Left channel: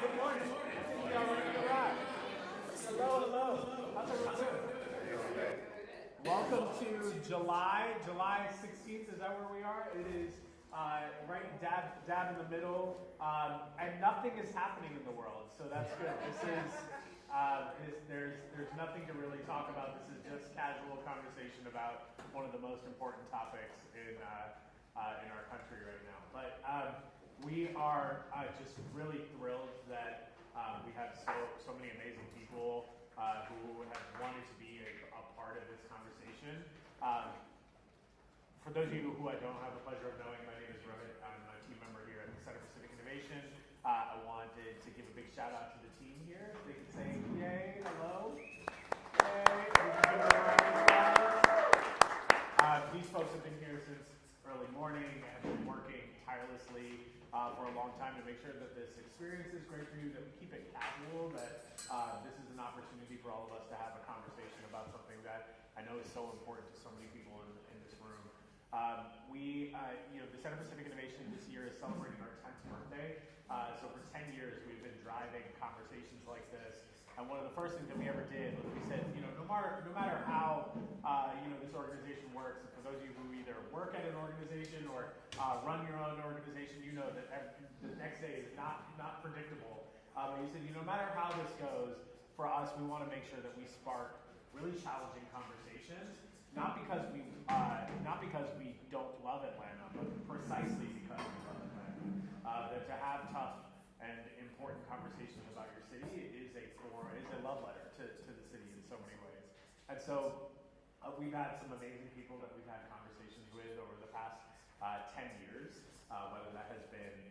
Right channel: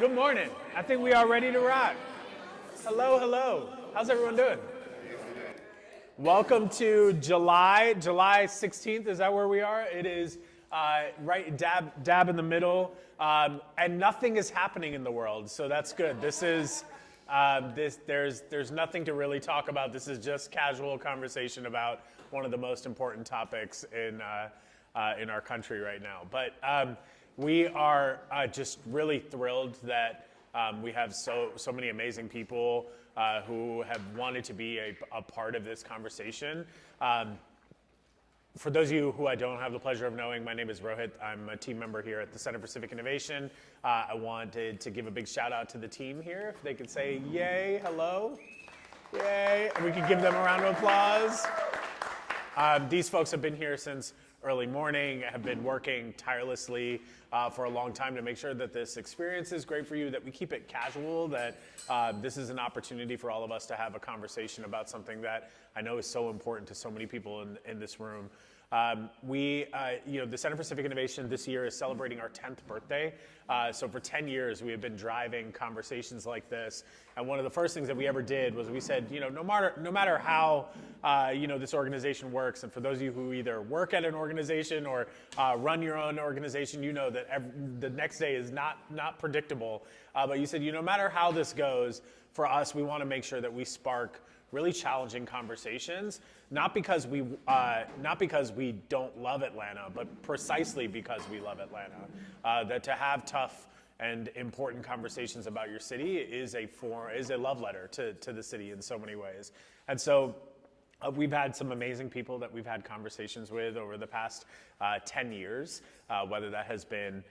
Good morning. I think we are ready to rock. Hello, hello. How's everyone doing? Welcome to July 16th. Is that where we are? It is right dab in the middle, and nothing is happening in the world, so that's good. This is there's nothing to really talk about. This is just casual conversation about one of the most important topics in our country right now. But we are just really thrilled that we have so many amazing people who have wanted to be a part of this conversation. For those of you who I don't have the pleasure of knowing, my name is Rohit. I'm a team member here at the Center for Civic Innovation. I wanted to give a big shout out to the team here. If they could say yay, hello, yay, and we could give them a round of applause. These folks have been here since early morning, have been working tirelessly for a long time to make sure that this experience is great for you, that we keep it casual, that this is an opportunity for all of us to have a conversation about something that I know is so important to so many people in this room. The Center for Civic Innovation this year is celebrating our 10th birthday. So for 10 years, we have been driving conversations like this. And one of the first things that we ever did was we said, no matter how, this organization works, and for those of you who either work at an organization or run your own organization, you know that the next day is not predictable. But you said, no matter how this goes, for us, we want to make sure that we spark really challenging conversations, not because we don't love Atlanta, but precisely because we love Atlanta. That to have tough and important conversations about your city is a love letter to the city in so many ways. And so we've had some amazing people that we've had conversations with over the past 10 years, whether that has been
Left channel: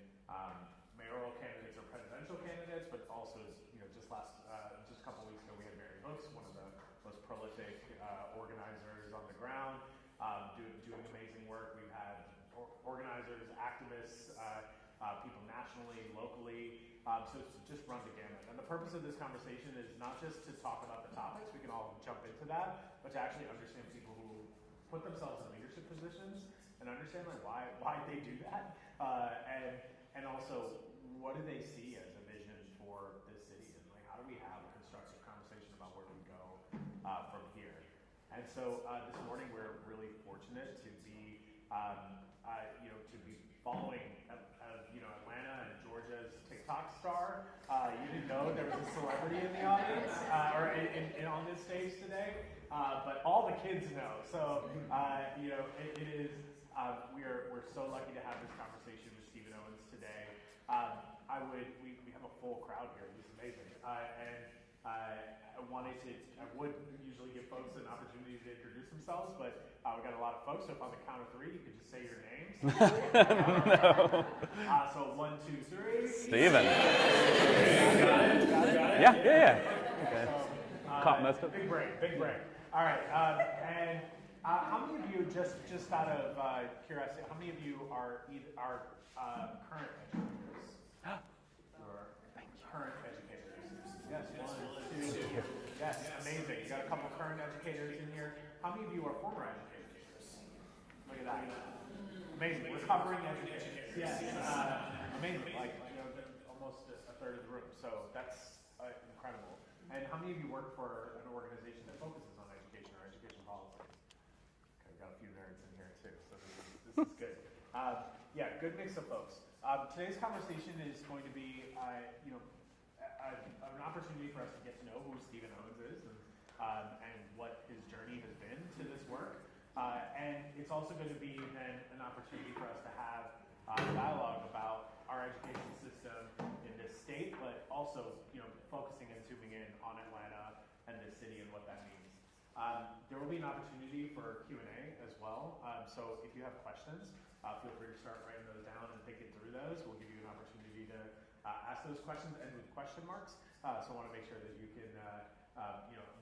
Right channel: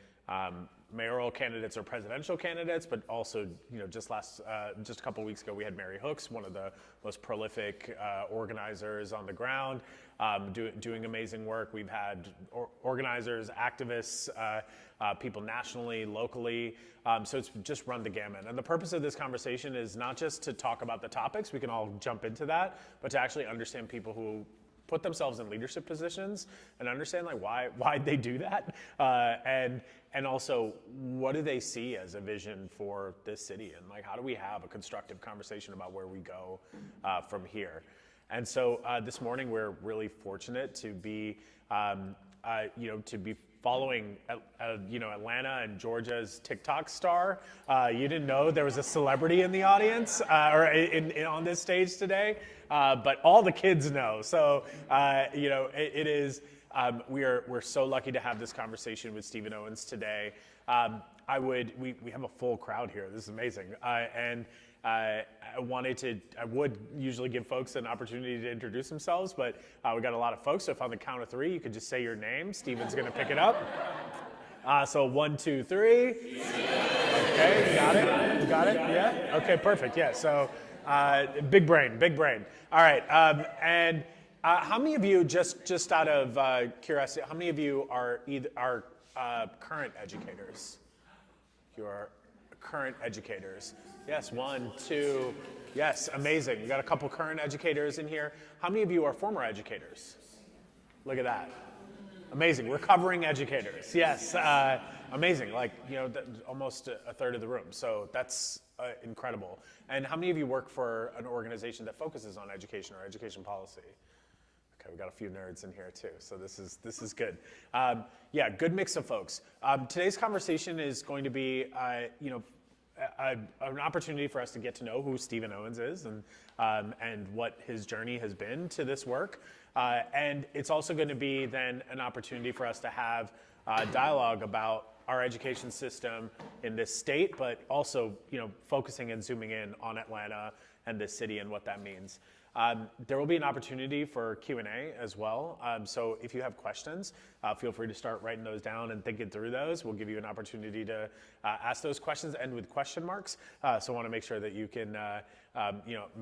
mayoral candidates or presidential candidates, but also, just a couple weeks ago, we had Mary Hooks, one of the most prolific organizers on the ground, doing amazing work. We've had organizers, activists, people nationally, locally. So it's just run the gamut. And the purpose of this conversation is not just to talk about the topics, we can all jump into that, but to actually understand people who put themselves in leadership positions and understand why they do that, and also what do they see as a vision for this city, and how do we have a constructive conversation about where we go from here. And so this morning we're really fortunate to be following Atlanta and Georgia's TikTok star. You didn't know there was a celebrity in the audience or on this stage today, but all the kids know. So it is. We're so lucky to have this conversation with Stephen Owens today. We have a full crowd here. This is amazing. And I would usually give folks an opportunity to introduce themselves, but we got a lot of folks. So if on the count of three, you could just say your name. Stephen's going to pick it up. No. So 1, 2, 3. Stephen. Got it? Yeah. Okay, perfect. Yeah. So big brain. All right. And how many of you, just out of curiosity, how many of you are current educators? You are current educators. Yes, 1, 2. Yes, amazing. You got a couple current educators in here. How many of you are former educators? Look at that. Amazing. Recovering educators. Yes, amazing. Almost a third of the room. So that's incredible. And how many of you work for an organization that focuses on education or education policy? Okay, we got a few nerds in here too, so this is good. Good mix of folks. Today's conversation is going to be, an opportunity for us to get to know who Stephen Owens is and what his journey has been to this work. And it's also going to be then an opportunity for us to have dialogue about our education system in this state, but also focusing and zooming in on Atlanta and this city and what that means. There will be an opportunity for Q&A as well. So if you have questions, feel free to start writing those down and thinking through those. We'll give you an opportunity to ask those questions, end with question marks. So I want to make sure that you can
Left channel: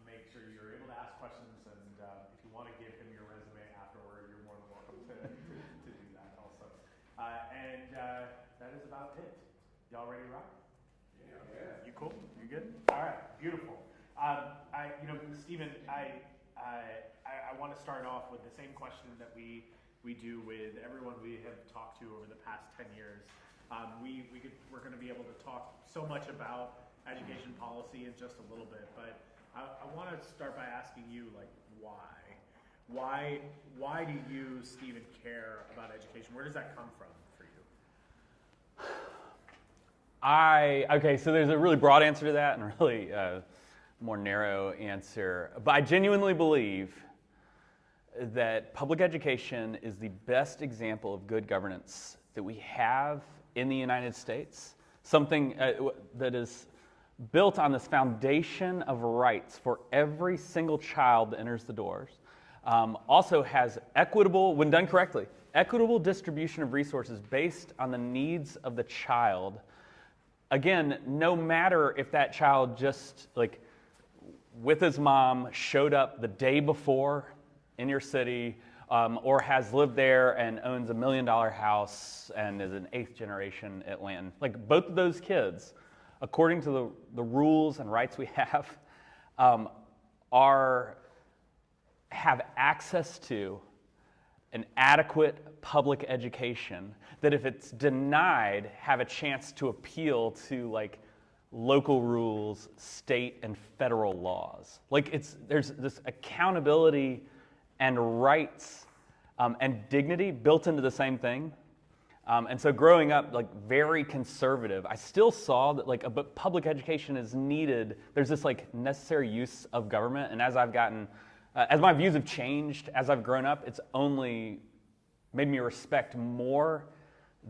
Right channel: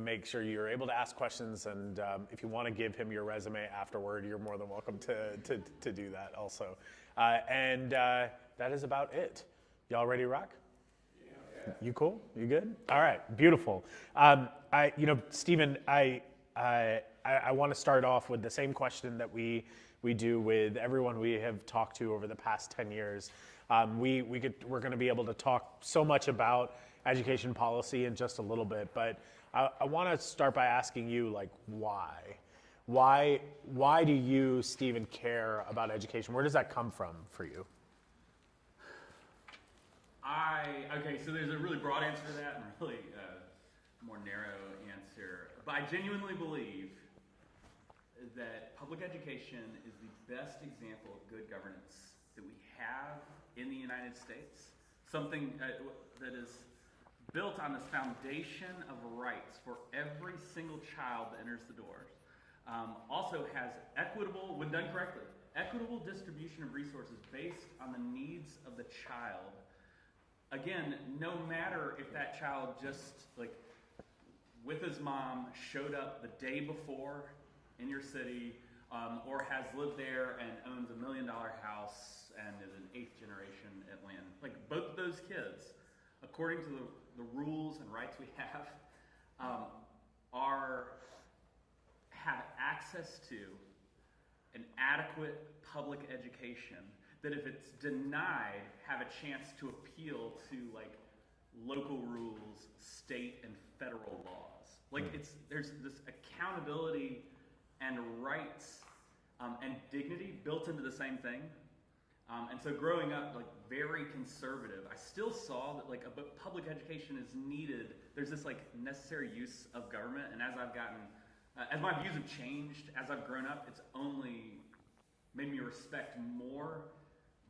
make sure you're able to ask questions. And if you want to give him your resume afterward, you're more than welcome to do that also. That is about it. Y'all ready to rock? You cool? You good? All right, beautiful. Stephen, I want to start off with the same question that we do with everyone we have talked to over the past 10 years. We're going to be able to talk so much about education policy in just a little bit, but I want to start by asking you, like, why? Why do you, Stephen, care about education? Where does that come from for you? Okay, so there's a really broad answer to that and a really more narrow answer. But I genuinely believe that public education is the best example of good governance that we have in the United States. Something that is built on this foundation of rights for every single child that enters the doors. Also has equitable, when done correctly, equitable distribution of resources based on the needs of the child. Again, no matter if that child just, like, with his mom showed up the day before in your city, or has lived there and owns $1 million house and is an 8th generation Atlantan. Like, both of those kids, according to the rules and rights we have, have access to an adequate public education that, if it's denied, have a chance to appeal to, like, local rules, state and federal laws. Like, there's this accountability and rights and dignity built into the same thing. And so growing up, like, very conservative, I still saw that, like, public education is needed. There's this, like, necessary use of government, and as my views have changed, as I've grown up, it's only made me respect more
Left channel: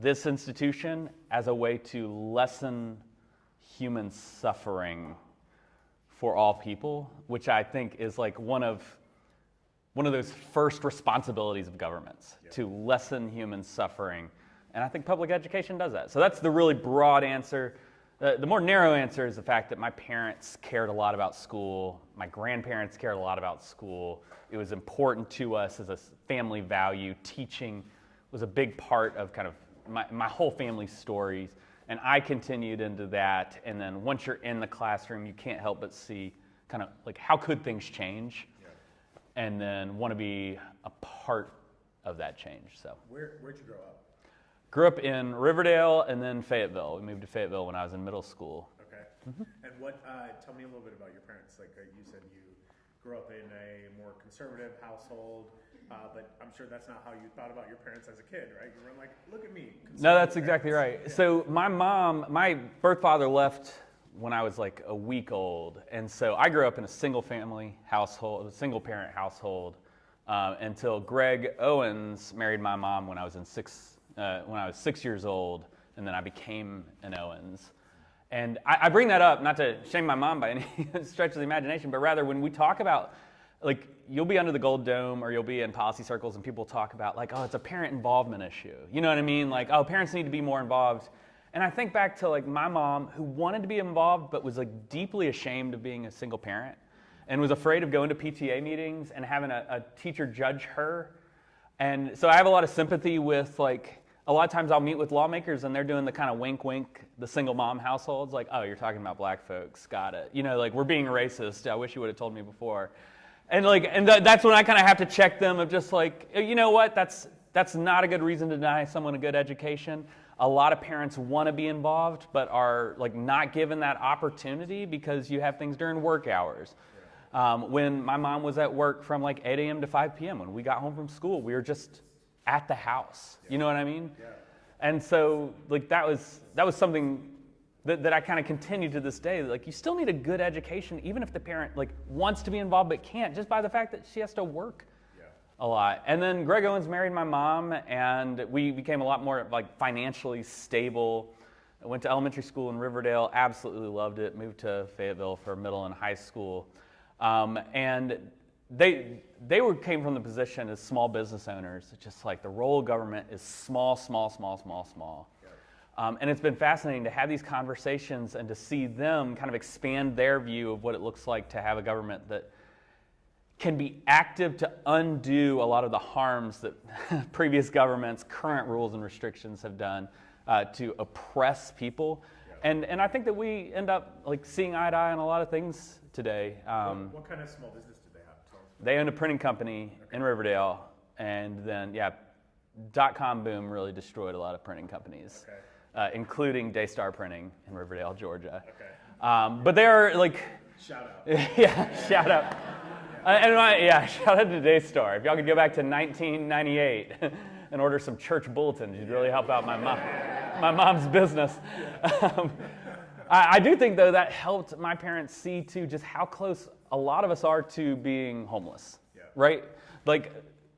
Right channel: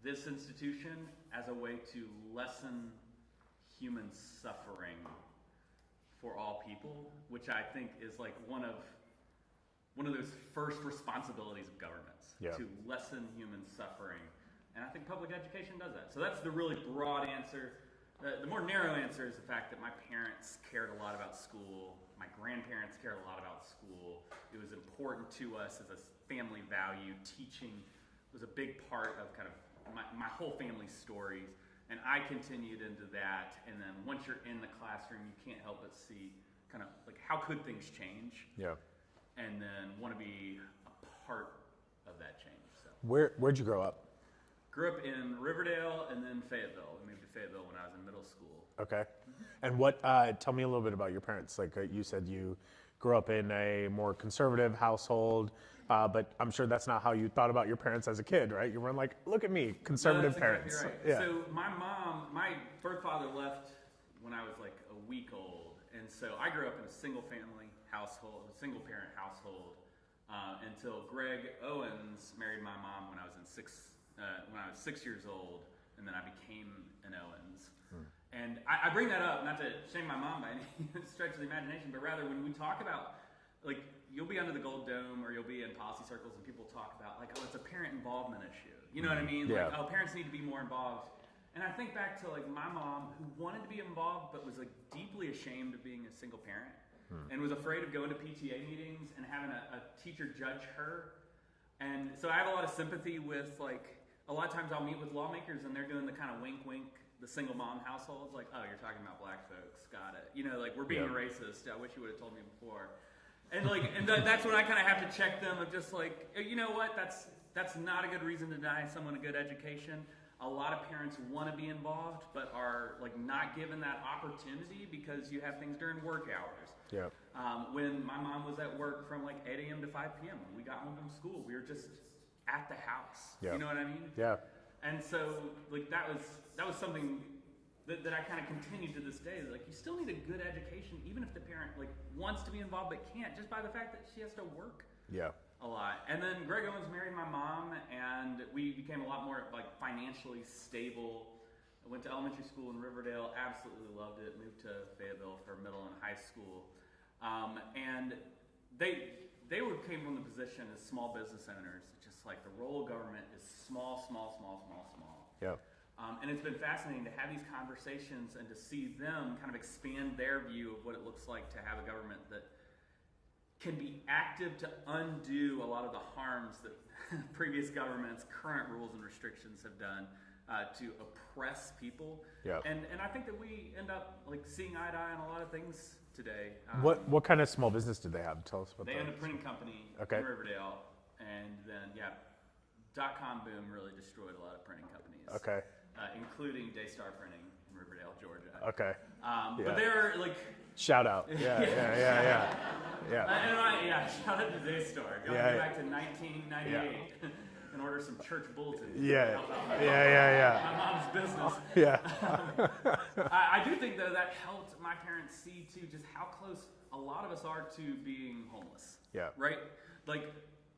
this institution as a way to lessen human suffering for all people, which I think is, like, one of those first responsibilities of governments, to lessen human suffering. And I think public education does that. So that's the really broad answer. The more narrow answer is the fact that my parents cared a lot about school. My grandparents cared a lot about school. It was important to us as a family value. Teaching was a big part of kind of my whole family's stories. And I continued into that. And then once you're in the classroom, you can't help but see kind of, like, how could things change? Yeah. And then want to be a part of that change. So where'd you grow up? Grew up in Riverdale and then Fayetteville. We moved to Fayetteville when I was in middle school. Okay. And tell me a little bit about your parents. Like, you said you grew up in a more conservative household, but I'm sure that's not how you thought about your parents as a kid, right? You weren't like, look at me, conservative. No, that's exactly right. Yeah. So my birth father left when I was, like, a week old. And so I grew up in a single parent household until Greg Owens married my mom when I was 6 years old, and then I became an Owens. And I bring that up not to shame my mom by any stretch of the imagination, but rather when we talk about, like, you'll be under the Gold Dome or you'll be in policy circles and people talk about, like, oh, it's a parent involvement issue. You know what I mean? Yeah. Like, oh, parents need to be more involved. And I think back to, like, my mom, who wanted to be involved but was, like, deeply ashamed of being a single parent and was afraid of going to PTA meetings and having a teacher judge her. And so I have a lot of sympathy with, like, a lot of times I'll meet with lawmakers and they're doing the kind of wink, wink, the single mom households, like, oh, you're talking about black folks, got it. You know, like, we're being racist. I wish you would have told me before. And, like, that's when I kind of have to check them of just, like, you know what, that's not a good reason to deny someone a good education. A lot of parents want to be involved, but are, like, not given that opportunity because you have things during work hours. Yeah. When my mom was at work from, like, 8 a.m. to 5 p.m., when we got home from school, we were just at the house. Yeah. You know what I mean? Yeah. And so, like, that was something that I kind of continue to this day. Like, you still need a good education, even if the parent, like, wants to be involved but can't, just by the fact that she has to work. Yeah. A lot. And then Greg Owens married my mom, and we became a lot more, like, financially stable. I went to elementary school in Riverdale, absolutely loved it, moved to Fayetteville for middle and high school. And they came from the position as small business owners, just like the role of government is small, small, small, small, small. Yeah. And it's been fascinating to have these conversations and to see them kind of expand their view of what it looks like to have a government that can be active to undo a lot of the harms that previous governments, current rules and restrictions have done to oppress people. Yep. And I think that we end up, like, seeing eye to eye on a lot of things today. What kind of small business did they have? Tell us about They owned a printing company in Riverdale, and then, .com boom really destroyed a lot of printing companies. Okay. including Daystar Printing in Riverdale, Georgia. Okay. But they are like, Shout out. shout out. Yeah. Shout out to Daystar. If y'all could go back to 1998 and order some church bulletins, you'd really help out my mom. My mom's business. Yeah. I do think though that helped my parents see too just how close a lot of us are to being homeless. Yeah. Right? Like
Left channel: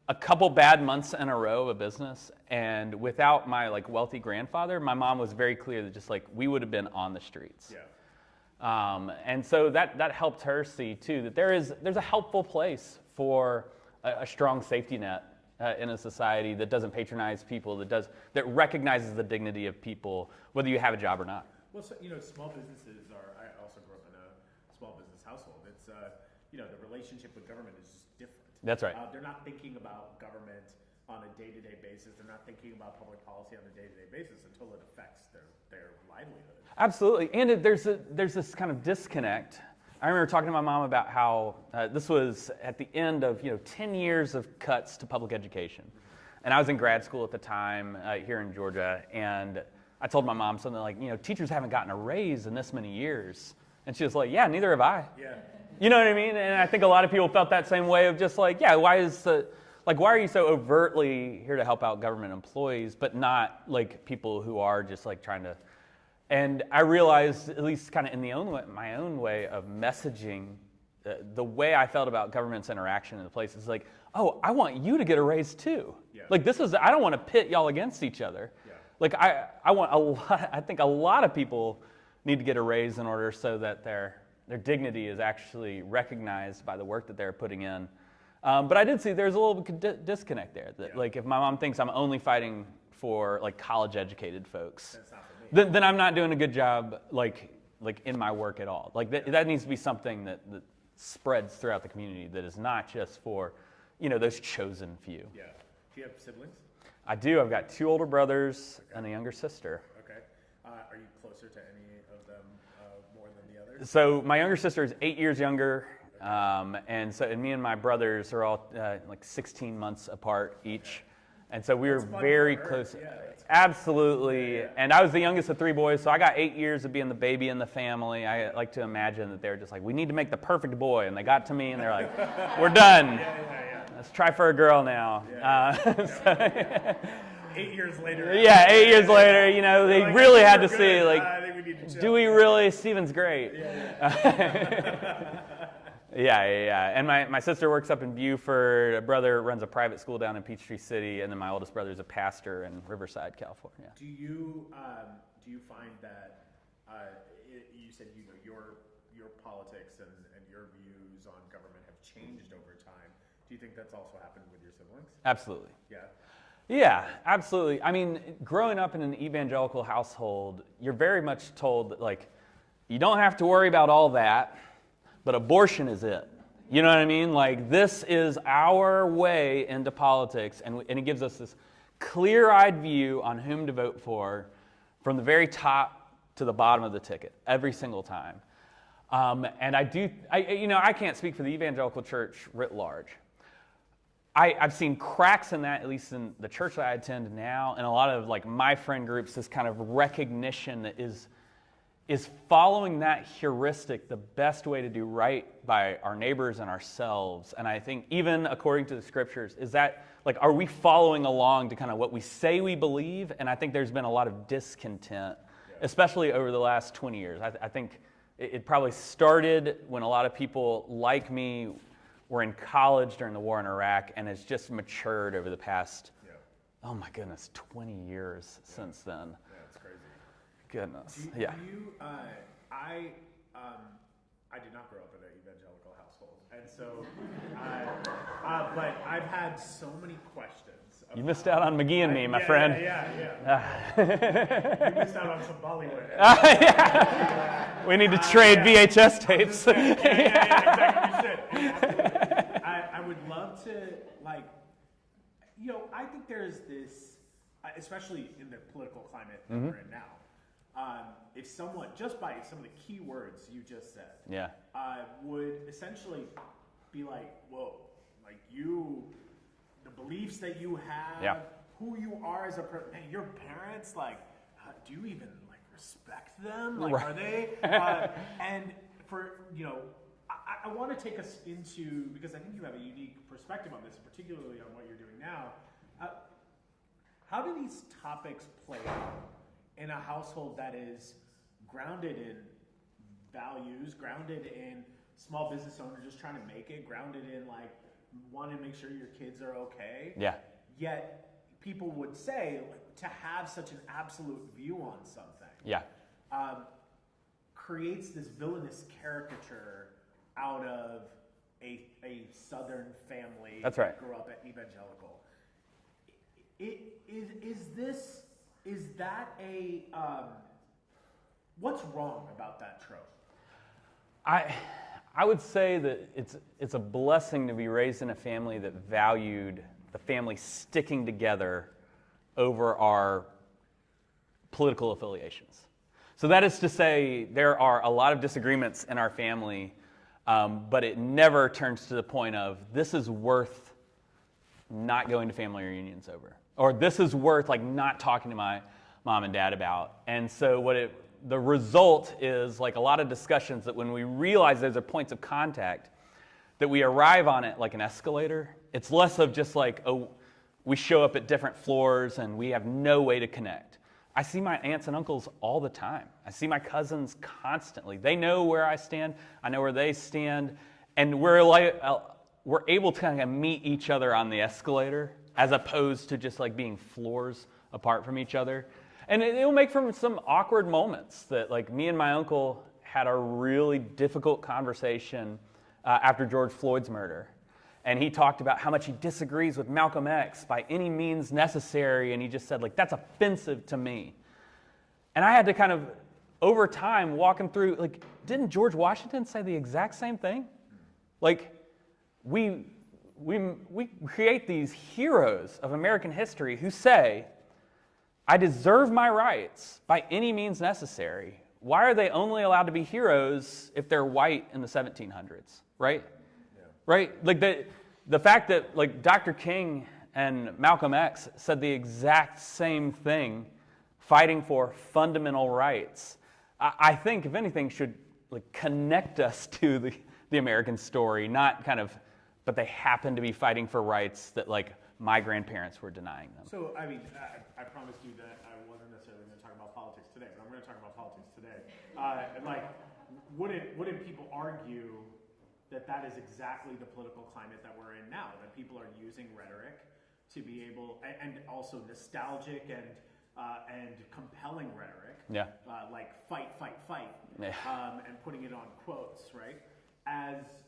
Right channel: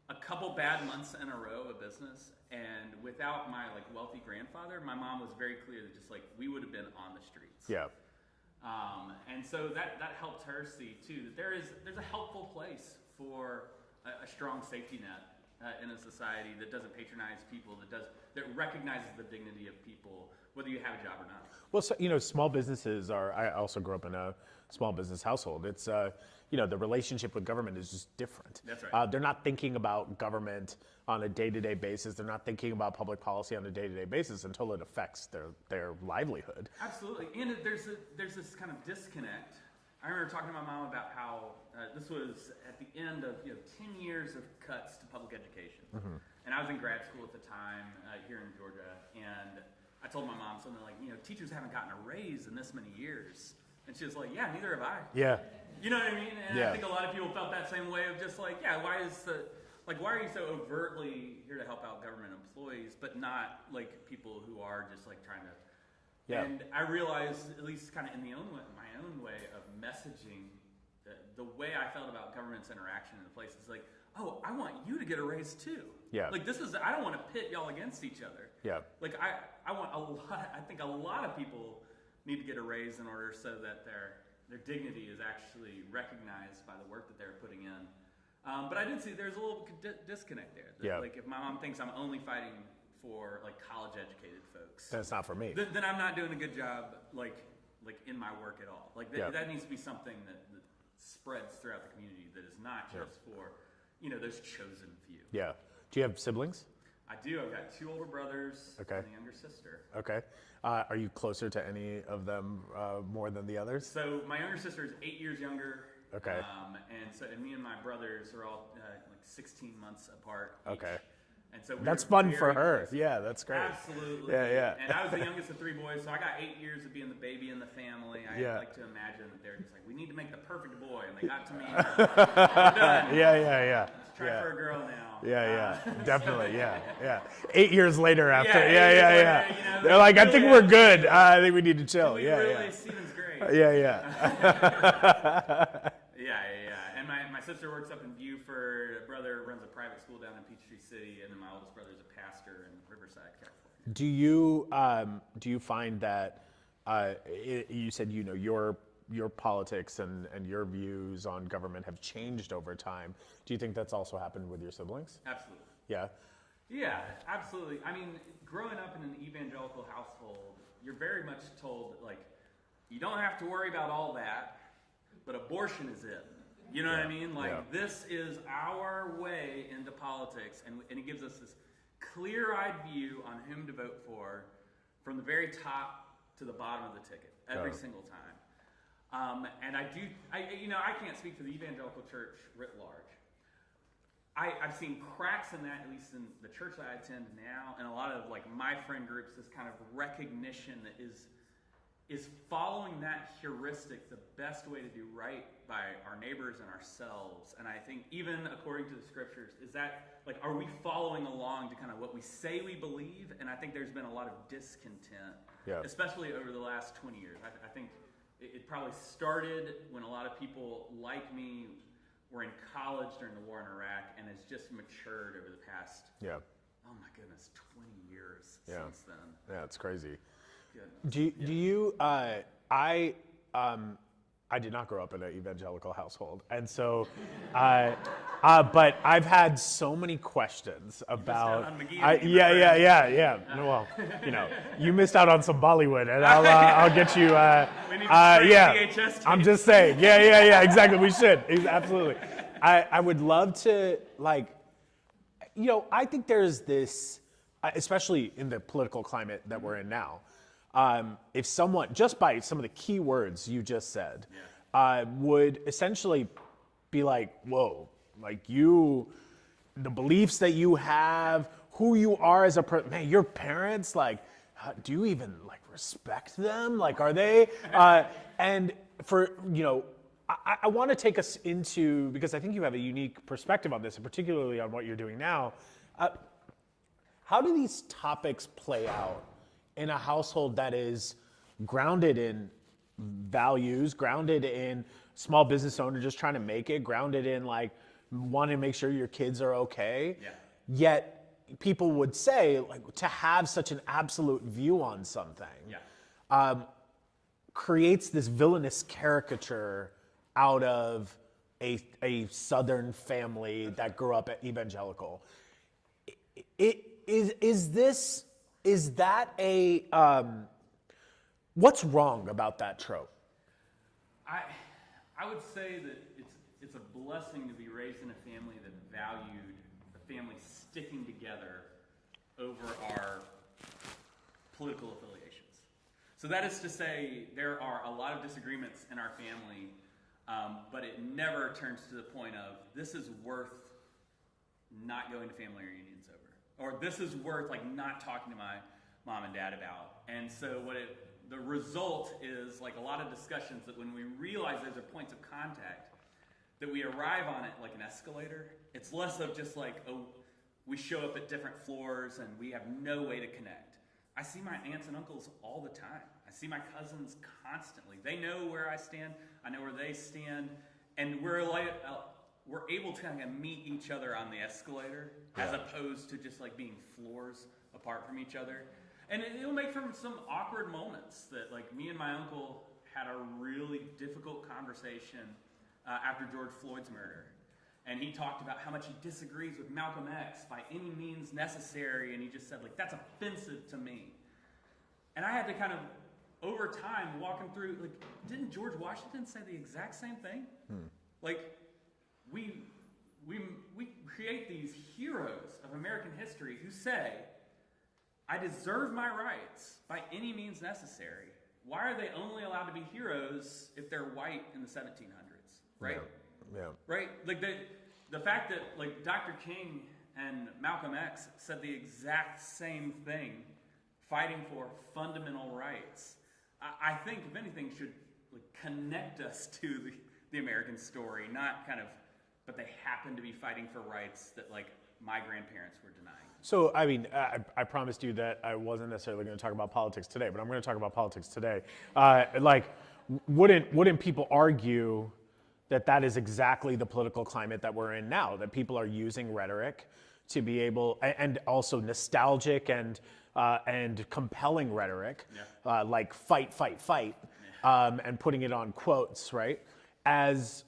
a couple bad months in a row of a business, and without my like wealthy grandfather, my mom was very clear that just like we would have been on the streets. Yeah. And so that helped her see too that there's a helpful place for a strong safety net in a society that doesn't patronize people, that recognizes the dignity of people, whether you have a job or not. Well, so, small businesses are. I also grew up in a small business household. It's the relationship with government is just different. That's right. They're not thinking about government on a day-to-day basis. They're not thinking about public policy on a day-to-day basis until it affects their livelihood. Absolutely, and there's this kind of disconnect. I remember talking to my mom about how this was at the end of 10 years of cuts to public education, and I was in grad school at the time here in Georgia, and I told my mom something like, teachers haven't gotten a raise in this many years, and she was like, yeah, neither have I. Yeah. You know what I mean? And I think a lot of people felt that same way of just like, yeah, why are you so overtly here to help out government employees, but not like people who are just like trying to. And I realized, at least kind of in my own way of messaging, the way I felt about government's interaction in the place is like, oh, I want you to get a raise too. Yeah. Like I don't want to pit y'all against each other. Yeah. Like I think a lot of people need to get a raise in order so that their dignity is actually recognized by the work that they're putting in. But I did see there's a little disconnect there. Like if my mom thinks I'm only fighting for like college educated folks, That's not for me. then I'm not doing a good job like in my work at all. Like that needs to be something that spreads throughout the community, that is not just for those chosen few. Yeah. Do you have siblings? I do. I've got 2 older brothers Okay. and a younger sister. Okay. Are you closer to any of them more than the others? So my younger sister is 8 years younger. Okay. And me and my brothers are all like 16 months apart each. Okay. And so we That's were fun very for her. close. Yeah, that's great. Absolutely. Yeah. And I was the youngest of 3 boys, so I got 8 years of being the baby in the family. I Yeah. like to imagine that they were just like, we need to make the perfect boy. And they got to me and they're like, we're done. Yeah. Let's try for a girl now. Yeah. Definitely. Yeah. 8 years later. After, 8 years later, They're they like, really I had think to we're say, good. like, I think we need to chill. do we really? Steven's great. Yeah. Yeah. And my sister works up in Beaufort. A brother runs a private school down in Peachtree City, and then my oldest brother is a pastor in Riverside, California. Do you find that you said your politics and your views on government have changed over time? Do you think that's also happened with your siblings? Absolutely. Yeah. Yeah, absolutely. I mean, growing up in an evangelical household, you're very much told that, like, you don't have to worry about all that, but abortion is it. You know what I mean? Like, this is our way into politics, and it gives us this clear-eyed view on whom to vote for from the very top to the bottom of the ticket every single time. And I can't speak for the evangelical church writ large. I've seen cracks in that, at least in the church that I attend now, and a lot of like my friend groups, this kind of recognition that is following that heuristic the best way to do right by our neighbors and ourselves. And I think even according to the scriptures, is that like, are we following along to kind of what we say we believe? And I think there's been a lot of discontent, especially over the last 20 years. I think it probably started when a lot of people like me were in college during the war in Iraq, and it's just matured over the past, oh my goodness, 20 years since then. Yeah, it's crazy. Goodness. Do you? I did not grow up in an evangelical household, and so, but I've had so many questions about. You missed out on McGee and me, my friend. Yeah. Well, you missed out on some Bollywood, and I'll get you. We need to trade VHS tapes. I'm just saying. Yeah. Exactly. We should. Absolutely. I would love to I think there's this, especially in the political climate that we're in now. If someone, just by some of the key words you just said, would essentially be like, whoa, like the beliefs that you have, who you are as a person, man, your parents, like, do you even like respect them? Like, are they? And for, I want to take us into, because I think you have a unique perspective on this, and particularly on what you're doing now. How do these topics play out in a household that is grounded in values, grounded in small business owner just trying to make it, grounded in like wanting to make sure your kids are okay? Yeah. Yet people would say, like, to have such an absolute view on something, creates this villainous caricature out of a Southern family that grew up evangelical. Is that a what's wrong about that trope? I would say that it's a blessing to be raised in a family that valued the family sticking together over our political affiliations. So that is to say, there are a lot of disagreements in our family, but it never turns to the point of this is worth not going to family reunions over, or this is worth like not talking to my mom and dad about. And so the result is like a lot of discussions that when we realize those are points of contact, that we arrive on it like an escalator. It's less of just like, oh, we show up at different floors and we have no way to connect. I see my aunts and uncles all the time. I see my cousins constantly. They know where I stand. I know where they stand. And we're able to kind of meet each other on the escalator as opposed to just like being floors apart from each other. And it'll make for some awkward moments that like me and my uncle had a really difficult conversation after George Floyd's murder. And he talked about how much he disagrees with Malcolm X by any means necessary. And he just said, like, that's offensive to me. And I had to kind of, over time, walk him through, like, didn't George Washington say the exact same thing? Like, we create these heroes of American history who say, I deserve my rights by any means necessary. Why are they only allowed to be heroes if they're white in the 1700s, right? Yeah. Right? Like the fact that like Dr. King and Malcolm X said the exact same thing, fighting for fundamental rights, I think if anything should like connect us to the American story, not kind of, but they happen to be fighting for rights that like my grandparents were denying them. So, I mean, I promised you that I wasn't necessarily going to talk about politics today, but I'm going to talk about politics today. Wouldn't people argue that is exactly the political climate that we're in now? That people are using rhetoric to be able, and also nostalgic and compelling rhetoric, like fight, and putting it on quotes, right? As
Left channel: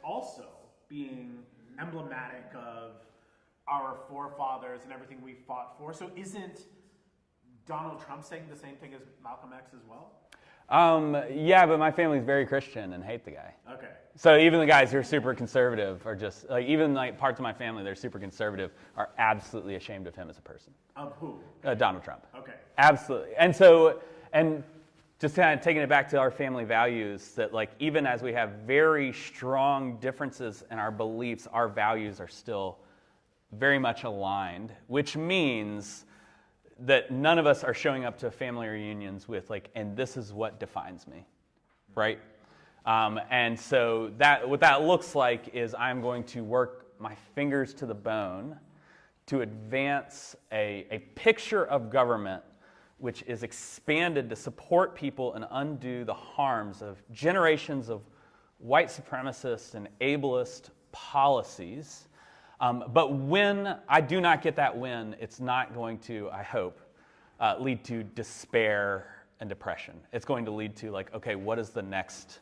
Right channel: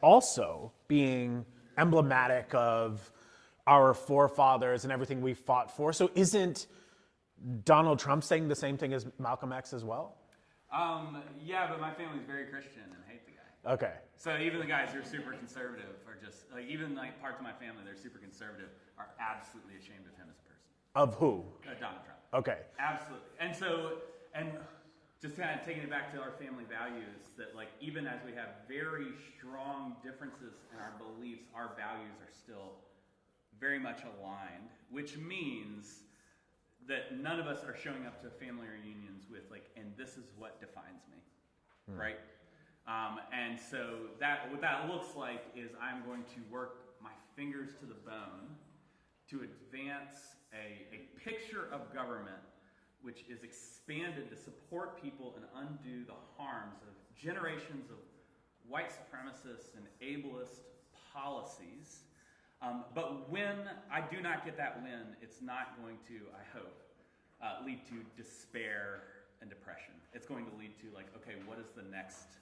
also being emblematic of our forefathers and everything we fought for. So isn't Donald Trump saying the same thing as Malcolm X as well? Yeah, but my family's very Christian and hate the guy. Okay. So even the guys who are super conservative are just, like, even like parts of my family that are super conservative are absolutely ashamed of him as a person. Of who? Donald Trump. Okay. Absolutely. And just kind of taking it back to our family values, that like even as we have very strong differences in our beliefs, our values are still very much aligned, which means that none of us are showing up to family reunions with like, and this is what defines me, right? And so what that looks like is I'm going to work my fingers to the bone to advance a picture of government which is expanded to support people and undo the harms of generations of white supremacist and ableist policies. But when I do not get that win, it's not going to, I hope, lead to despair and depression. It's going to lead to like, okay, what does the next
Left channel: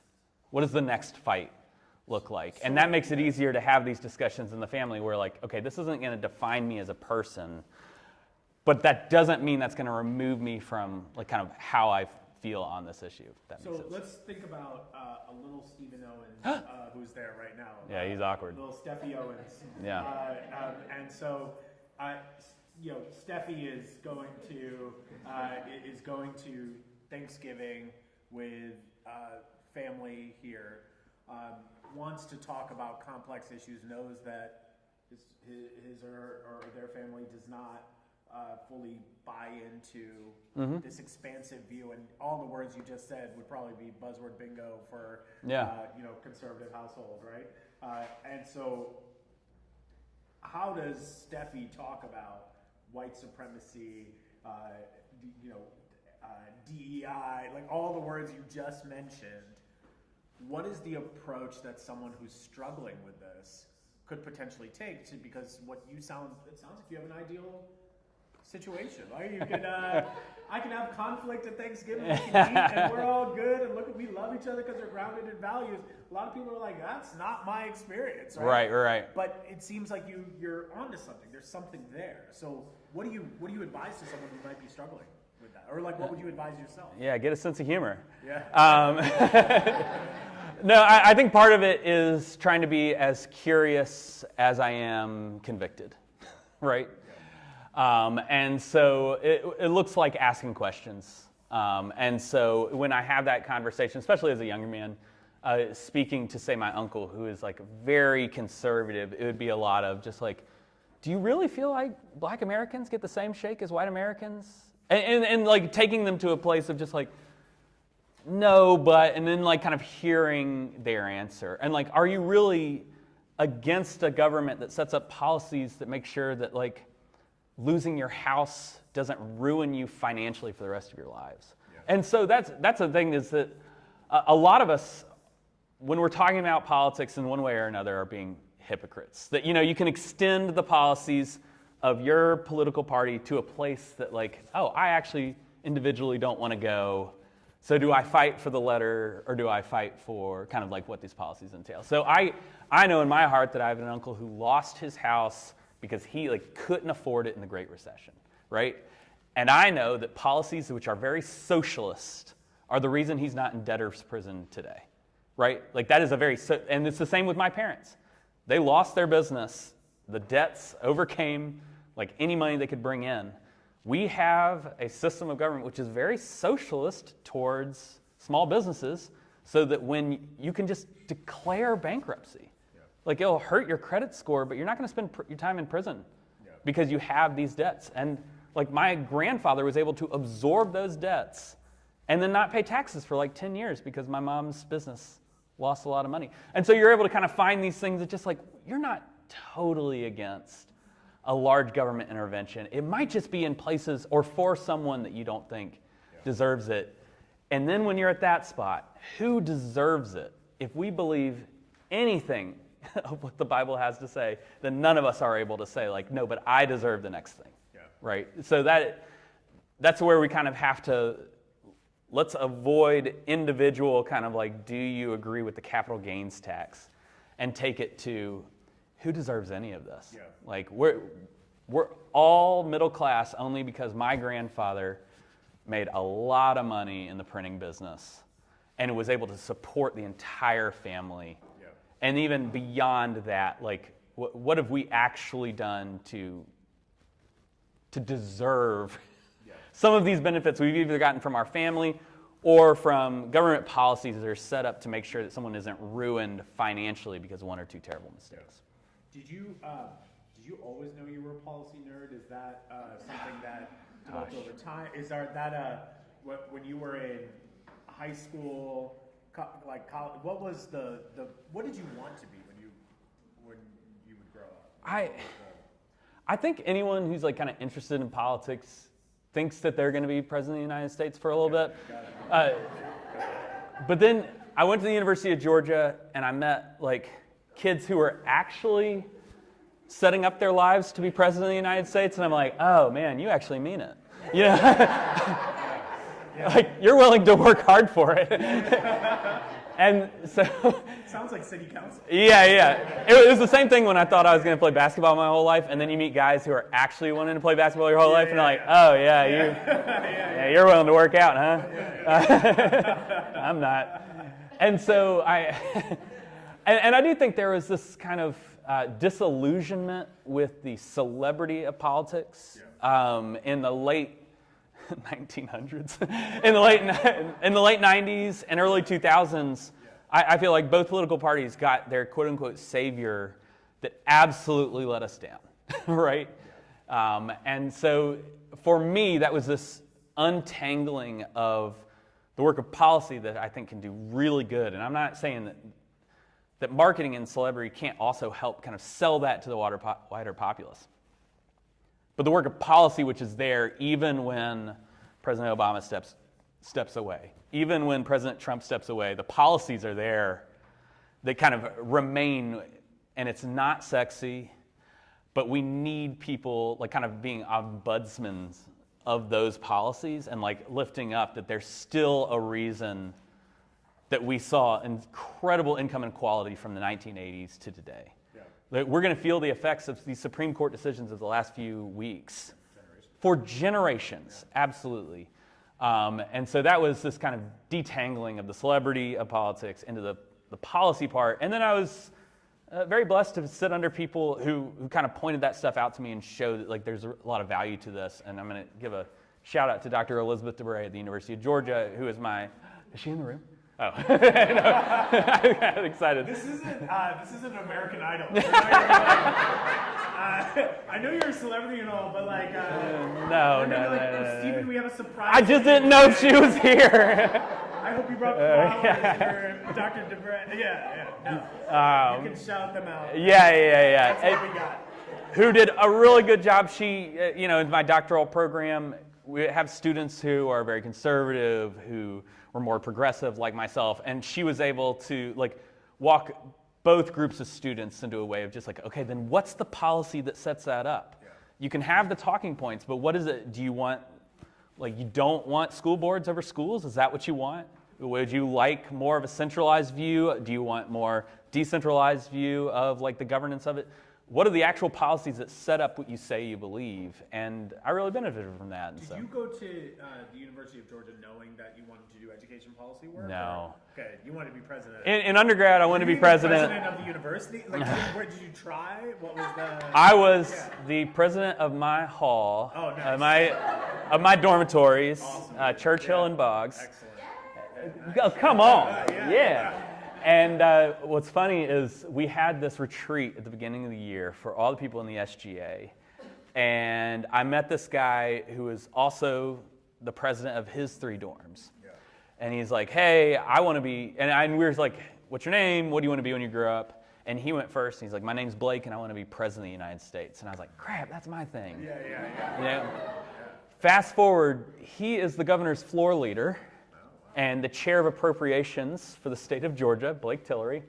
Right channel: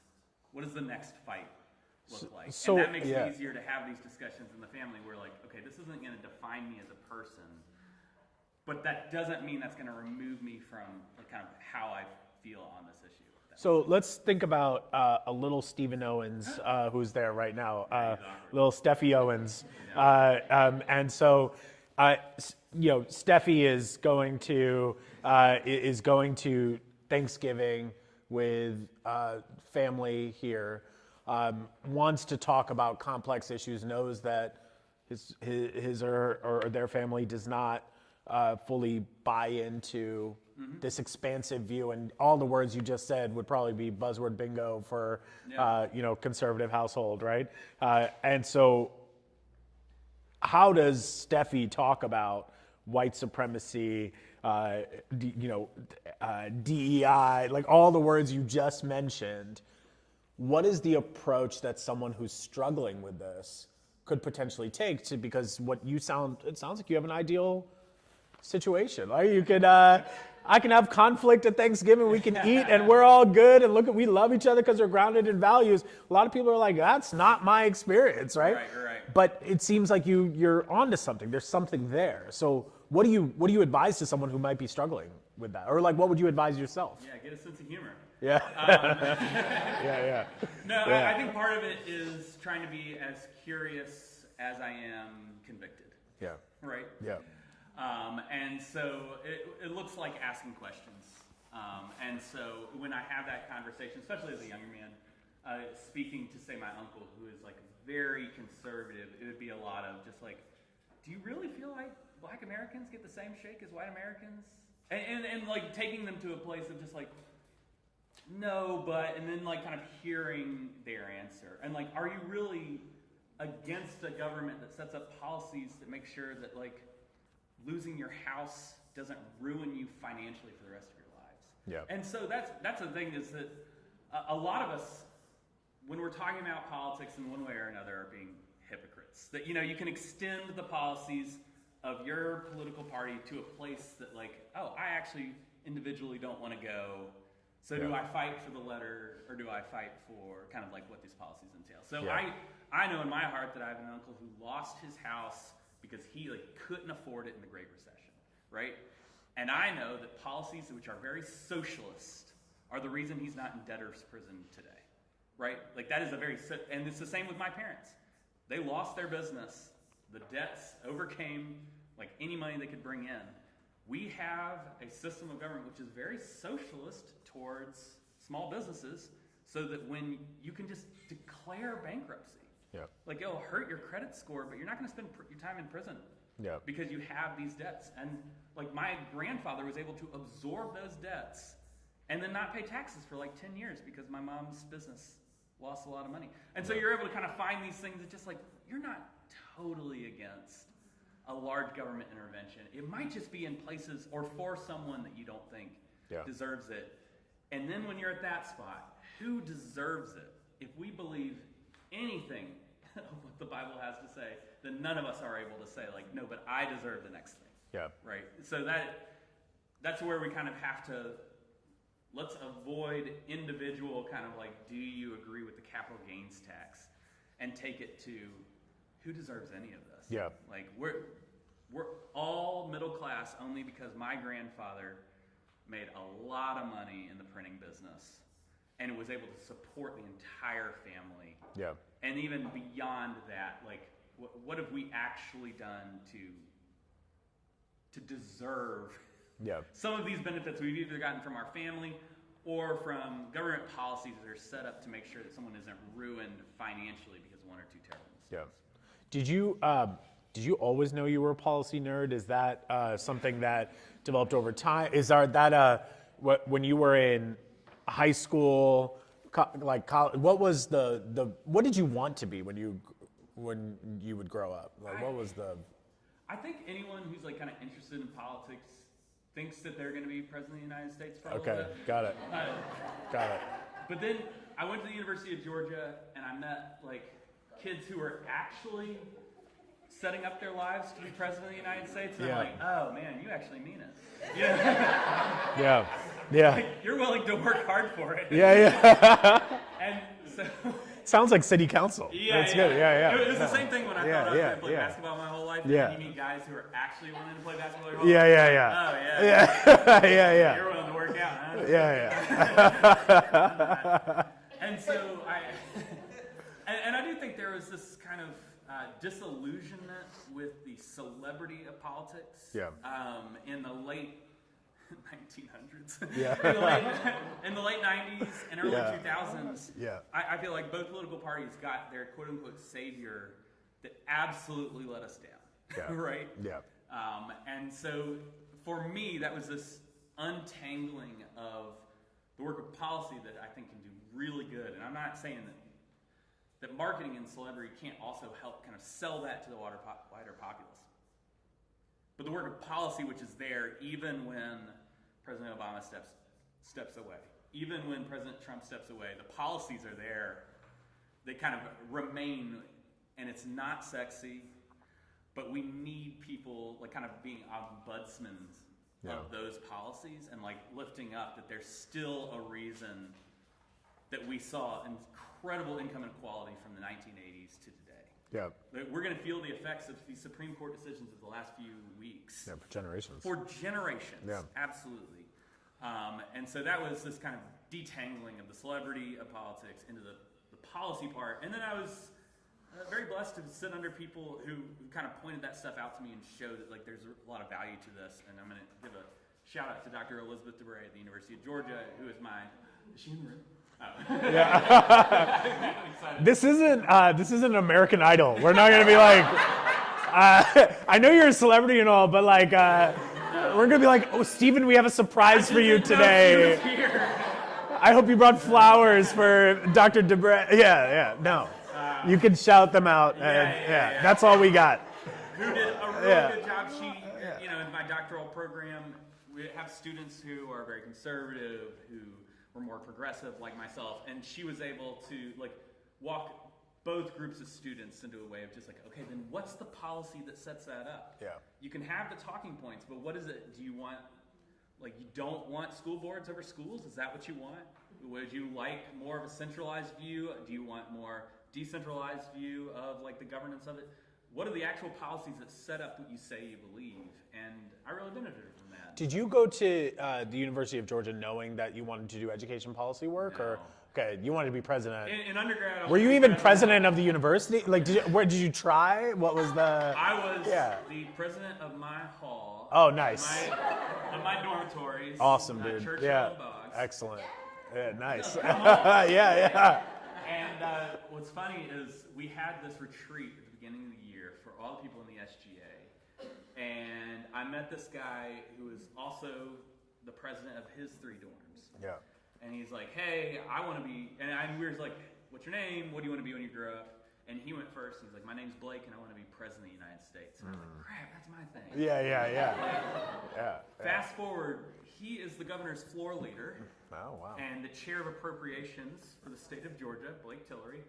fight look like? And that makes it easier to have these discussions in the family where like, okay, this isn't going to define me as a person, but that doesn't mean that's going to remove me from like kind of how I feel on this issue. So let's think about a little Stephen Owens, who's there right now. Yeah, he's awkward. Little Steffi Owens. Yeah. And so, Steffi is going to Thanksgiving with family here. Wants to talk about complex issues. Knows that his or their family does not fully buy into this expansive view, and all the words you just said would probably be buzzword bingo for conservative household, right? And so, how does Steffi talk about white supremacy, DEI, like all the words you just mentioned? What is the approach that someone who's struggling with this could potentially take to, because it sounds like you have an ideal situation. Like you could, I can have conflict at Thanksgiving, we can eat and we're all good and we love each other because we're grounded in values. A lot of people are like, that's not my experience, right? Right. But it seems like you're onto something. There's something there. So what do you advise to someone who might be struggling with that? Or like, what would you advise yourself? Yeah, get a sense of humor. Yeah. No, I think part of it is trying to be as curious as I am convicted. Yeah. Right? Yeah. And so it looks like asking questions. And so when I have that conversation, especially as a younger man, speaking to, say, my uncle, who is like very conservative, it would be a lot of just like, do you really feel like black Americans get the same shake as white Americans? And like taking them to a place of just like, no, but, and then like kind of hearing their answer. And like, are you really against a government that sets up policies that make sure that like losing your house doesn't ruin you financially for the rest of your lives? Yeah. And so that's the thing, is that a lot of us, when we're talking about politics in one way or another, are being hypocrites. That, you can extend the policies of your political party to a place that like, oh, I actually individually don't want to go. So do I fight for the letter, or do I fight for kind of like what these policies entail? So yeah. I know in my heart that I have an uncle who lost his house because he like couldn't afford it in the Great Recession, right? And I know that policies which are very socialist are the reason he's not in debtor's prison today, right? Like that is and it's the same with my parents. They lost their business. The debts overcame like any money they could bring in. We have a system of government which is very socialist towards small businesses, so that when you can just declare bankruptcy, like it'll hurt your credit score, but you're not going to spend your time in prison because you have these debts. And like my grandfather was able to absorb those debts and then not pay taxes for like 10 years because my mom's business lost a lot of money. And so you're able to kind of find these things that just like, you're not totally against a large government intervention. It might just be in places or for someone that you don't think deserves it. And then when you're at that spot, who deserves it? If we believe anything of what the Bible has to say, then none of us are able to say like, no, but I deserve the next thing. Yeah. Right? So that's where we kind of have to, let's avoid individual kind of like, do you agree with the capital gains tax, and take it to who deserves any of this? Yeah. Like we're all middle class only because my grandfather made a lot of money in the printing business and was able to support the entire family. Yeah. And even beyond that, like what have we actually done to deserve some of these benefits we've either gotten from our family or from government policies that are set up to make sure that someone isn't ruined financially because of one or two terrible mistakes. Yeah. Did you always know you were a policy nerd? Is that something that developed over time? Is that when you were in high school, like college, what was what did you want to be when you would grow up? Like, I think anyone who's like kind of interested in politics thinks that they're going to be president of the United States for a little bit. Got it. But then I went to the University of Georgia and I met like kids who were actually setting up their lives to be president of the United States, and I'm like, oh man, you actually mean it. Yeah. Like you're willing to work hard for it. Yeah. And so sounds like city council. Yeah. It was the same thing when I thought I was going to play basketball my whole life, and then you meet guys who are actually wanting to play basketball your whole life. And you're willing to work out, huh? Yeah. I'm not. And so and I do think there was this kind of disillusionment with the celebrity of politics in the late 1900s, in the late 90s and early 2000s. I feel like both political parties got their quote-unquote savior that absolutely let us down, right? Yeah. And so for me, that was this untangling of the work of policy that I think can do really good. And I'm not saying that marketing and celebrity can't also help kind of sell that to the wider populace. But the work of policy, which is there even when President Obama steps away, even when President Trump steps away, the policies are there that kind of remain, and it's not sexy, but we need people like kind of being ombudsmen of those policies and like lifting up that there's still a reason that we saw incredible income inequality from the 1980s to today. Yeah. We're going to feel the effects of these Supreme Court decisions of the last few weeks. Yeah, for generations. For generations, Yeah. absolutely. And so that was this kind of detangling of the celebrity of politics into the policy part. And then I was very blessed to sit under people who kind of pointed that stuff out to me and showed that like there's a lot of value to this. And I'm going to give a shout out to Dr. Elizabeth DeBray at the University of Georgia, who is is she in the room? Oh, I got excited. This isn't American Idol. We're not gonna be like, I know you're a celebrity and all, but like, we're gonna be like, oh, Stephen, we have a surprise for you today. I just didn't know she was here. I hope you brought flowers for Dr. DeBray. Yeah, no. You can shout them out. Yeah. That's all we got. Who did a really good job. She, in my doctoral program, we have students who are very conservative, who were more progressive like myself, and she was able to like walk both groups of students into a way of just like, okay, then what's the policy that sets that up? Yeah. You can have the talking points, but what is it? Do you want, like, you don't want school boards over schools? Is that what you want? Would you like more of a centralized view? Do you want more decentralized view of like the governance of it? What are the actual policies that set up what you say you believe? And I really benefited from that. Did you go to the University of Georgia knowing that you wanted to do education policy work? No. Okay, you wanted to be president. In undergrad, I wanted to be president. Were you even president of the university? Like, where did you try? What was the? I was the president of my hall. Oh, nice. Of my dormitories. Awesome, dude. Churchill and Boggs. Excellent. Yeah, nice. Oh, come on. Yeah. And what's funny is we had this retreat at the beginning of the year for all the people in the SGA. And I met this guy who was also the president of his 3 dorms. Yeah. And he's like, hey, I want to be, and we were like, what's your name? What do you want to be when you grow up? And he went first. And he's like, my name's Blake, and I want to be president of the United States. And I was like, crap, that's my thing. Yeah. You know? Fast forward, he is the governor's floor leader. And the chair of appropriations for the state of Georgia, Blake Tillery,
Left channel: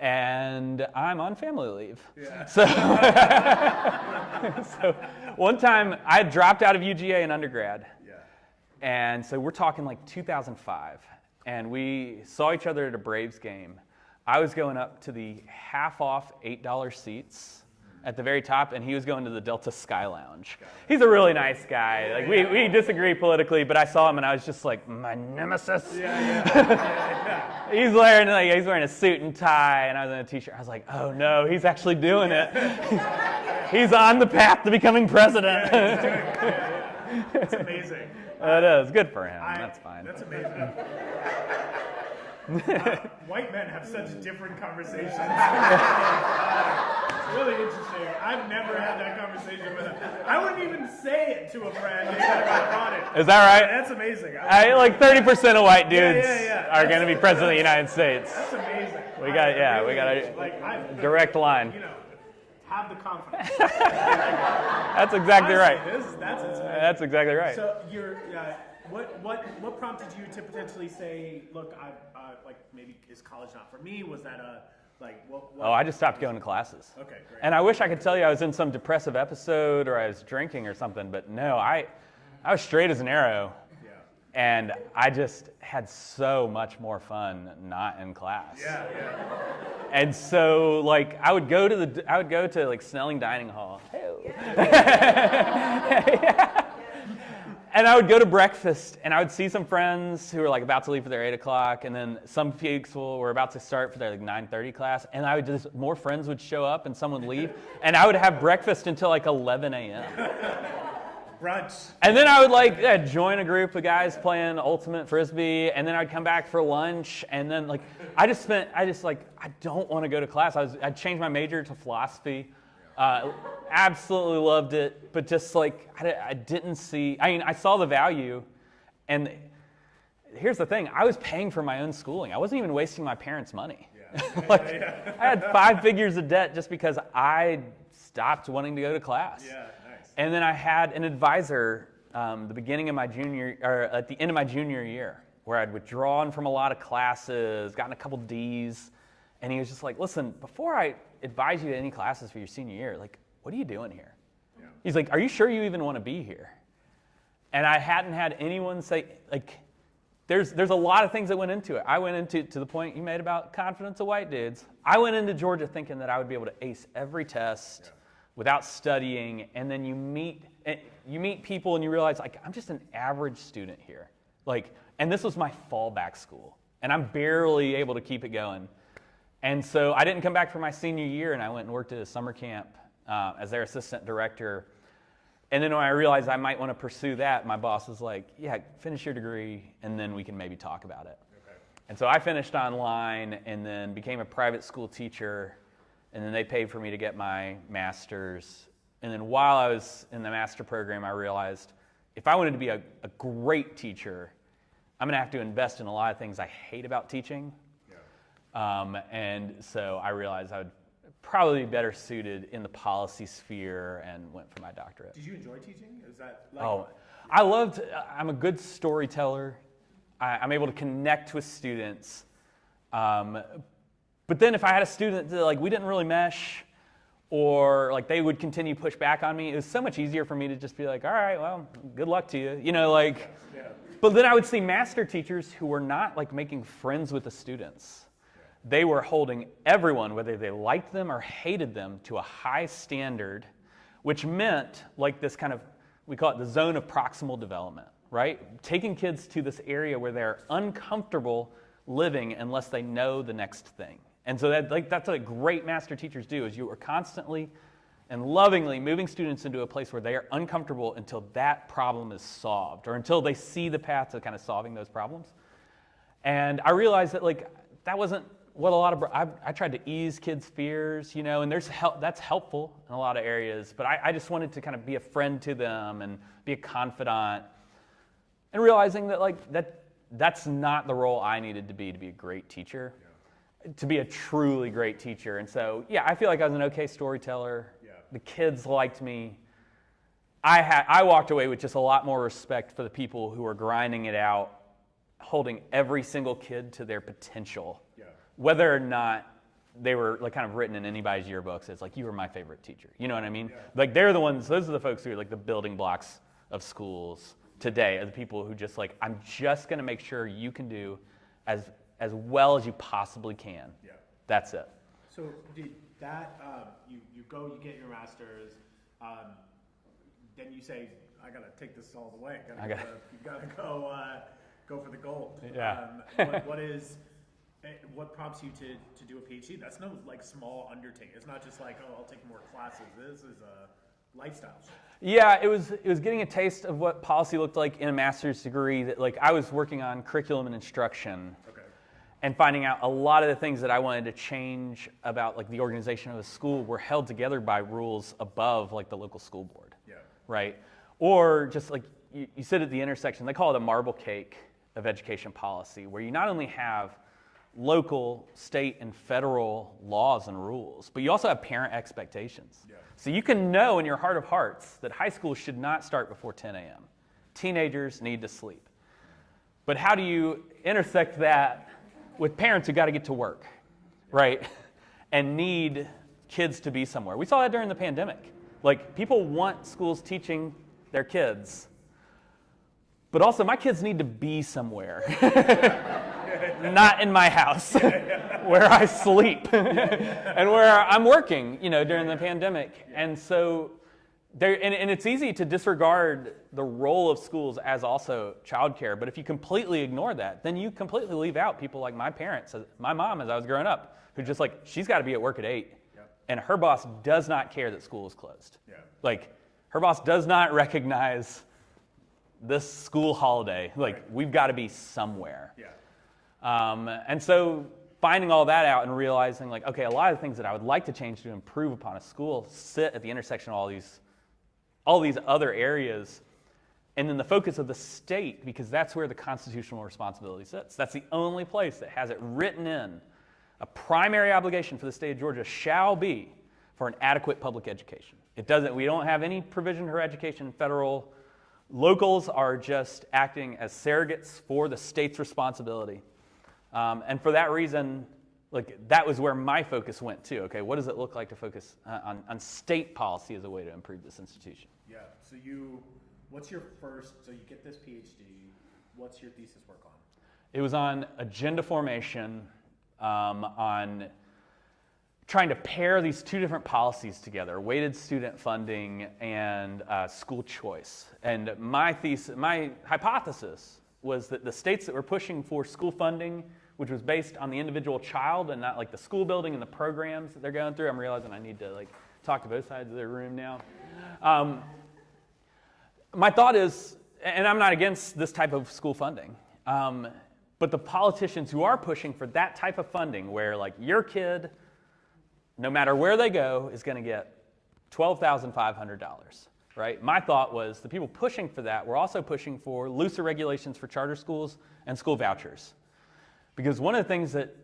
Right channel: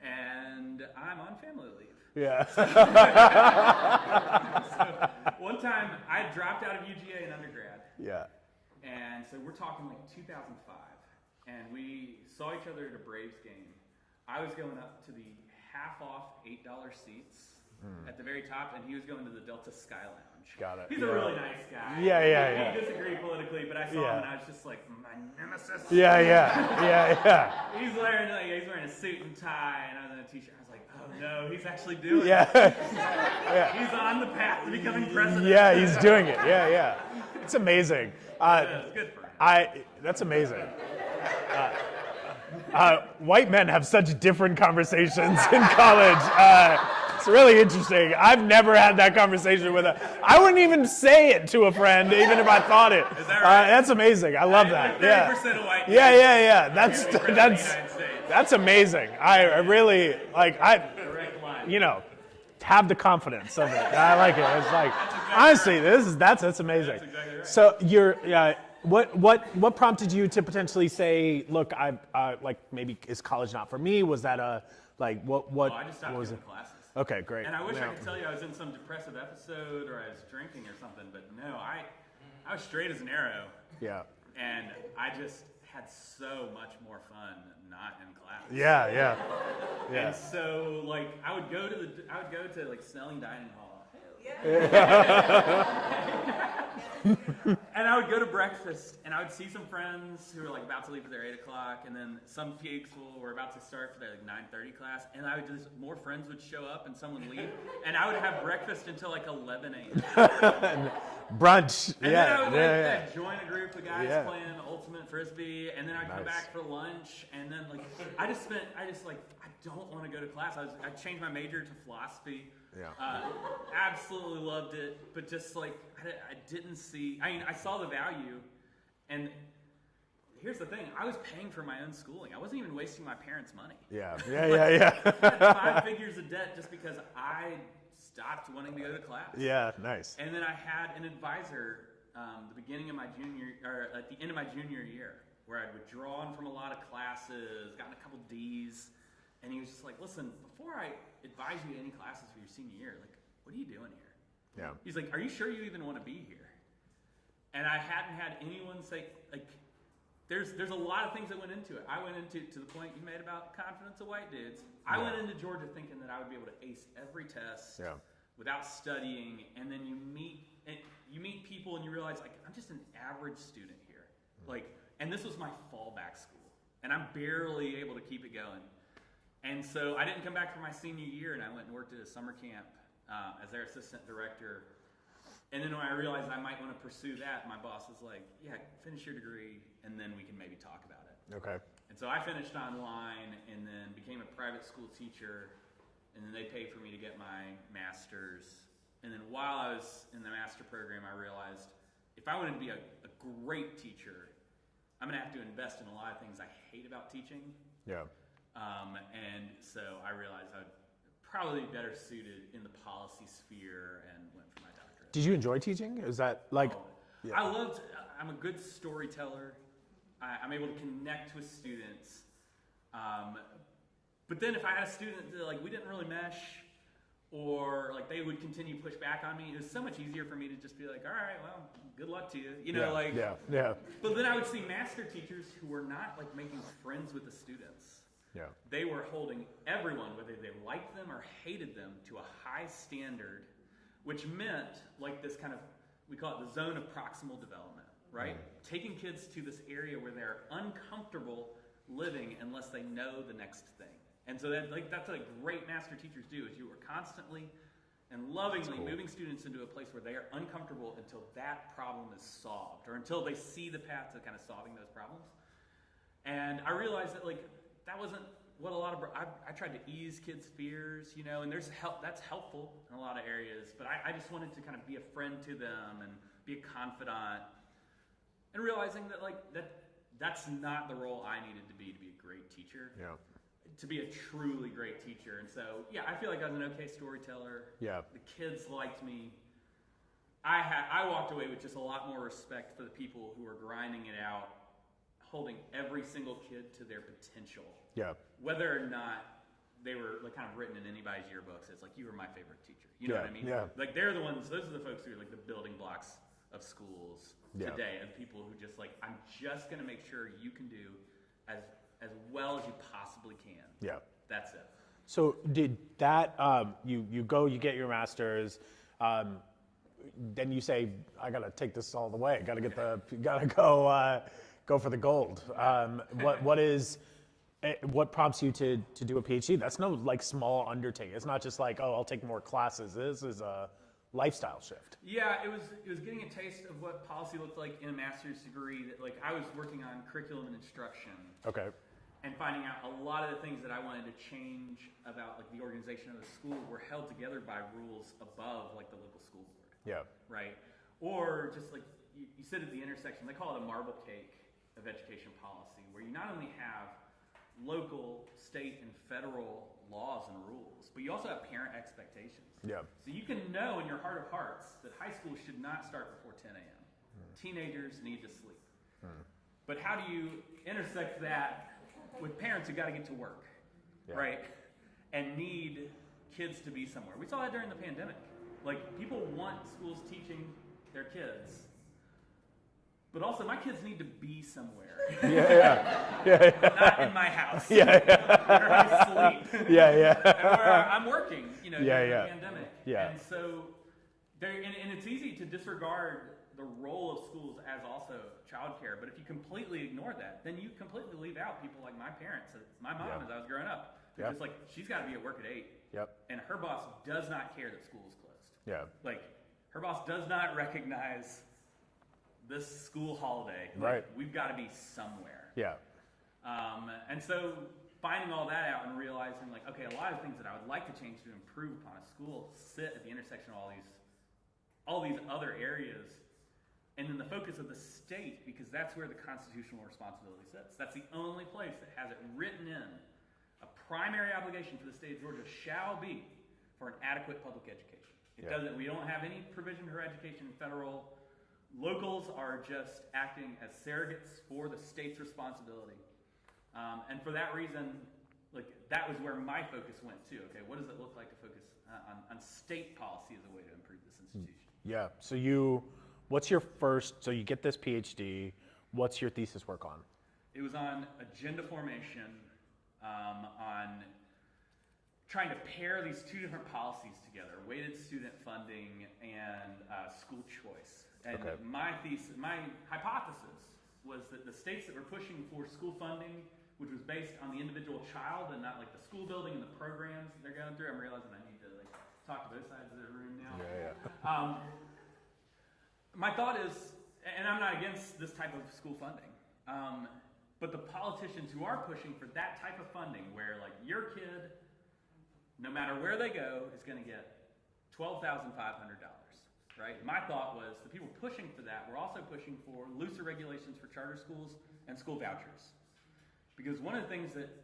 and I'm on family leave. Yeah. So one time I had dropped out of UGA in undergrad. Yeah. And so we're talking like 2005, and we saw each other at a Braves game. I was going up to the half-off $8 seats at the very top, and he was going to the Delta Sky Lounge. Got it. He's a really nice guy. Yeah, we disagree politically, but I saw him and I was just like, my nemesis. Yeah. He's wearing a suit and tie, and I was in a t-shirt. I was like, oh no, he's actually doing it. He's on the path to becoming president. Yeah, he's doing it. Yeah. It's amazing. It is good for him. That's fine. That's amazing. White men have such different conversations in college. It's really interesting. I've never had that conversation with I wouldn't even say it to a friend, even if I thought it. Is that right? That's amazing. I love that. Like 30% of white dudes are going to be president of the United States. That's amazing. Direct line. Have the confidence of it. I like it. It's like, that's exactly honestly, right. That's amazing. That's exactly right. So what prompted you to potentially say, look, like maybe is college not for me? Was that what? Oh, I just stopped going to classes. Okay, great. And I wish I could tell you I was in some depressive episode or I was drinking or something, but no, I was straight as an arrow. Yeah. And I just had so much more fun not in class. Yeah. And so like I would go to like Snelling Dining Hall. And I would go to breakfast, and I would see some friends who were like about to leave for their 8 o'clock, and then some people were about to start for their like 9:30 class, and I would just, more friends would show up and some would leave, and I would have breakfast until like 11 a.m. Brunch. And then I would join a group of guys playing ultimate frisbee, and then I'd come back for lunch, and then like I don't want to go to class. I'd changed my major to philosophy. Absolutely loved it, but just like I didn't see. I mean, I saw the value, and here's the thing: I was paying for my own schooling. I wasn't even wasting my parents' money. Yeah. I had 5 figures of debt just because I stopped wanting to go to class. Yeah, nice. And then I had an advisor the beginning of my at the end of my junior year, where I'd withdrawn from a lot of classes, gotten a couple D's, and he was just like, "Listen, before I advise you to any classes for your senior year, like, what are you doing here?" Yeah. He's like, "Are you sure you even want to be here?" And I hadn't had anyone say, like, there's a lot of things that went into it. I went into, to the point you made about confidence of white dudes, I went into Georgia thinking that I would be able to ace every test without studying, and then you meet people and you realize, like, I'm just an average student here. Like, and this was my fallback school, and I'm barely able to keep it going. And so I didn't come back for my senior year, and I went and worked at a summer camp as their assistant director. And then when I realized I might want to pursue that, my boss was like, "Yeah, finish your degree, and then we can maybe talk about it." Okay. And so I finished online and then became a private school teacher, and then they paid for me to get my master's. And then while I was in the master program, I realized if I wanted to be a great teacher, I'm going to have to invest in a lot of things I hate about teaching. Yeah. And so I realized I would probably be better suited in the policy sphere and went for my doctorate. Did you enjoy teaching? Is that like? Oh, yeah. I'm a good storyteller. I'm able to connect with students. But then if I had a student that, like, we didn't really mesh, or like they would continue to push back on me, it was so much easier for me to just be like, "All right, well, good luck to you." You know, like. Yeah. But then I would see master teachers who were not like making friends with the students. Yeah. They were holding everyone, whether they liked them or hated them, to a high standard, which meant like this kind of, we call it the zone of proximal development, right? Taking kids to this area where they're uncomfortable living unless they know the next thing. And so that's what great master teachers do, is you are constantly and lovingly moving students into a place where they are uncomfortable until that problem is solved, or until they see the path to kind of solving those problems. And I realized that, like, that wasn't what a lot of, I tried to ease kids' fears, you know, and that's helpful in a lot of areas, but I just wanted to kind of be a friend to them and be a confidant, and realizing that, like, that's not the role I needed to be a great teacher, to be a truly great teacher. And so, yeah, I feel like I was an okay storyteller. Yeah. The kids liked me. I walked away with just a lot more respect for the people who were grinding it out, holding every single kid to their potential. Yeah. Whether or not they were, like, kind of written in anybody's yearbooks as, like, you were my favorite teacher. You know what I mean? Yeah. Like, those are the folks who are, like, the building blocks of schools today, are the people who just, like, I'm just going to make sure you can do as well as you possibly can. Yeah. That's it. So did that, you get your master's, then you say, I got to take this all the way. Gotta go for the gold. Yeah. What prompts you to do a PhD? That's no, like, small undertaking. It's not just like, oh, I'll take more classes. This is a lifestyle shift. Yeah, it was getting a taste of what policy looked like in a master's degree. That, like, I was working on curriculum and instruction. Okay. And finding out a lot of the things that I wanted to change about, like, the organization of a school were held together by rules above, like, the local school board. Yeah. Right? Or just, like, you sit at the intersection, they call it a marble cake of education policy, where you not only have local, state, and federal laws and rules, but you also have parent expectations. Yeah. So you can know in your heart of hearts that high school should not start before 10 a.m. Teenagers need to sleep. But how do you intersect that with parents who got to get to work, right? And need kids to be somewhere? We saw that during the pandemic. Like, people want schools teaching their kids, but also my kids need to be somewhere. Not in my house, where I sleep, and where I'm working, during the pandemic. Yeah. And so, and it's easy to disregard the role of schools as also childcare, but if you completely ignore that, then you completely leave out people like my parents, my mom as I was growing up, who just, like, she's got to be at work at 8, and her boss does not care that school is closed. Like, her boss does not recognize this school holiday. Like, we've got to be somewhere. And so finding all that out and realizing, like, okay, a lot of the things that I would like to change to improve upon a school sit at the intersection of all these other areas. And then the focus of the state, because that's where the constitutional responsibility sits. That's the only place that has it written in. A primary obligation for the state of Georgia shall be for an adequate public education. It doesn't, we don't have any provision for education federal. Locals are just acting as surrogates for the state's responsibility. And for that reason, like, that was where my focus went too. Okay, what does it look like to focus on state policy as a way to improve this institution? Yeah, so so you get this PhD, what's your thesis work on? It was on agenda formation, on trying to pair these two different policies together, weighted student funding and school choice. And my hypothesis was that the states that were pushing for school funding, which was based on the individual child and not like the school building and the programs that they're going through. I'm realizing I need to like talk to both sides of the room now. My thought is, and I'm not against this type of school funding, but the politicians who are pushing for that type of funding where like your kid, no matter where they go, is going to get $12,500, right? My thought was the people pushing for that were also pushing for looser regulations for charter schools and school vouchers. Because one of the things that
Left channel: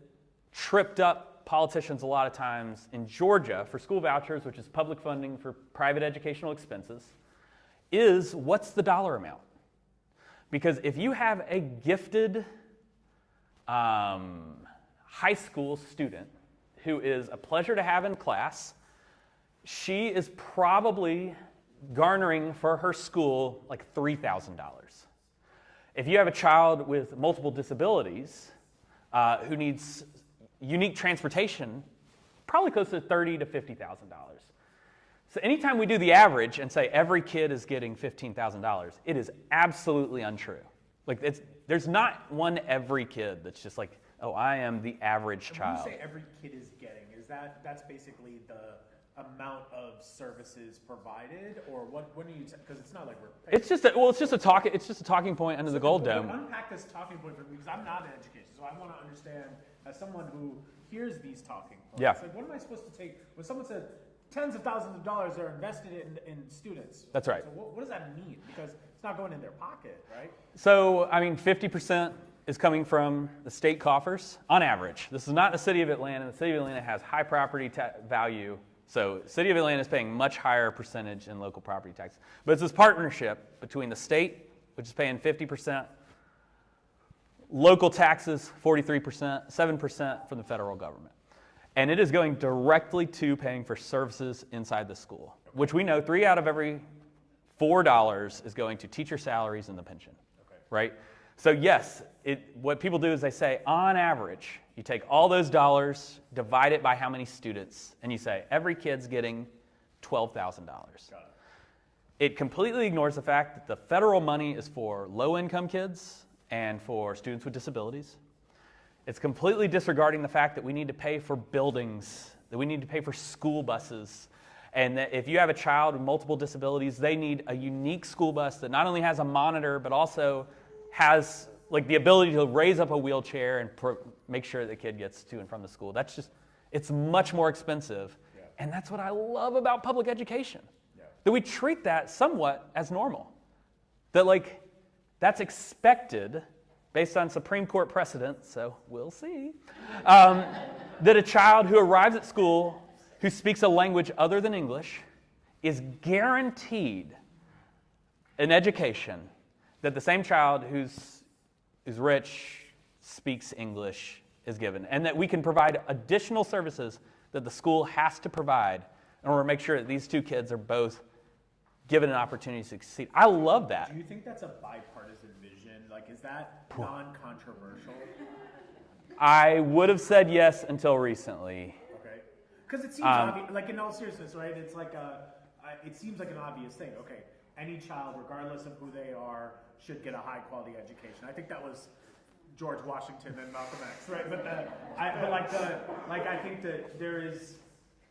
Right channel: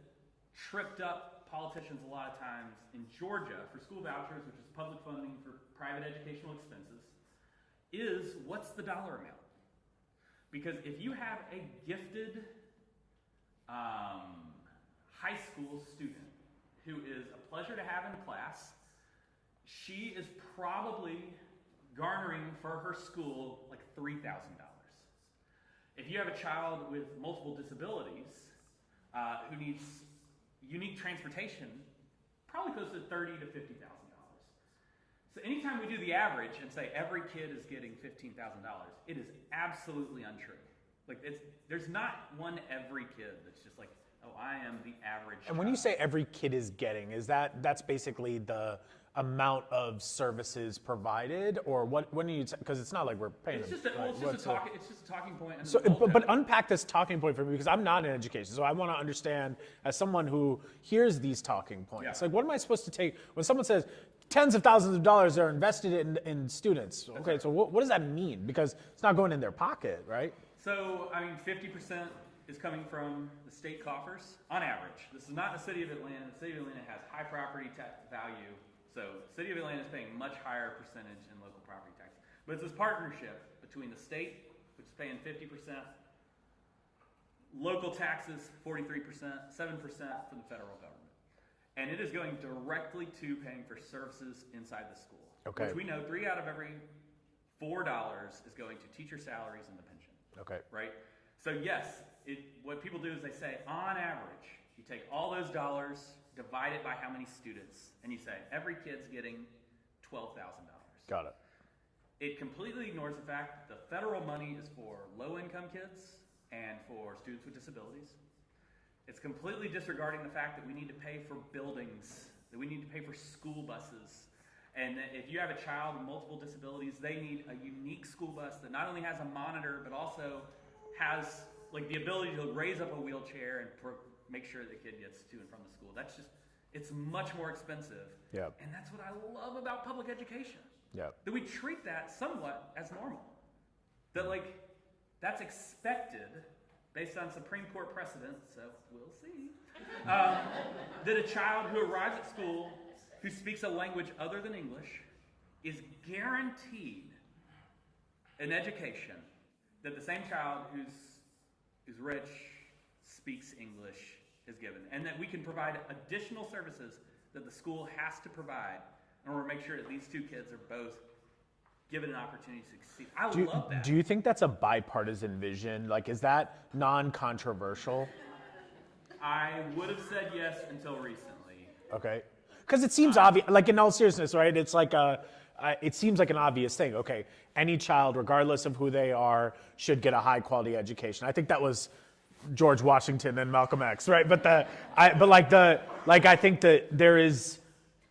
tripped up politicians a lot of times in Georgia for school vouchers, which is public funding for private educational expenses, is what's the dollar amount? Because if you have a gifted high school student who is a pleasure to have in class, she is probably garnering for her school like $3,000. If you have a child with multiple disabilities who needs unique transportation, probably close to $30,000 to $50,000. So anytime we do the average and say every kid is getting $15,000, it is absolutely untrue. Like there's not one every kid that's just like, oh, I am the average child. And when you say every kid is getting, that's basically the amount of services provided, or what? When you, because it's not like we're paying. It's just a talking point under the gold dome. But unpack this talking point for me, because I'm not in education, so I want to understand as someone who hears these talking points. Yeah. Like, what am I supposed to take when someone says tens of thousands of dollars are invested in students? That's right. So what does that mean? Because it's not going in their pocket, right? So I mean, 50% is coming from the state coffers on average. This is not the city of Atlanta. The city of Atlanta has high property value. So city of Atlanta is paying much higher percentage in local property tax. But it's this partnership between the state, which is paying 50%, local taxes 43%, 7% from the federal government. And it is going directly to paying for services inside the school, which we know 3 out of every $4 is going to teacher salaries and the pension. Okay. Right? So yes, what people do is they say, on average, you take all those dollars, divide it by how many students, and you say, every kid's getting $12,000. Got it. It completely ignores the fact that the federal money is for low-income kids and for students with disabilities. It's completely disregarding the fact that we need to pay for buildings, that we need to pay for school buses, and that if you have a child with multiple disabilities, they need a unique school bus that not only has a monitor, but also has like the ability to raise up a wheelchair and make sure the kid gets to and from the school. That's just, it's much more expensive. Yeah. And that's what I love about public education. Yeah. That we treat that somewhat as normal. That like, that's expected based on Supreme Court precedent, so we'll see, that a child who arrives at school who speaks a language other than English is guaranteed an education that the same child who's rich, speaks English, is given. And that we can provide additional services that the school has to provide in order to make sure that these two kids are both given an opportunity to succeed. I love that. Do you think that's a bipartisan vision? Like, is that non-controversial? I would have said yes until recently. Okay. Because it seems obvious, like in all seriousness, right? It's like it seems like an obvious thing. Okay, any child, regardless of who they are, should get a high quality education. I think that was George Washington and Malcolm X, right? I think that there is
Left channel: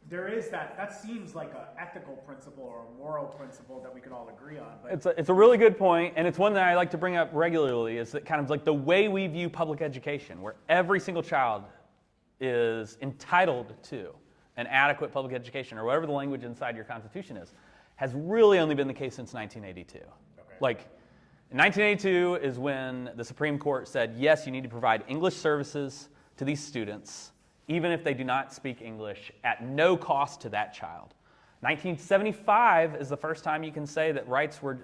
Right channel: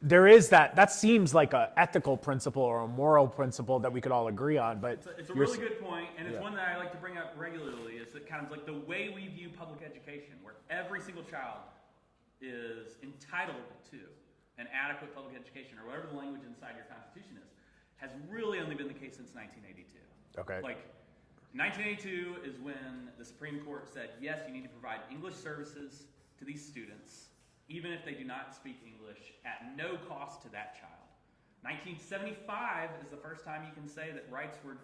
that seems like an ethical principle or a moral principle that we could all agree on. But it's a really good point, and it's one that I like to bring up regularly. Is that kind of like the way we view public education, where every single child is entitled to an adequate public education, or whatever the language inside your Constitution is, has really only been the case since 1982. Okay. Like, 1982 is when the Supreme Court said, yes, you need to provide English services to these students, even if they do not speak English, at no cost to that child. 1975 is the first time you can say that rights were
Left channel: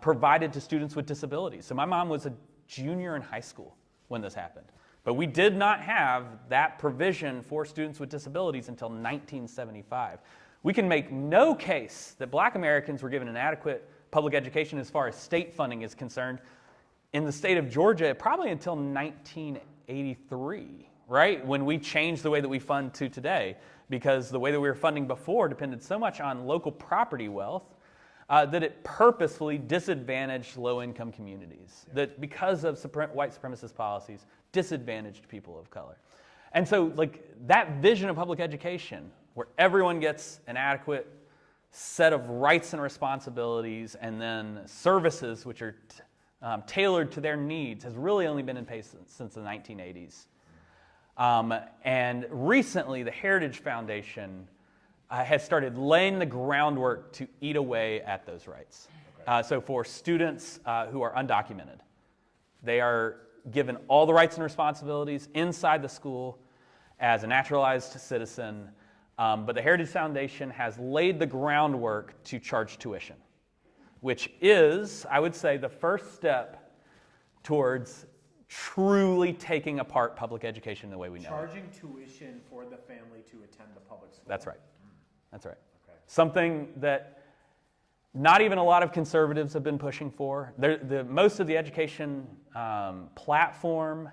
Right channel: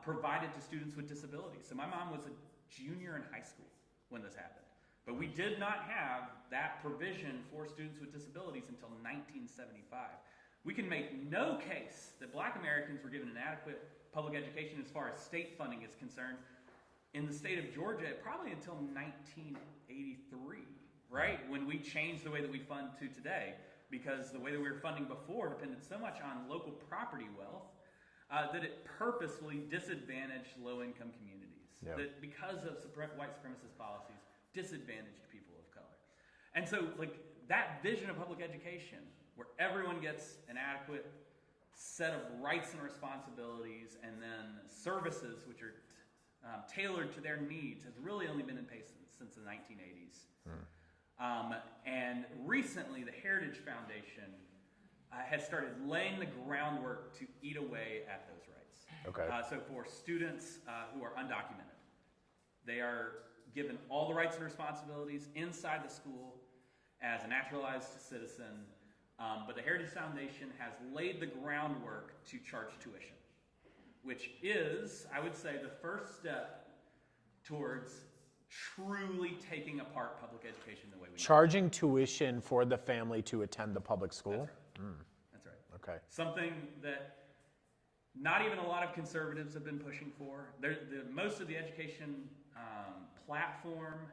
provided to students with disabilities. So my mom was a junior in high school when this happened. But we did not have that provision for students with disabilities until 1975. We can make no case that Black Americans were given an adequate public education as far as state funding is concerned in the state of Georgia probably until 1983, right? When we changed the way that we fund to today, because the way that we were funding before depended so much on local property wealth that it purposefully disadvantaged low-income communities. Yeah. That because of white supremacist policies, disadvantaged people of color. And so, like, that vision of public education, where everyone gets an adequate set of rights and responsibilities and then services which are tailored to their needs, has really only been in place since the 1980s. And recently, the Heritage Foundation has started laying the groundwork to eat away at those rights. Okay. So for students who are undocumented, they are given all the rights and responsibilities inside the school as a naturalized citizen, but the Heritage Foundation has laid the groundwork to charge tuition, which is, I would say, the first step towards truly taking apart public education the way we know it. Charging tuition for the family to attend the public school? That's right. That's right. Okay. Something that not even a lot of conservatives have been pushing for. Most of the education platform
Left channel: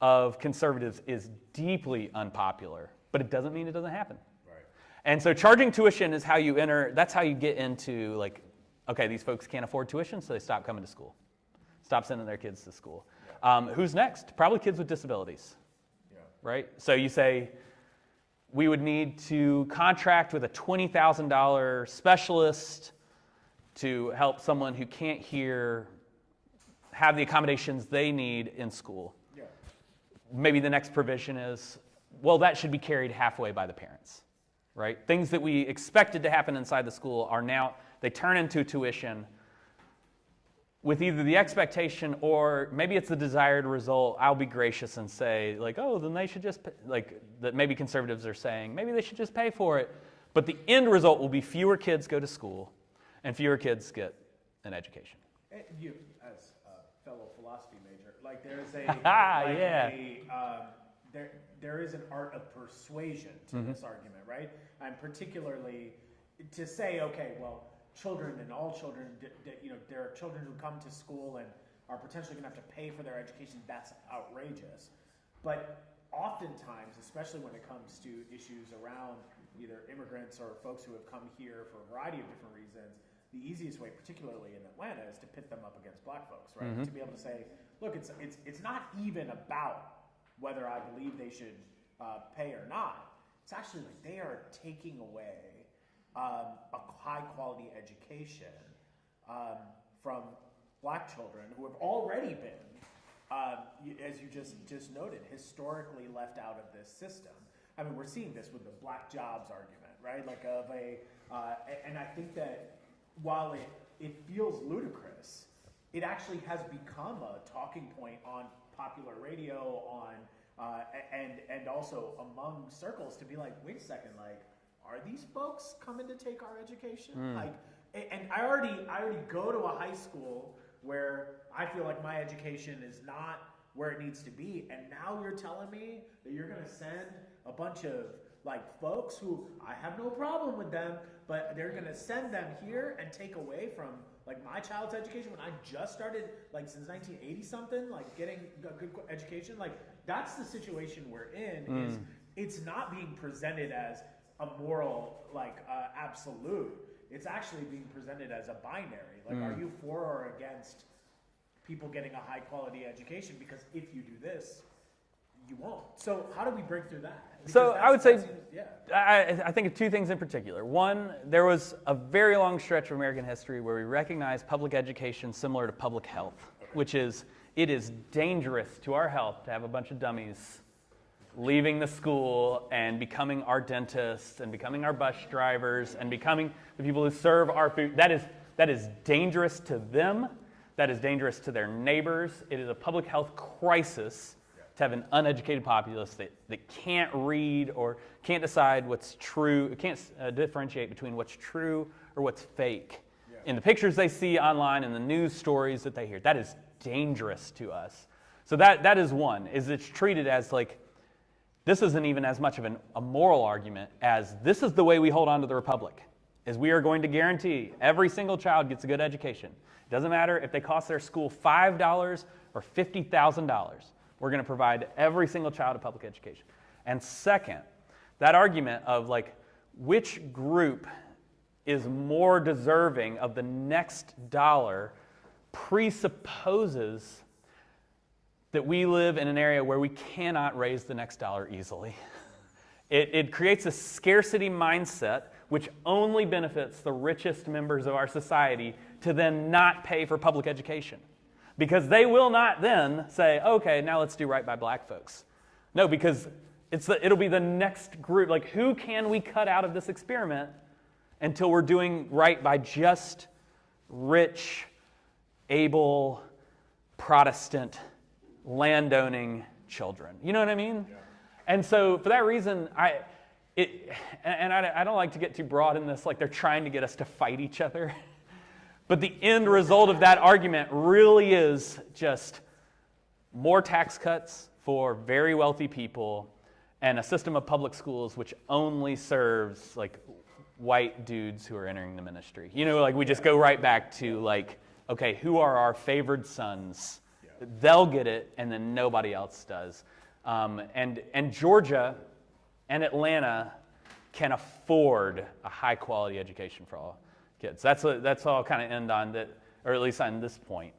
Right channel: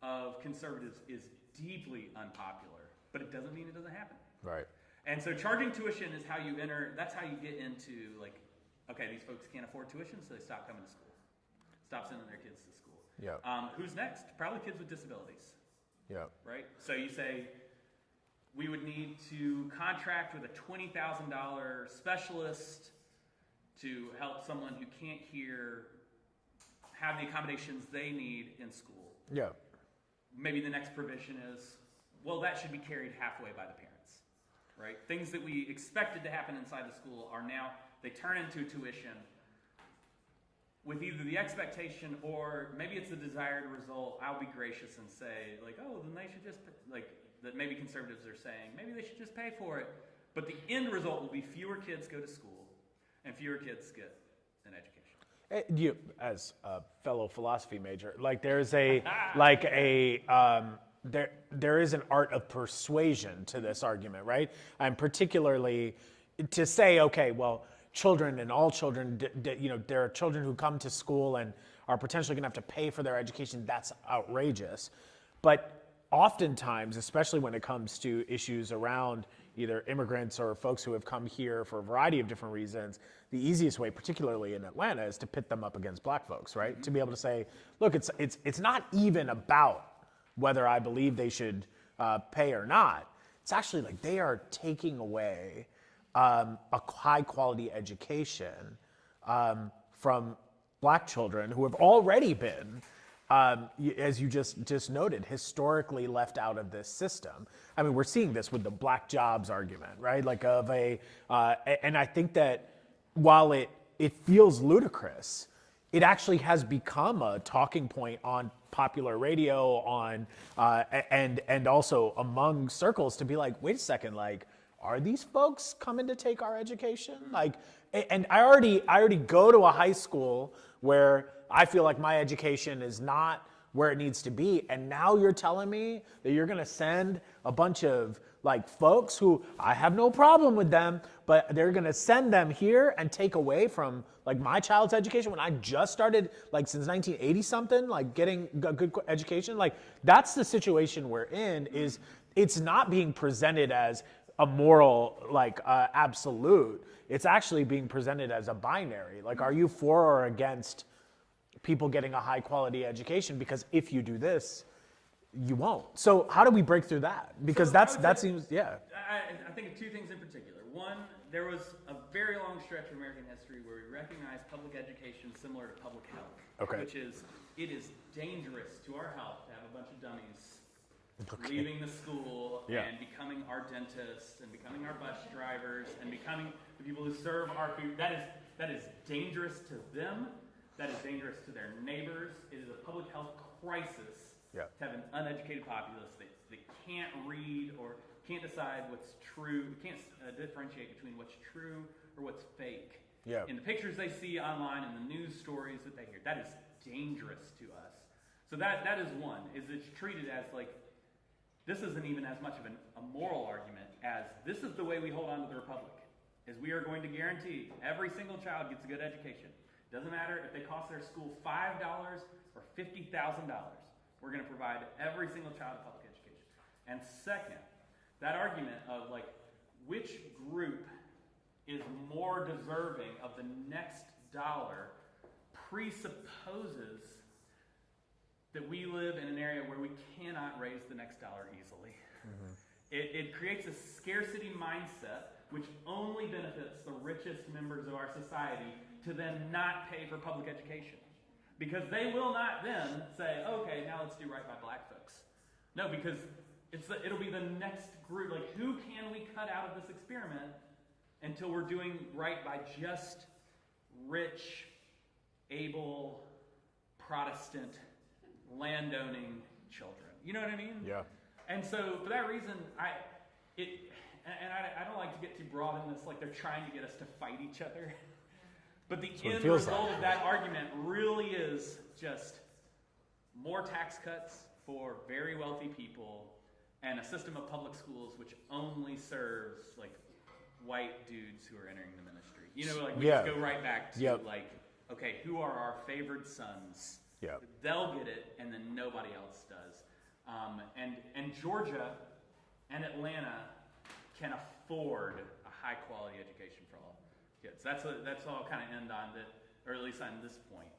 of conservatives is deeply unpopular, but it doesn't mean it doesn't happen. Right. And so charging tuition is how you enter, that's how you get into, like, okay, these folks can't afford tuition, so they stop coming to school. Stop sending their kids to school. Yeah. Who's next? Probably kids with disabilities. Yeah. Right? So you say, we would need to contract with a $20,000 specialist to help someone who can't hear have the accommodations they need in school. Yeah. Maybe the next provision is, well, that should be carried halfway by the parents, right? Things that we expected to happen inside the school are now, they turn into tuition with either the expectation or maybe it's the desired result. I'll be gracious and say, like, oh, then they should just, that maybe conservatives are saying, maybe they should just pay for it. But the end result will be fewer kids go to school and fewer kids get an education. You, as a fellow philosophy major, like there's there is an art of persuasion to this argument, right? And particularly to say, okay, well, children and all children, there are children who come to school and are potentially going to have to pay for their education. That's outrageous. But oftentimes, especially when it comes to issues around either immigrants or folks who have come here for a variety of different reasons, the easiest way, particularly in Atlanta, is to pit them up against black folks, right? To be able to say, look, it's not even about whether I believe they should pay or not. It's actually like they are taking away a high quality education from black children who have already been, as you just noted, historically left out of this system. I mean, we're seeing this with the black jobs argument, right? Like and I think that while it feels ludicrous, it actually has become a talking point on popular radio, and also among circles to be like, wait a second, like, are these folks coming to take our education? Like, and I already go to a high school where I feel like my education is not where it needs to be, and now you're telling me that you're gonna send a bunch of like folks who I have no problem with them, but they're gonna send them here and take away from like my child's education when I just started, like since 1980 something, like getting a good education. Like that's the situation we're in. Is it's not being presented as a moral absolute. It's actually being presented as a binary. Like, are you for or against people getting a high quality education? Because if you do this, you won't. So how do we break through that? Because so seems. I think of two things in particular. One, there was a very long stretch of American history where we recognized public education similar to public health, which is, it is dangerous to our health to have a bunch of dummies leaving the school and becoming our dentists and becoming our bus drivers and becoming the people who serve our food. That is dangerous to them. That is dangerous to their neighbors. It is a public health crisis to have an uneducated populace that can't read or can't decide what's true, can't differentiate between what's true or what's fake. In the pictures they see online and the news stories that they hear. That is dangerous to us. So that is one, is it's treated as like, this isn't even as much of a moral argument as this is the way we hold on to the republic, is we are going to guarantee every single child gets a good education. It doesn't matter if they cost their school $5 or $50,000. We're going to provide every single child a public education. And second, that argument of like, which group is more deserving of the next dollar presupposes that we live in an area where we cannot raise the next dollar easily. It creates a scarcity mindset which only benefits the richest members of our society to then not pay for public education. Because they will not then say, okay, now let's do right by black folks. No, because it'll be the next group. Like, who can we cut out of this experiment until we're doing right by just rich, able, Protestant, landowning children? You know what I mean? Yeah. And so for that reason, I don't like to get too broad in this, like they're trying to get us to fight each other. But the end result of that argument really is just more tax cuts for very wealthy people and a system of public schools which only serves like white dudes who are entering the ministry. You know, like we just go right back to like, okay, who are our favored sons? They'll get it, and then nobody else does. And Georgia and Atlanta can afford a high quality education for all kids. That's all I'll kind of end on that, or at least on this point,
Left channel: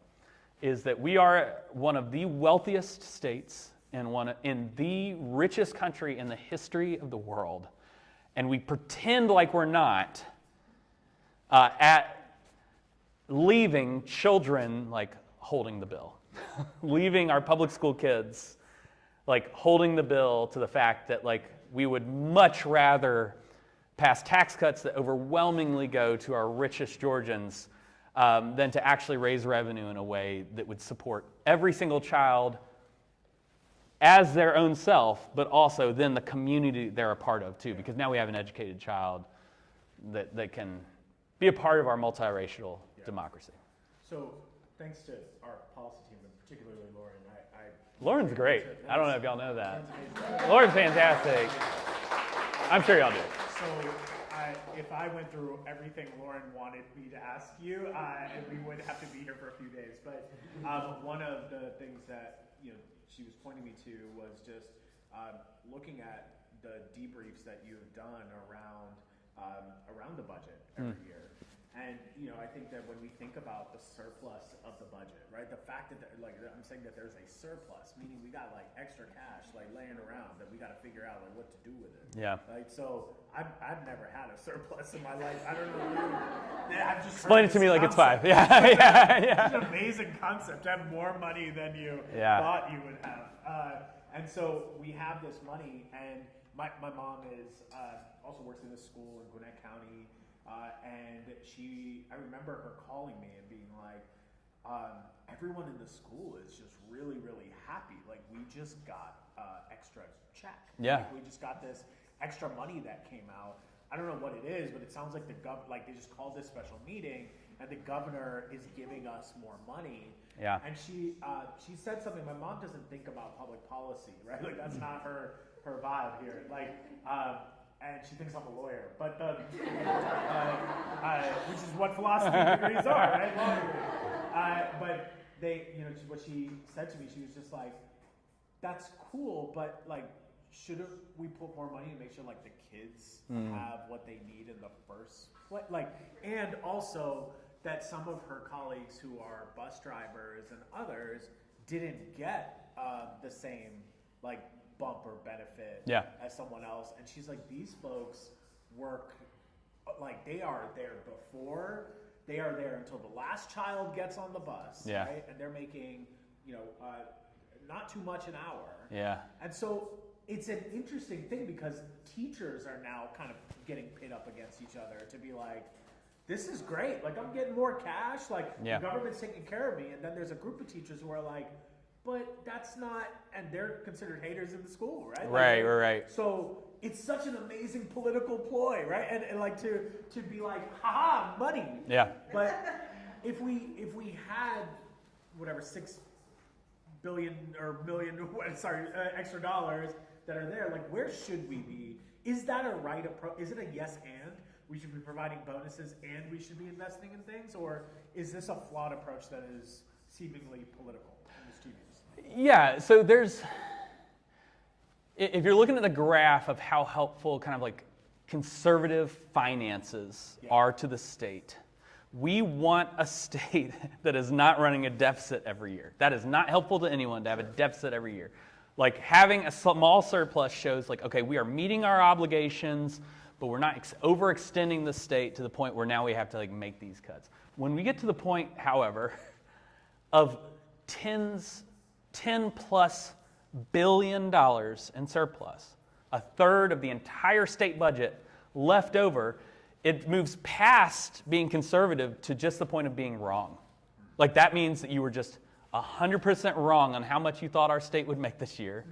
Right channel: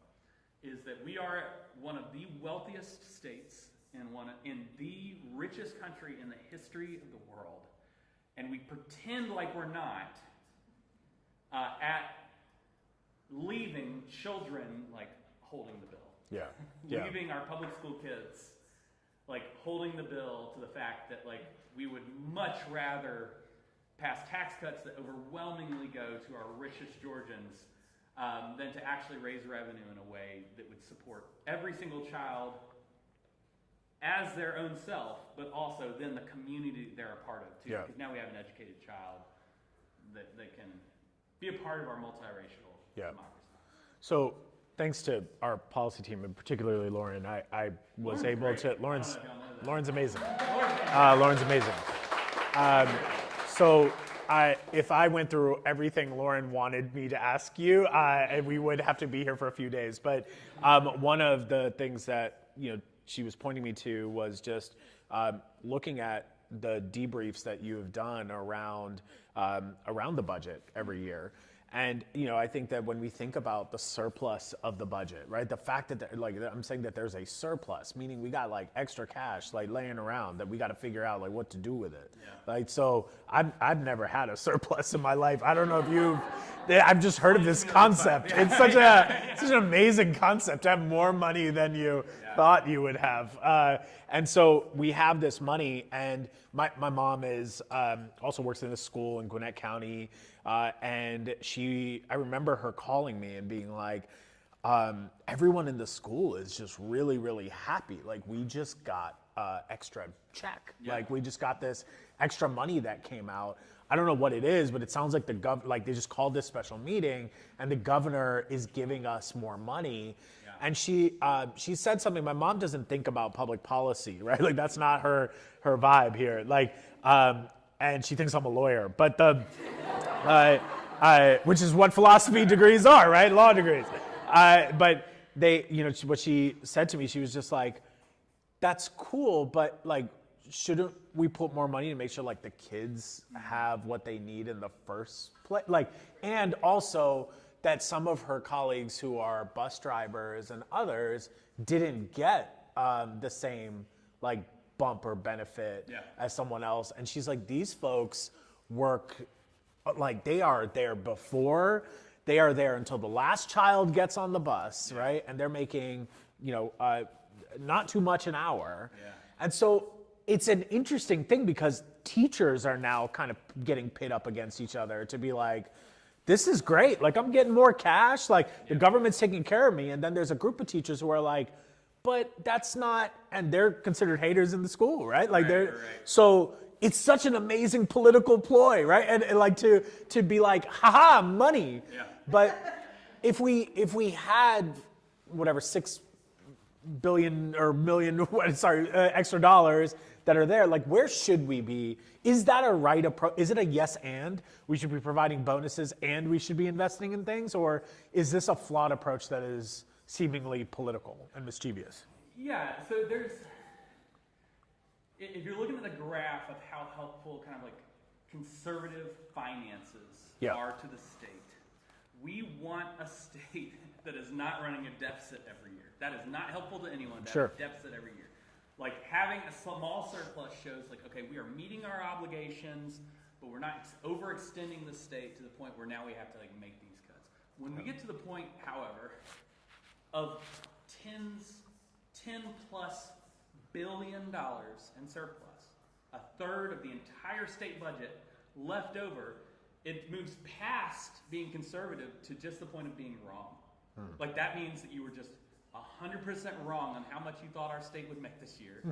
is that we are one of the wealthiest states in the richest country in the history of the world, and we pretend like we're not at leaving children like holding the bill, leaving our public school kids like holding the bill to the fact that like we would much rather pass tax cuts that overwhelmingly go to our richest Georgians than to actually raise revenue in a way that would support every single child as their own self, but also then the community they're a part of too, because now we have an educated child that can be a part of our multiracial democracy. So thanks to our policy team, and particularly Lauren, Lauren's great. I don't know if y'all know that. Lauren's amazing. Lauren's fantastic. Lauren's amazing. I'm sure y'all do. So if I went through everything Lauren wanted me to ask you, and we would have to be here for a few days. But one of the things that she was pointing me to was just looking at the debriefs that you have done around the budget every year. And I think that when we think about the surplus of the budget, right? The fact that I'm saying that there's a surplus, meaning we got like extra cash like laying around that we got to figure out like what to do with it. Yeah. Like so, I've never had a surplus in my life. I don't know if you've. I've just heard this concept. It's such an amazing concept to have more money than you thought you would have. And so we have this money, and my mom is also works in a school in Gwinnett County. And I remember her calling me and being like, everyone in the school is just really, really happy. Like, we just got extra check. Like, we just got this extra money that came out. I don't know what it is, but it sounds like they just called this special meeting, and the governor is giving us more money. Yeah. And she said something. My mom doesn't think about public policy, right? Like, that's not her vibe here. Like, and she thinks I'm a lawyer, but which is what philosophy degrees are, right? Law degrees. But what she said to me, she was just like, "That's cool, but like, shouldn't we put more money to make sure like the kids have what they need in the first place? Like, and also that some of her colleagues who are bus drivers and others didn't get the same like bump or benefit as someone else." And she's like, these folks work, like they are there before, they are there until the last child gets on the bus, right? And they're making, not too much an hour. Yeah. And so it's an interesting thing because teachers are now kind of getting pit up against each other to be like, this is great. Like, I'm getting more cash. Like, the government's taking care of me. And then there's a group of teachers who are like, but that's not, and they're considered haters in the school, right? Like, right. So it's such an amazing political ploy, right? And like to be like, haha, money. Yeah. But if we had whatever 6 billion or million, extra dollars that are there, like, where should we be? Is that a right approach? Is it a yes and we should be providing bonuses and we should be investing in things? Or is this a flawed approach that is seemingly political and mischievous? Yeah, so if you're looking at the graph of how helpful kind of like conservative finances are to the state, we want a state that is not running a deficit every year. That is not helpful to anyone to have a deficit every year. Like, having a small surplus shows like, okay, we are meeting our obligations, but we're not overextending the state to the point where now we have to like make these cuts. When we get to the point, however, of $10+ billion in surplus, a third of the entire state budget left over, it moves past being conservative to just the point of being wrong. Like, that means that you were just 100% wrong on how much you thought our state would make this year.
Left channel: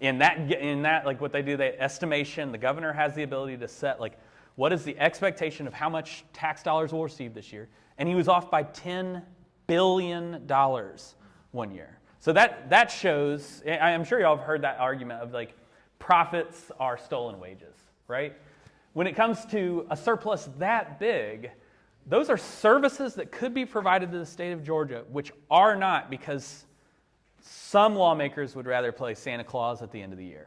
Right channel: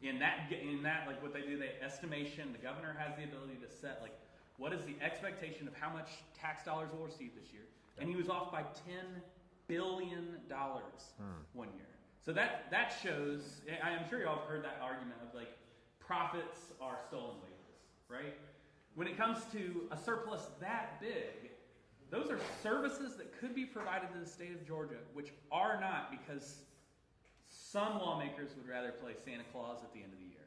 In that, like, what they do, the estimation, the governor has the ability to set, like, what is the expectation of how much tax dollars we'll receive this year? And he was off by $10 billion one year. So that shows, I'm sure y'all have heard that argument of like, profits are stolen wages, right? When it comes to a surplus that big, those are services that could be provided to the state of Georgia, which are not, because some lawmakers would rather play Santa Claus at the end of the year,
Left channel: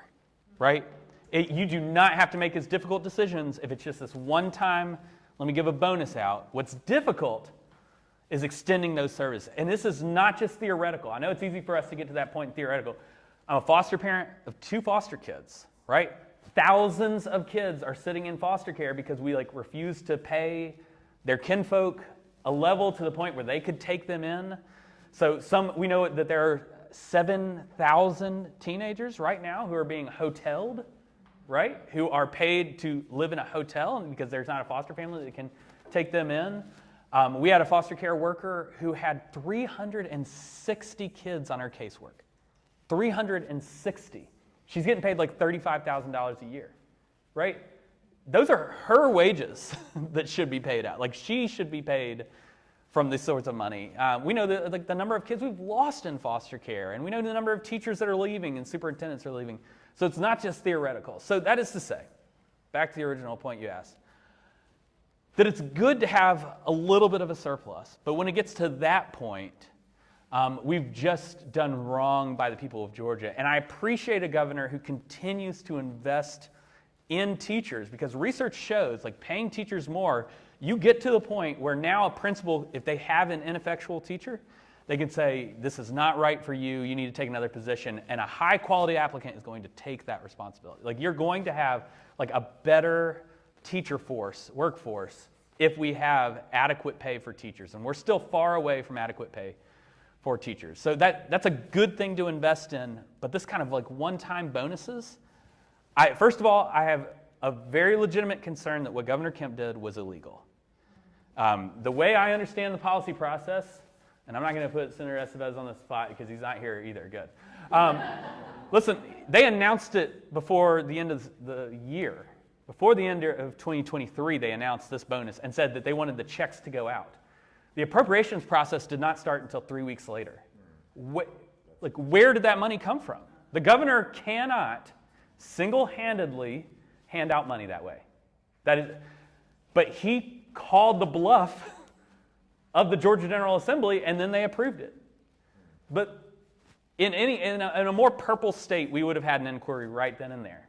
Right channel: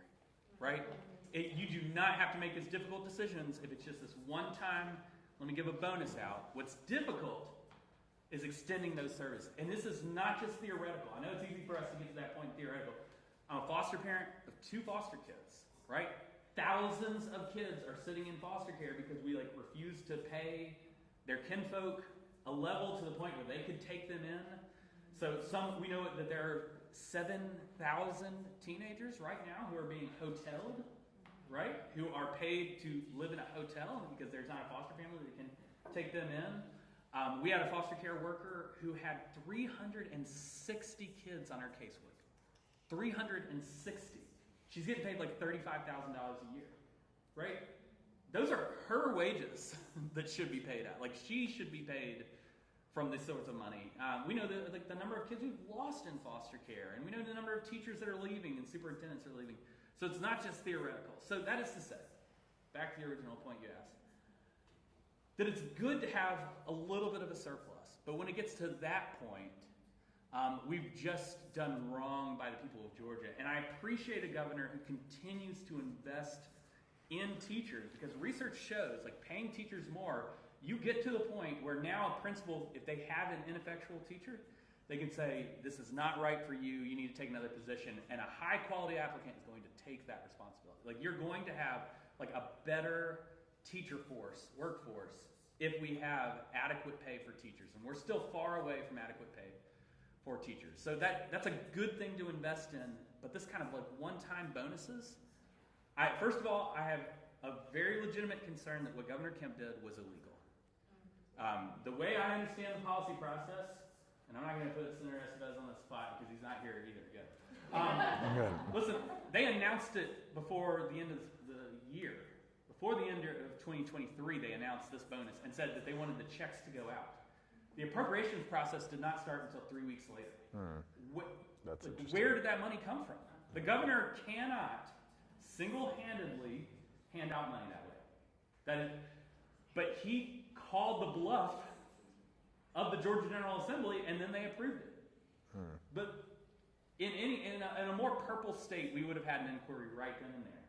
right? You do not have to make as difficult decisions if it's just this one time, let me give a bonus out. What's difficult is extending those services. And this is not just theoretical. I know it's easy for us to get to that point in theoretical. I'm a foster parent of 2 foster kids, right? Thousands of kids are sitting in foster care because we like refuse to pay their kinfolk a level to the point where they could take them in. So we know that there are 7,000 teenagers right now who are being hoteled, right? Who are paid to live in a hotel because there's not a foster family that can take them in. We had a foster care worker who had 360 kids on her casework. 360. She's getting paid like $35,000 a year, right? Those are her wages that should be paid out. Like, she should be paid from this sorts of money. We know that, the number of kids we've lost in foster care, and we know the number of teachers that are leaving and superintendents are leaving. So it's not just theoretical. So that is to say, back to the original point you asked, that it's good to have a little bit of a surplus, but when it gets to that point, we've just done wrong by the people of Georgia. And I appreciate a governor who continues to invest in teachers, because research shows, like, paying teachers more, you get to the point where now a principal, if they have an ineffectual teacher, they can say, this is not right for you, you need to take another position, and a high quality applicant is going to take that responsibility. Like, you're going to have like a better teacher workforce, if we have adequate pay for teachers. And we're still far away from adequate pay for teachers. So that's a good thing to invest in, but this kind of like one-time bonuses, first of all, I have a very legitimate concern that what Governor Kemp did was illegal. The way I understand the policy process, and I'm not going to put Senator Estevez on the spot because he's not here either, good. Listen, they announced it before the end of the year. Before the end of 2023, they announced this bonus and said that they wanted the checks to go out. The appropriations process did not start until 3 weeks later. Where did that money come from? The governor cannot single-handedly hand out money that way. But he called the bluff of the Georgia General Assembly, and then they approved it. But in a more purple state, we would have had an inquiry right then and there.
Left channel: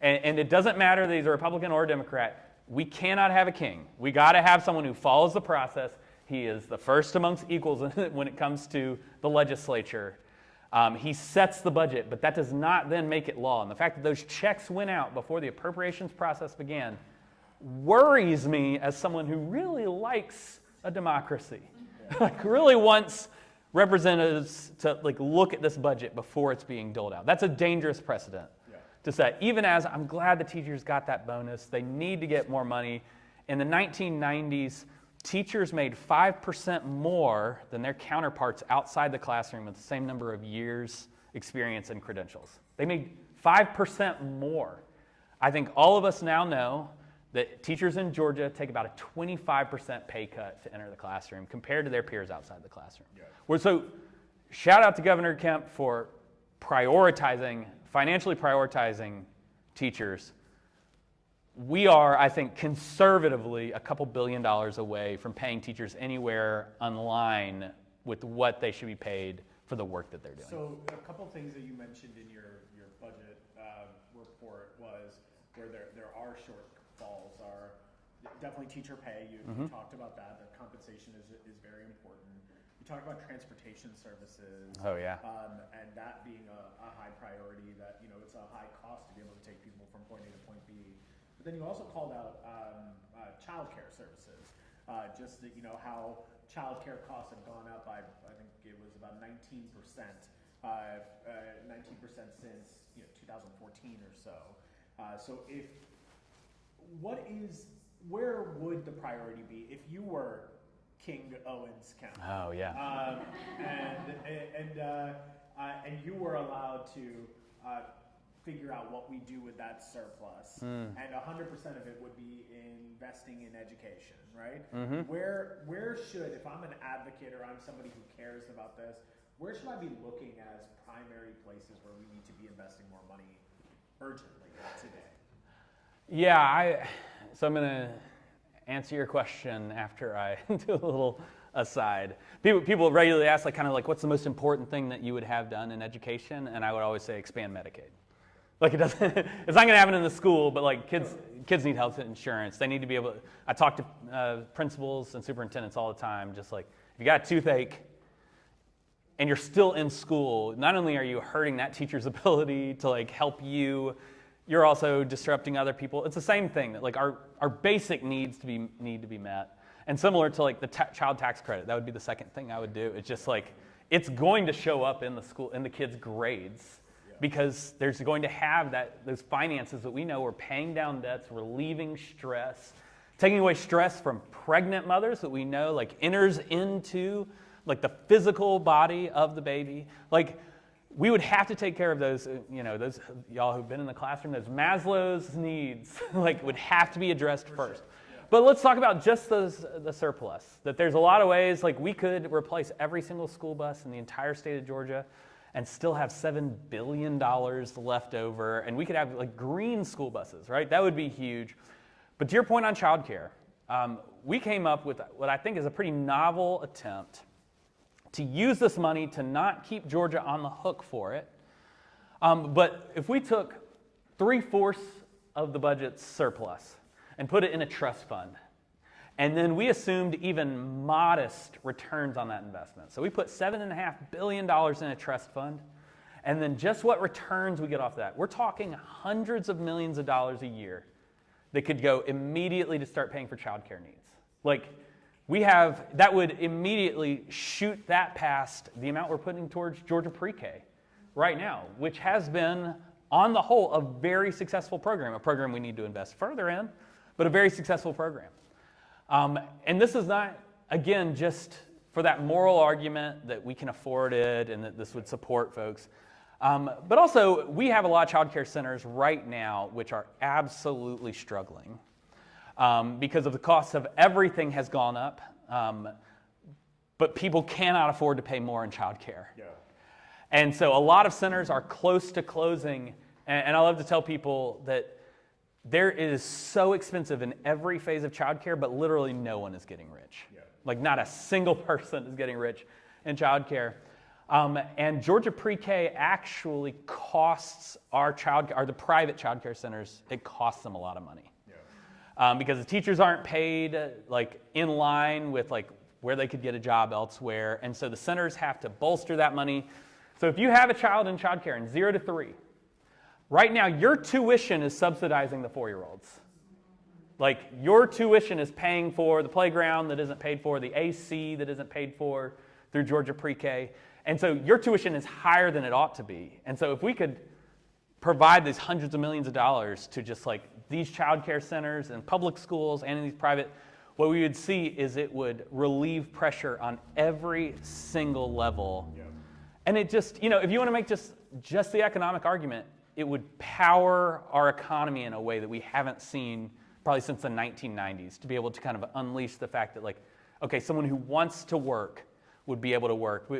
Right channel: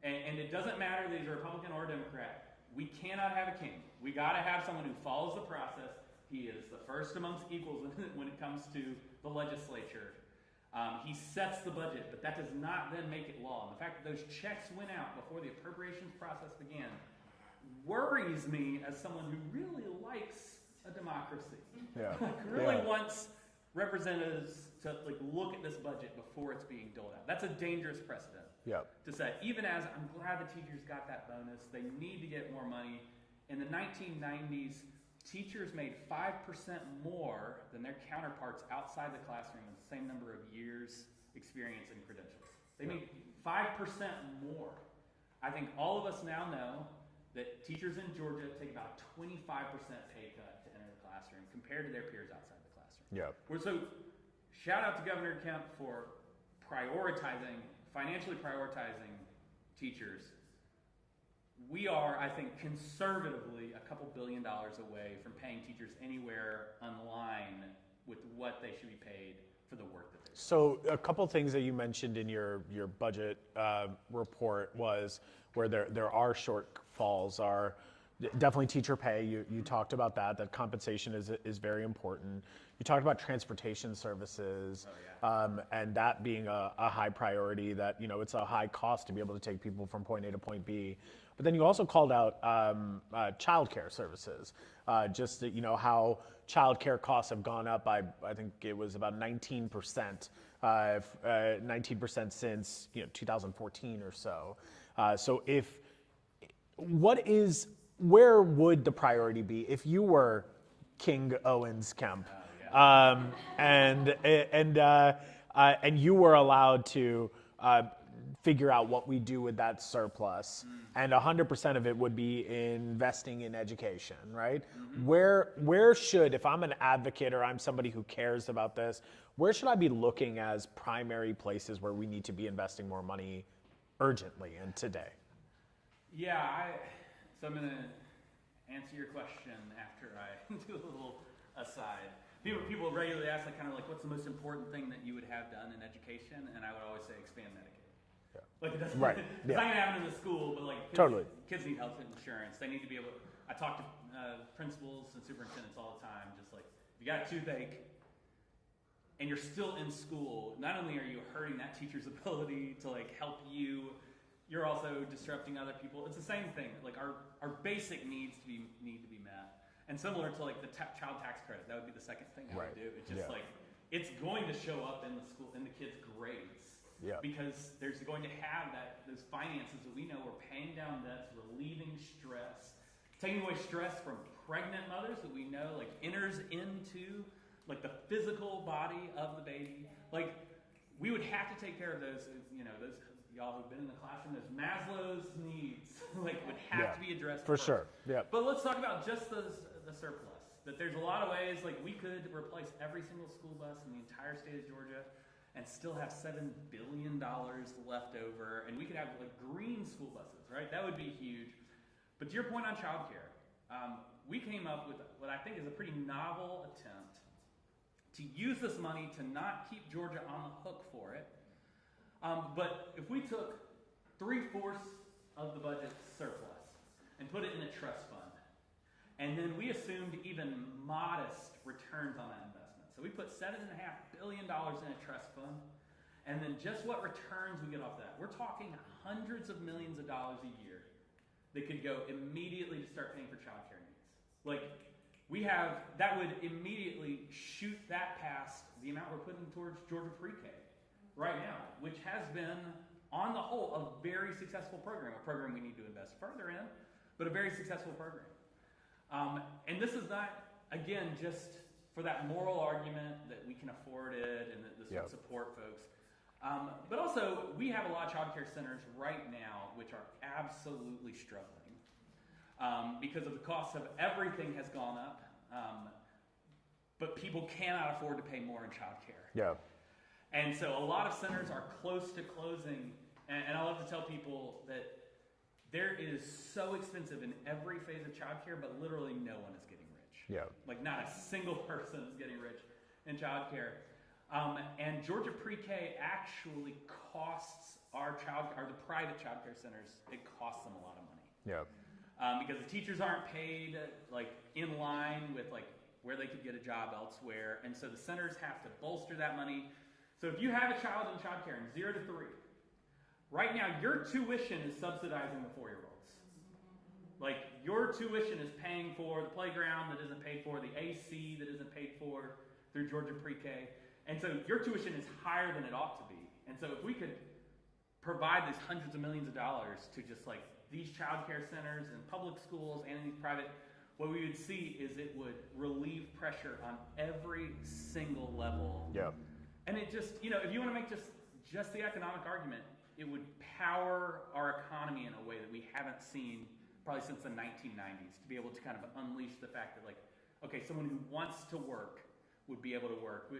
And it doesn't matter that he's a Republican or a Democrat. We cannot have a king. We got to have someone who follows the process. He is the first amongst equals when it comes to the legislature. He sets the budget, but that does not then make it law. And the fact that those checks went out before the appropriations process began worries me as someone who really likes a democracy. Yeah. Really wants representatives to like look at this budget before it's being doled out. That's a dangerous precedent to set. Even as I'm glad the teachers got that bonus, they need to get more money. In the 1990s, teachers made 5% more than their counterparts outside the classroom with the same number of years experience and credentials. They made 5% more. I think all of us now know that teachers in Georgia take about a 25% pay cut to enter the classroom compared to their peers outside the classroom. So shout out to Governor Kemp for financially prioritizing teachers. We are, I think, conservatively a couple $2 billion away from paying teachers anywhere in line with what they should be paid for the work that they're doing. So a couple things that you mentioned in your budget report was where there are shortfalls are definitely teacher pay. You talked about that compensation is very important. You talked about transportation services. Oh, yeah. And that being a high priority, that, it's a high cost to be able to take people from point A to point B. But then you also called out childcare services, just that, how childcare costs have gone up by, I think it was about 19%, 19% since 2014 or so. So where would the priority be if you were King Owens Kemp? Oh yeah. And you were allowed to figure out what we do with that surplus, and 100% of it would be investing in education, right? Where should, if I'm an advocate or I'm somebody who cares about this, where should I be looking as primary places where we need to be investing more money urgently and today? Yeah, so I'm going to answer your question after I do a little aside. People regularly ask, what's the most important thing that you would have done in education? And I would always say expand Medicaid. Like, it doesn't, right. It's not going to happen in the school, but kids need health insurance. They need to be able to, I talk to principals and superintendents all the time, just like, if you got a toothache and you're still in school, not only are you hurting that teacher's ability to help you, you're also disrupting other people. It's the same thing, that our basic needs need to be met. And similar to the child tax credit, that would be the second thing I would do. It's just it's going to show up in the school, in the kids' grades. Yeah. Because there's going to have those finances that we know we're paying down debts, relieving stress, taking away stress from pregnant mothers that we know enters into the physical body of the baby. We would have to take care of those, those y'all who've been in the classroom, those Maslow's needs would have to be addressed for first. Sure. Yeah. But let's talk about just the surplus. That there's a lot of ways we could replace every single school bus in the entire state of Georgia and still have $7 billion left over, and we could have green school buses, right? That would be huge. But to your point on childcare, we came up with what I think is a pretty novel attempt to use this money to not keep Georgia on the hook for it. But if we took 3/4 of the budget's surplus and put it in a trust fund, and then we assumed even modest returns on that investment. So we put $7.5 billion in a trust fund, and then just what returns we get off that. We're talking hundreds of millions of dollars a year that could go immediately to start paying for childcare needs. That would immediately shoot that past the amount we're putting towards Georgia pre-K right now, which has been, on the whole, a very successful program, a program we need to invest further in, but a very successful program. And this is not, again, just for that moral argument that we can afford it and that this would support folks. But also, we have a lot of child care centers right now which are absolutely struggling because of the cost of everything has gone up, but people cannot afford to pay more in child care. Yeah. And so a lot of centers are close to closing, and I love to tell people that there is so expensive in every phase of childcare, but literally no one is getting rich. Yeah. Not a single person is getting rich in childcare. And Georgia pre-K actually costs the private childcare centers, it costs them a lot of money. Yeah. Because the teachers aren't paid in line with where they could get a job elsewhere. And so the centers have to bolster that money. So if you have a child in childcare in 0 to 3, right now, your tuition is subsidizing the 4-year-olds. Your tuition is paying for the playground that isn't paid for, the AC that isn't paid for, through Georgia pre-K. And so your tuition is higher than it ought to be. And so if we could provide these hundreds of millions of dollars to just like these child care centers and public schools and in these private, what we would see is it would relieve pressure on every single level. Yep. And it just, if you want to make just the economic argument, it would power our economy in a way that we haven't seen probably since the 1990s, to be able to kind of unleash the fact that, like, okay, someone who wants to work would be able to work.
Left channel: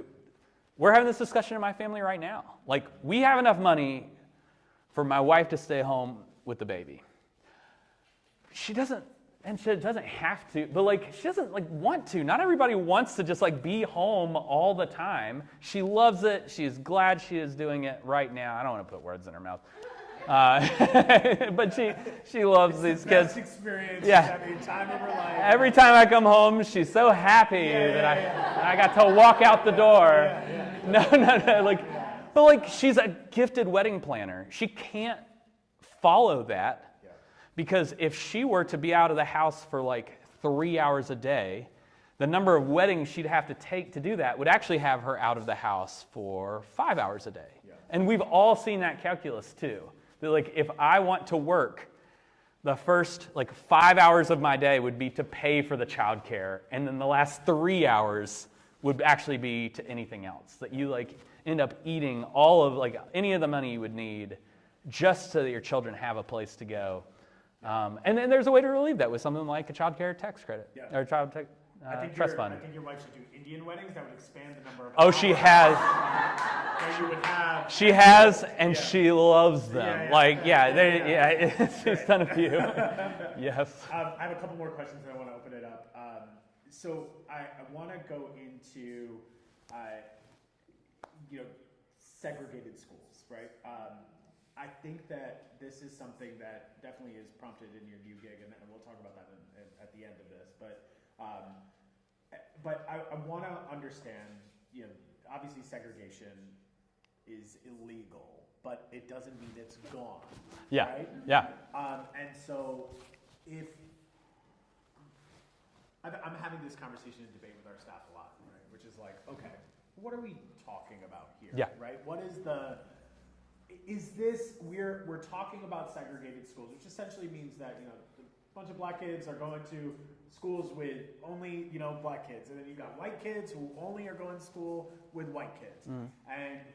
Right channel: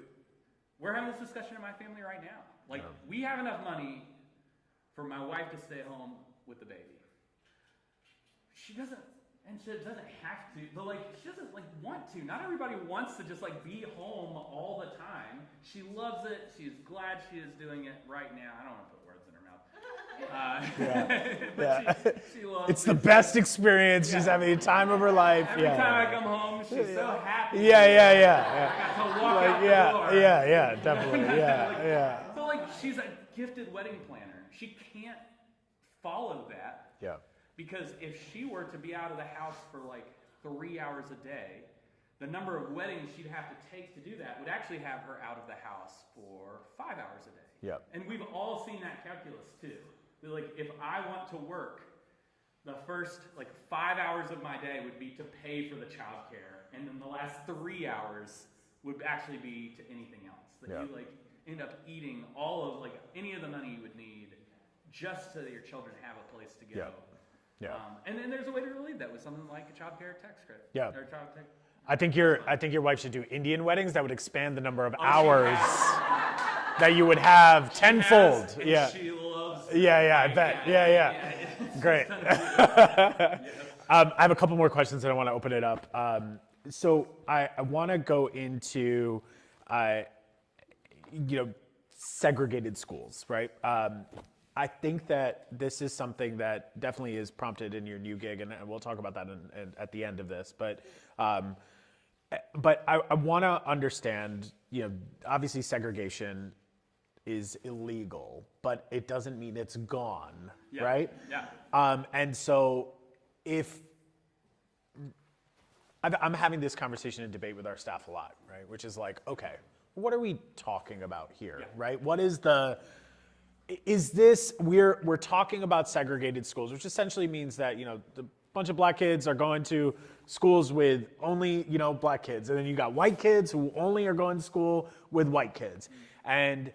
We're having this discussion in my family right now. Like, we have enough money for my wife to stay home with the baby. She doesn't have to, but like, she doesn't like want to. Not everybody wants to just like be home all the time. She loves it. She's glad she is doing it right now. I don't want to put words in her mouth. But she loves it's the best experience. Yeah. She's having the time of her life. Every time I come home, she's so happy. Yeah. And I got to walk out the door. Yeah, definitely. No. But like, she's a gifted wedding planner. She can't follow that. Yeah. Because if she were to be out of the house for like 3 hours a day, the number of weddings she'd have to take to do that would actually have her out of the house for 5 hours a day. Yeah. And we've all seen that calculus too. That like, if I want to work, the first like 5 hours of my day would be to pay for the childcare, and then the last 3 hours would actually be to anything else. That you like end up eating all of like any of the money you would need just so that your children have a place to go. Yeah. And then there's a way to relieve that with something like a child care tax credit. Yeah. Or child tax. I think your wife should do Indian weddings. That would expand the number of hours. hours. She has. That you would have. She has, and she loves them. Yeah. It's great. Done a few. Yes. I have a couple more questions, and I want to open it up. So I want to go into, segregated schools, right? I think that this is something that definitely is prompted in your new gig, and we'll talk about that at the end of this. But I want to understand, obviously segregation is illegal, but it doesn't mean it's gone, right? Yeah. And so if I'm having this conversation and debate with our staff a lot, right? Which is like, okay, what are we talking about here, right? What is we're talking about segregated schools, which essentially means that, the bunch of black kids are going to schools with only, black kids. And then you got white kids who only are going to school with white kids. And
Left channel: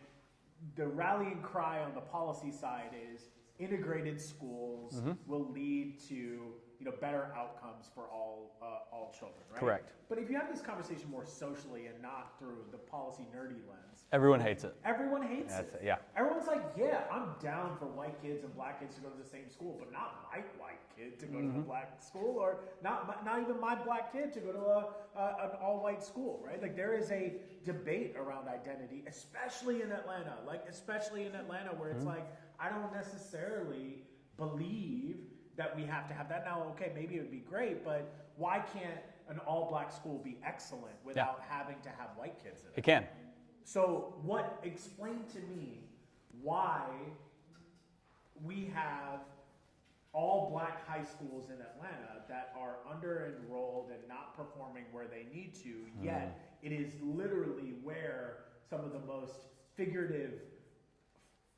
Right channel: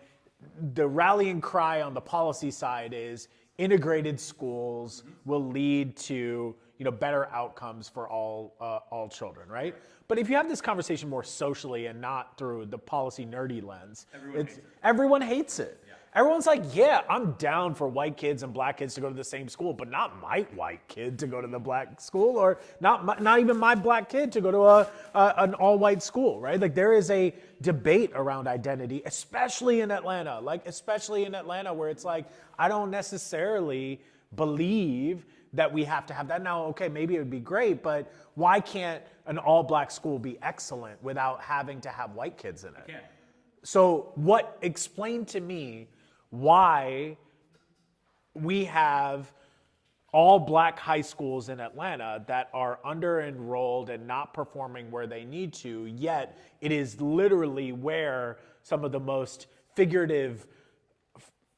the rallying cry on the policy side is integrated schools will lead to, better outcomes for all children, right? Correct. But if you have this conversation more socially and not through the policy nerdy lens, everyone hates it. Everyone hates it. Yeah. Everyone's like, I'm down for white kids and black kids to go to the same school, but not my white kid to go to the black school, or not even my black kid to go to an all-white school, right? Like, there is a debate around identity, especially in Atlanta. Where it's like, I don't necessarily believe that we have to have that. Now, okay, maybe it would be great, but why can't an all-black school be excellent without having to have white kids in it? It can. So explain to me why we have all-black high schools in Atlanta that are under-enrolled and not performing where they need to, yet it is literally where some of the most figurative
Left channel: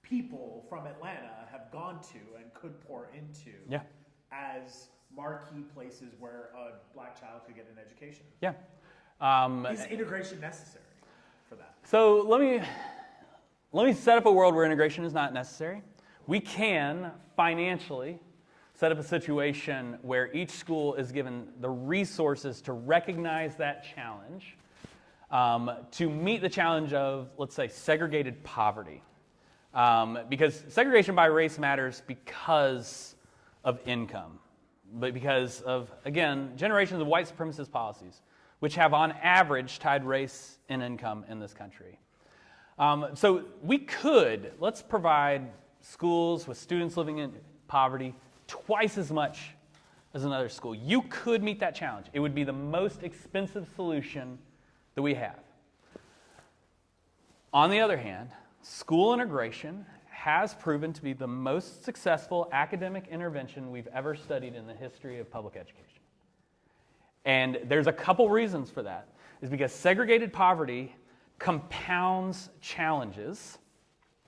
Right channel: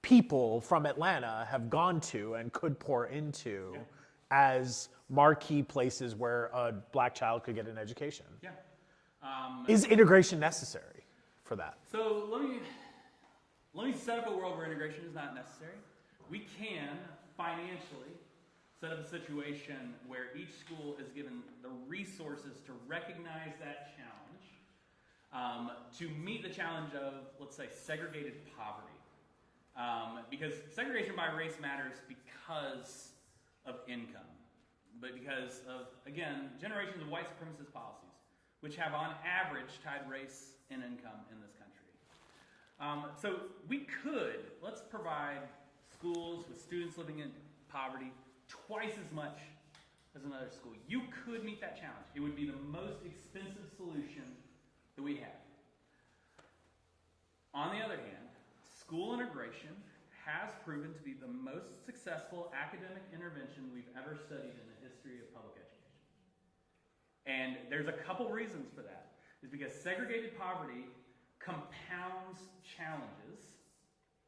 people from Atlanta have gone to and could pour into as marquee places where a black child could get an education. Yeah. Is integration necessary for that? So let me set up a world where integration is not necessary. We can financially set up a situation where each school is given the resources to recognize that challenge, to meet the challenge of, let's say, segregated poverty. Because segregation by race matters because of income, but because of, again, generations of white supremacist policies, which have on average tied race and income in this country. So let's provide schools with students living in poverty twice as much as another school. You could meet that challenge. It would be the most expensive solution that we have. On the other hand, school integration has proven to be the most successful academic intervention we've ever studied in the history of public education. And there's a couple reasons for that. is because segregated poverty compounds challenges,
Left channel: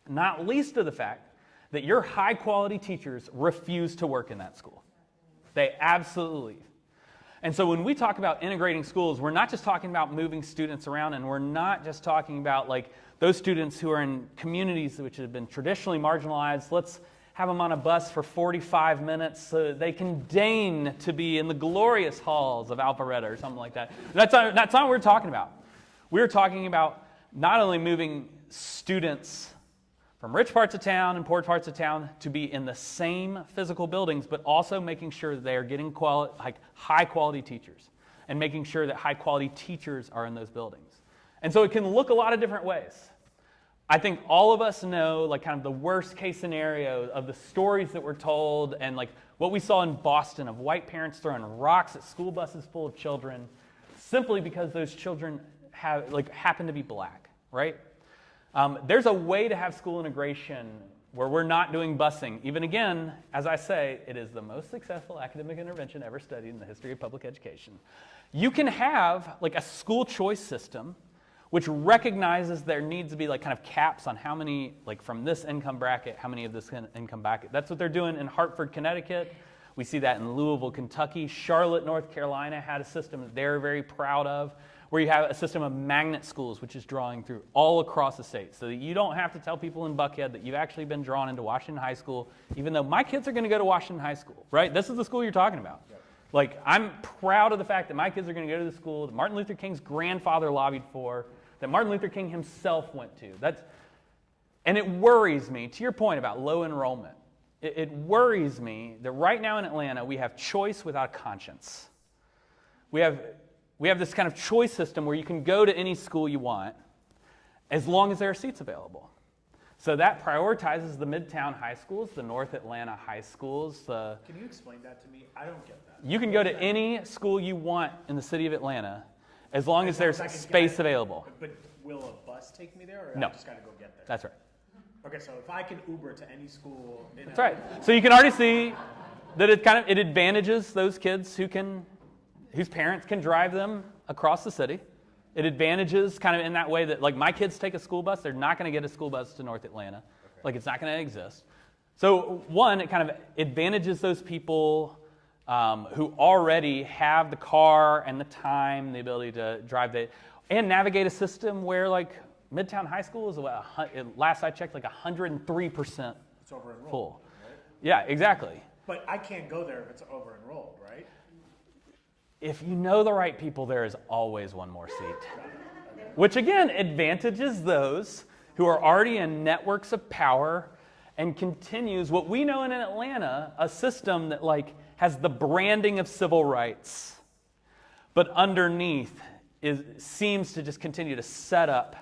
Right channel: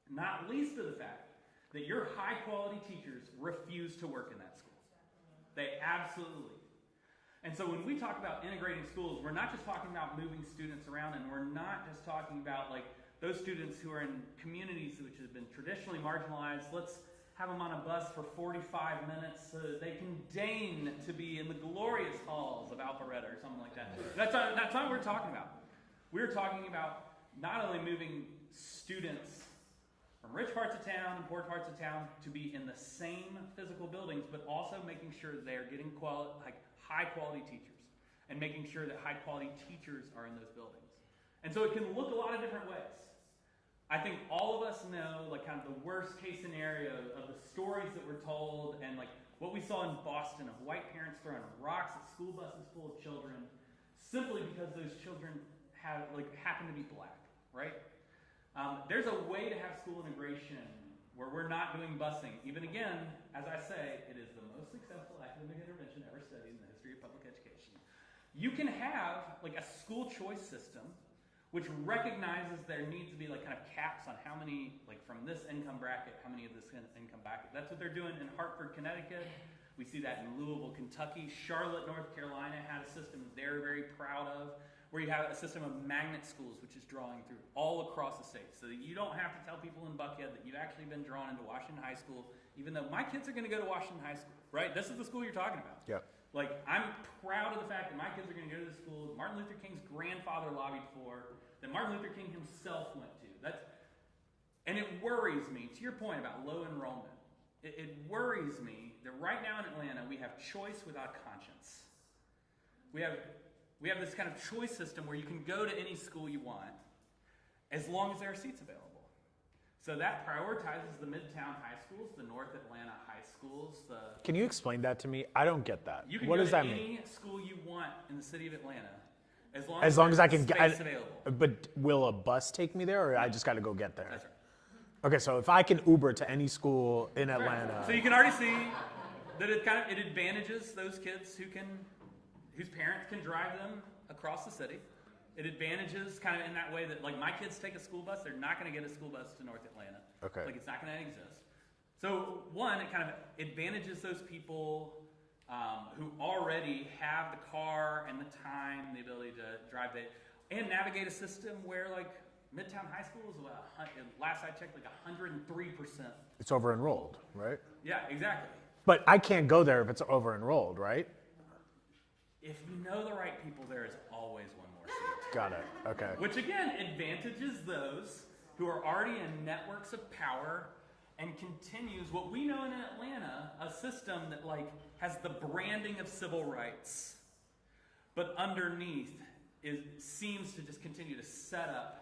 not least of the fact that your high-quality teachers refuse to work in that school. They absolutely leave. And so when we talk about integrating schools, we're not just talking about moving students around, and we're not just talking about like those students who are in communities which have been traditionally marginalized. Let's have them on a bus for 45 minutes so they can deign to be in the glorious halls of Alpharetta or something like that. That's not what we're talking about. We're talking about not only moving students from rich parts of town and poor parts of town to be in the same physical buildings, but also making sure that they are getting high-quality teachers and making sure that high-quality teachers are in those buildings. And so it can look a lot of different ways. I think all of us know like kind of the worst case scenario of the stories that were told and like what we saw in Boston of white parents throwing rocks at school buses full of children simply because those children happen to be black, right? There's a way to have school integration where we're not doing busing. Even again, as I say, it is the most successful academic intervention ever studied in the history of public education. You can have like a school choice system which recognizes there needs to be like kind of caps on how many, like from this income bracket, how many of this income bracket. That's what they're doing in Hartford, Connecticut. We see that in Louisville, Kentucky. Charlotte, North Carolina had a system that they're very proud of, where you have a system of magnet schools, which is drawing through all across the state, so that you don't have to tell people in Buckhead that you've actually been drawn into Washington High School, even though my kids are going to go to Washington High School, right? This is the school you're talking about. Yeah. Like, I'm proud of the fact that my kids are going to go to the school that Martin Luther King's grandfather lobbied for, that Martin Luther King himself went to. And it worries me, to your point about low enrollment, it worries me that right now in Atlanta we have choice without conscience. We have this kind of choice system where you can go to any school you want as long as there are seats available. So that prioritizes the Midtown high schools, the North Atlanta high schools. Can you explain that to me? I don't get that. You can go to any school you want in the city of Atlanta as long as I there's can space available. But will a bus take me there, or No. I just got to go get there? That's right. Okay, so if I can Uber to any school in That's Atlanta. right. So you can already see that it advantages those kids whose parents can drive them across the city. It advantages kind of in that way that like my kids take a school bus, they're not going to get a school bus to North Atlanta. Okay. Like it's not going to exist. So one, it kind of advantages those people who already have the car and the time, the ability to drive and navigate a system where like Midtown High School is last I checked like 103%. It's over enrolled, right? Yeah, exactly. But I can't go there if it's over enrolled, right? If you know the right people, there is always one more seat. Got it. Okay. Which again advantages those who are already in networks of power and continues what we know in Atlanta, a system that like has the branding of civil rights, but underneath seems to just continue to set up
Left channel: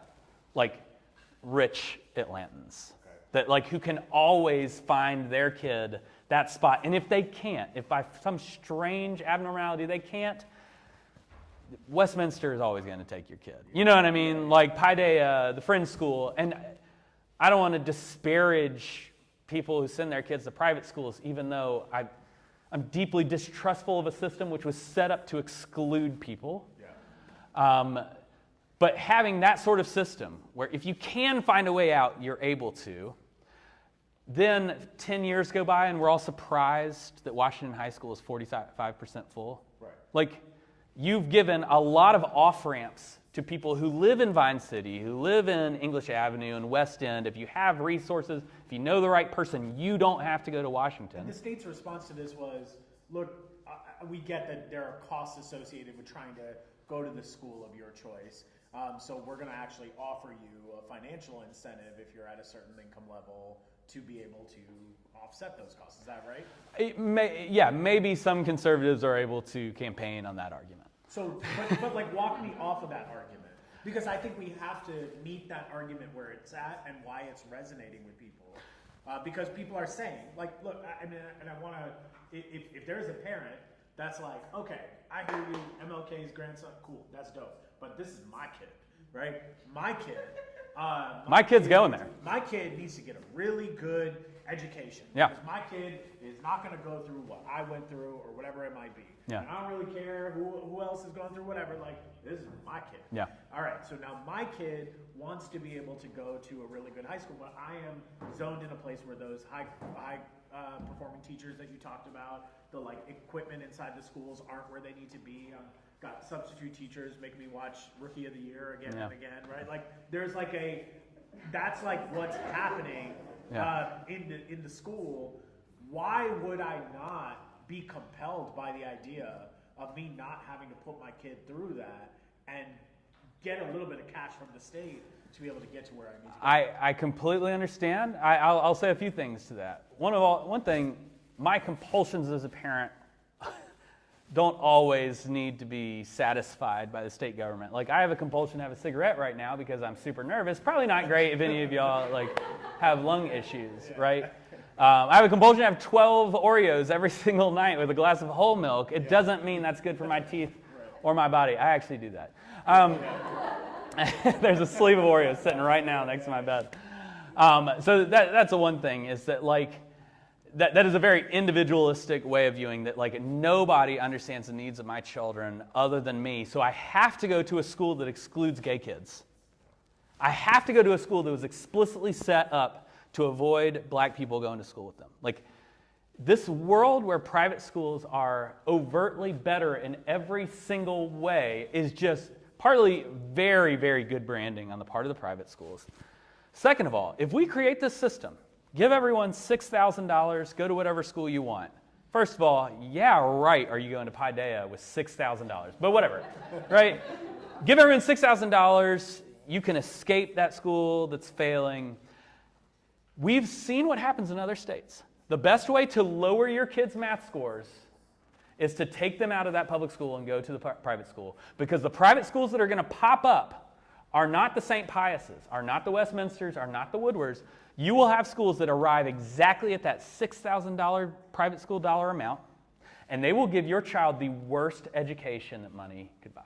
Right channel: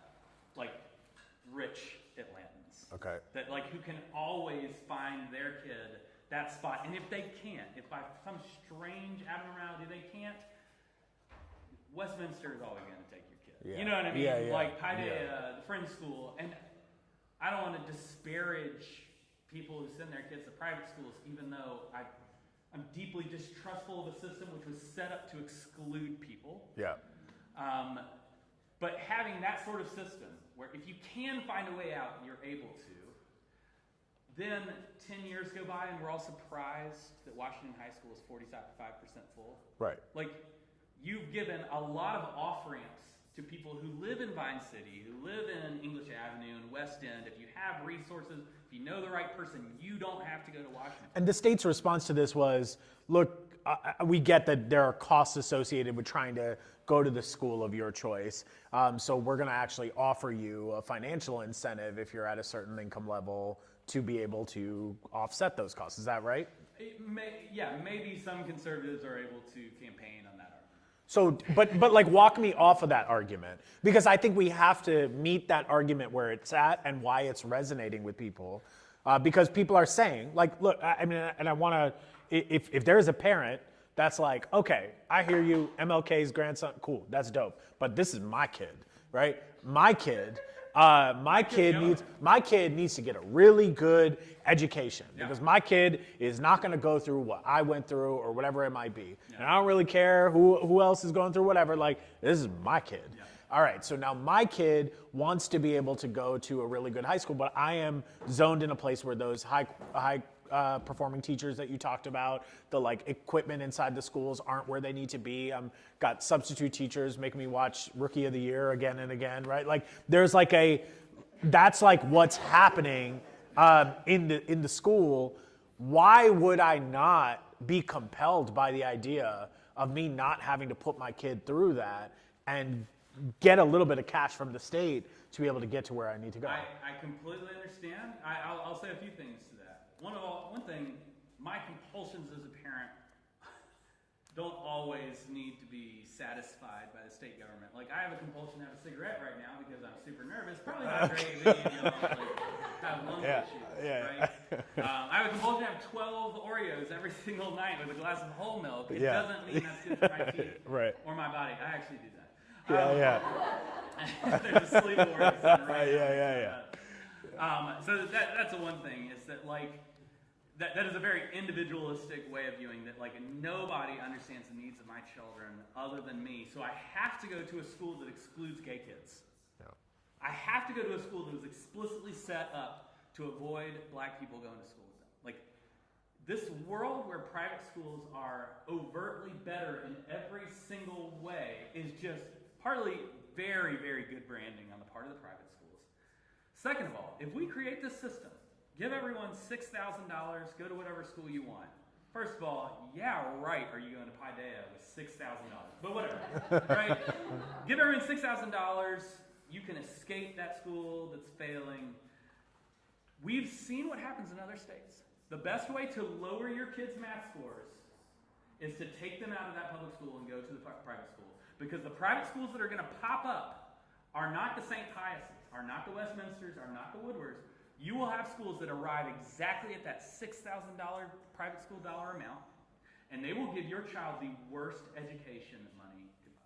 like rich Atlantans. Okay. That like who can always find their kid that spot. And if they can't, if by some strange abnormality they can't, Westminster is always going to take your kid. Yeah. You know what I mean? Yeah, yeah. Like Paideia, the Friends School. And I don't want to disparage people who send their kids to private schools, even though I'm deeply distrustful of a system which was set up to exclude people. Yeah. But having that sort of system where if you can find a way out, you're able to, then 10 years go by and we're all surprised that Washington High School is 45% full. Right. Like, you've given a lot of off-ramps to people who live in Vine City, who live in English Avenue and West End. If you have resources, if you know the right person, you don't have to go to Washington. And the state's response to this was, look, we get that there are costs associated with trying to go to the school of your choice. So we're going to actually offer you a financial incentive if you're at a certain income level to be able to offset those costs. Is that right? Maybe some conservatives are able to campaign on that argument. So, but like walk me off of that argument, because I think we have to meet that argument where it's at and why it's resonating with people, because people are saying, like, look, I mean, and I want to, if there is a parent that's like, okay, I hear you, MLK's grandson, cool, that's dope, but this is my kid, right? My kid My kid's going there. My kid needs to get a really good education Yeah. because my kid is not going to go through what I went through or whatever it might be. Yeah. And I don't really care who else is going through whatever. Like, this is my kid. Yeah. All right, so now my kid wants to be able to go to a really good high school, but I am zoned in a place where those high performing teachers that you talked about, the like equipment inside the schools aren't where they need to be. Got substitute teachers making me watch Rookie of the Year again and again, right? Like there's like that's like what's happening in the school. Why would I not be compelled by the idea of me not having to put my kid through that and get a little bit of cash from the state to be able to get to where I need to go? I completely understand. I'll say a few things to that. One thing, my compulsions as a parent don't always need to be satisfied by the state government. Like I have a compulsion to have a cigarette right now because I'm super nervous. Probably not great if any of y'all like have lung issues, right? I have a compulsion to have 12 Oreos every single night with a glass of whole milk. It doesn't mean that's good for my teeth or my body. I actually do that. There's a sleeve of Oreos sitting right now next to my bed. So that's the one thing is that like that is a very individualistic way of viewing that like nobody understands the needs of my children other than me. So I have to go to a school that excludes gay kids. I have to go to a school that was explicitly set up to avoid black people going to school with them. Like this world where private schools are overtly better in every single way is just partly very, very good branding on the part of the private schools. Second of all, if we create this system, give everyone $6,000, go to whatever school you want. First of all, yeah, right, are you going to Paideia with $6,000? But whatever, right? Give everyone $6,000, you can escape that school that's failing. We've seen what happens in other states. The best way to lower your kids' math scores is to take them out of that public school and go to the private school. Because the private schools that are going to pop up are not the St. Piuses, are not the Westminsters, are not the Woodwards. You will have schools that arrive exactly at that $6,000 private school dollar amount, and they will give your child the worst education that money could buy,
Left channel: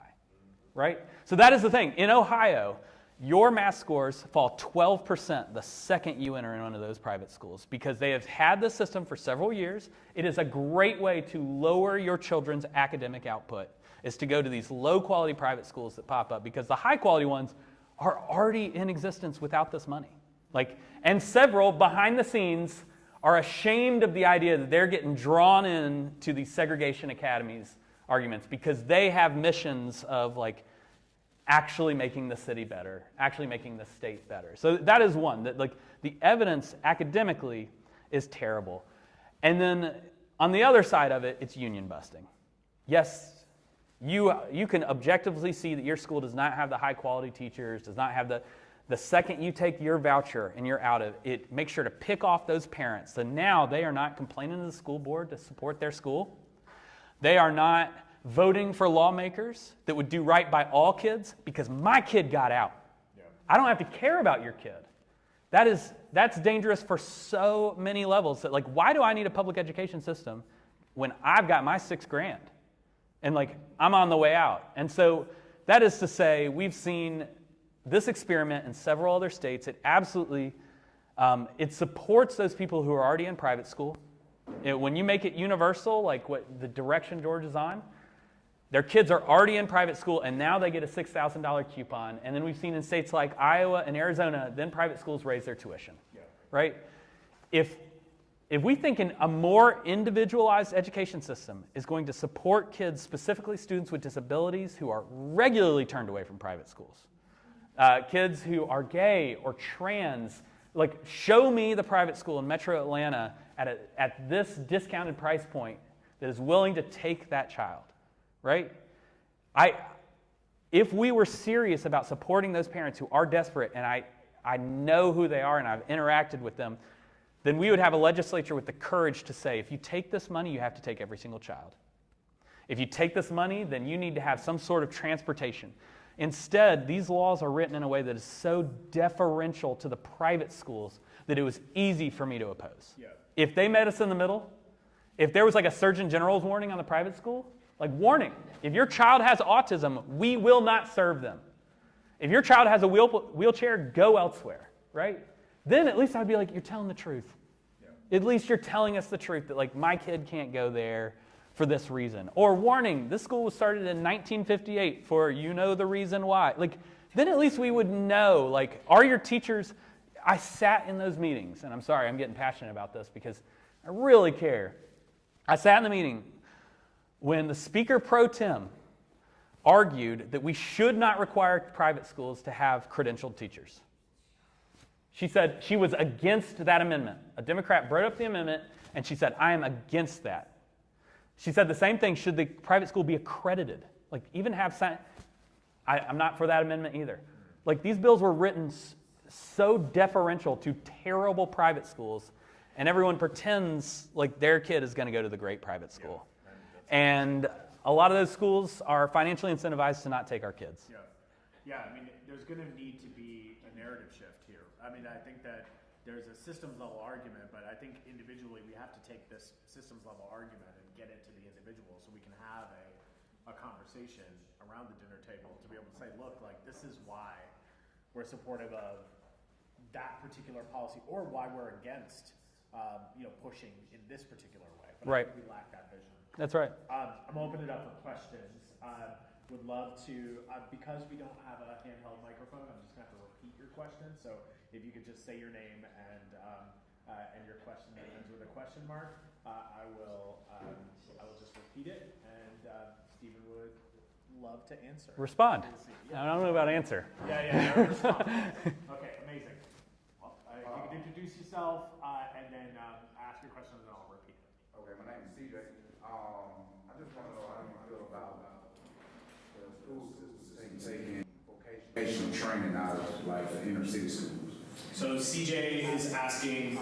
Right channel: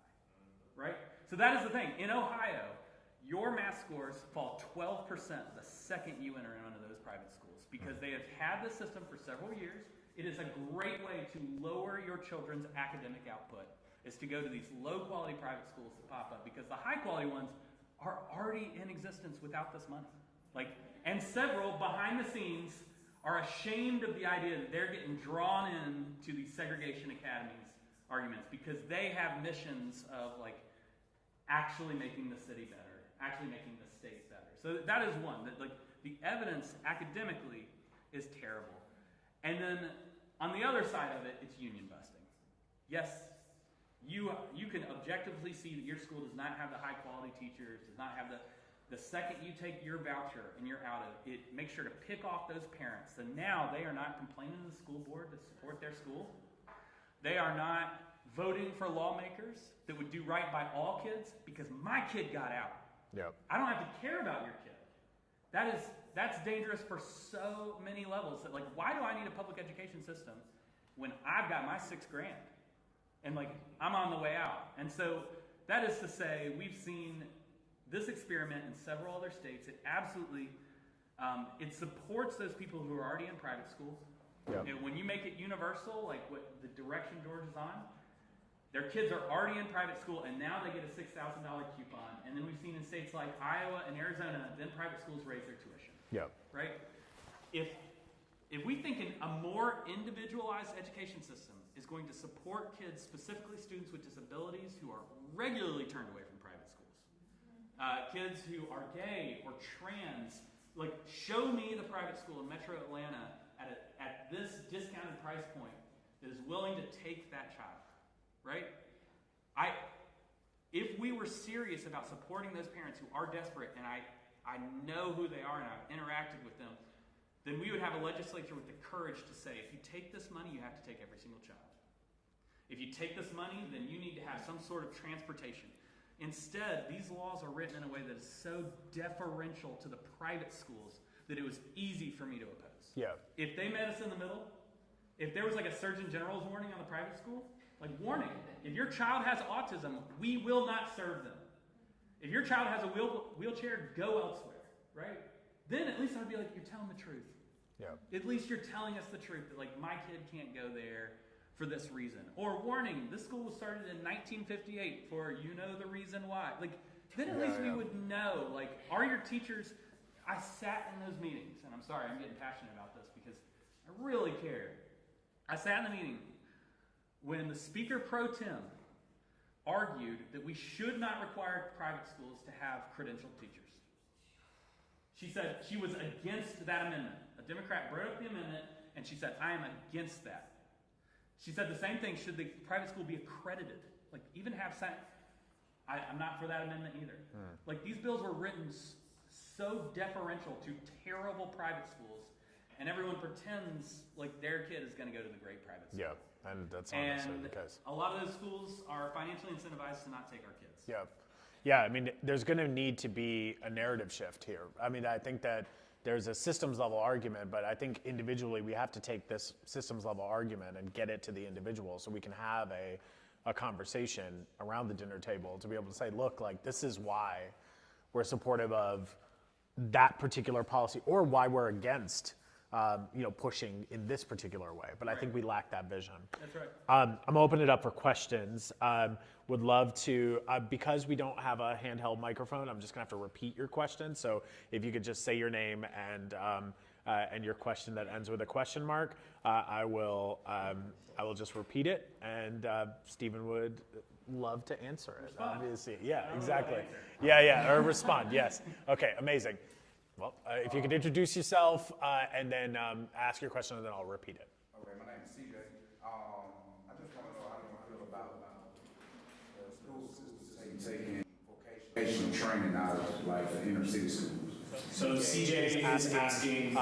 right? So that is the thing. In Ohio, your math scores fall 12% the second you enter in one of those private schools because they have had this system for several years. It is a great way to lower your children's academic output, is to go to these low-quality private schools that pop up because the high-quality ones are already in existence without this money. And several, behind the scenes, are ashamed of the idea that they're getting drawn into these segregation academies arguments because they have missions of actually making the city better, actually making the state better. So that is one, that the evidence academically is terrible. And then on the other side of it, it's union busting. Yes, you can objectively see that your school does not have the high quality teachers, does not have the second you take your voucher and you're out of it, make sure to pick off those parents. So now they are not complaining to the school board to support their school. They are not voting for lawmakers that would do right by all kids because my kid got out. Yep. I don't have to care about your kid. That's dangerous for so many levels. That why do I need a public education system when I've got my $6,000 and I'm on the way out? And so that is to say, we've seen this experiment in several other states. It absolutely, it supports those people who are already in private school. Yep. When you make it universal, like what the direction George is on, their kids are already in private school and now they get a $6,000 coupon. And then we've seen in states like Iowa and Arizona, then private schools raise their tuition. Yep. Right? If we think a more individualized education system is going to support kids, specifically students with disabilities who are regularly turned away from private schools, kids who are gay or trans, show me the private school in Metro Atlanta at this discounted price point that is willing to take that child, right? If we were serious about supporting those parents who are desperate, and I know who they are and I've interacted with them, then we would have a legislature with the courage to say, if you take this money, you have to take every single child. If you take this money, then you need to have some sort of transportation. Instead, these laws are written in a way that is so deferential to the private schools that it was easy for me to oppose. Yeah. If they met us in the middle, if there was a Surgeon General's warning on the private school, warning, if your child has autism, we will not serve them. If your child has a wheelchair, go elsewhere, right? Then at least I'd be like, you're telling the truth. Yeah. At least you're telling us the truth that like my kid can't go there for this reason. Or warning, this school was started in 1958 for you know the reason why. Like, then at least we would know, like, are your teachers, I sat in those meetings, and I'm sorry, I'm getting passionate about this because I really care. I sat in the meeting when the speaker pro tem argued that we should not require private schools to have credentialed teachers. She said she was against that amendment. A Democrat brought up the amendment, and she said, I am against that. She said the same thing, should the private school be accredited? Like, even have I'm not for that amendment either. Like, these bills were written so deferential to terrible private schools, and everyone pretends like their kid is going to go to the great private school. Yeah, and a lot of those schools are financially incentivized to not take our kids. Yeah. Yeah, I mean, there's going to need to be a narrative shift here. I mean, I think that there's a systems level argument, but I think individually we have to take this systems level argument and get it to the individual so we can have a conversation around the dinner table to be able to say, look, like, this is why we're supportive of that particular policy or why we're against pushing in this particular way. But I think we lack that vision. That's right. I'm opening it up for questions. Would love to, because we don't have a handheld microphone, I'm just gonna have to repeat your question. So if you could just say your name and your question that ends with a question mark, I will just repeat it, and Stephen would love to answer. Respond. Yeah, I don't know about answer. Yeah, or respond, yes. Okay, amazing. Well, if you could introduce yourself and then ask your question, and then I'll repeat it. Okay, my name is CJ. I just want to know how you feel about schools taking vocational training out of like the inner city schools. So CJ is asking,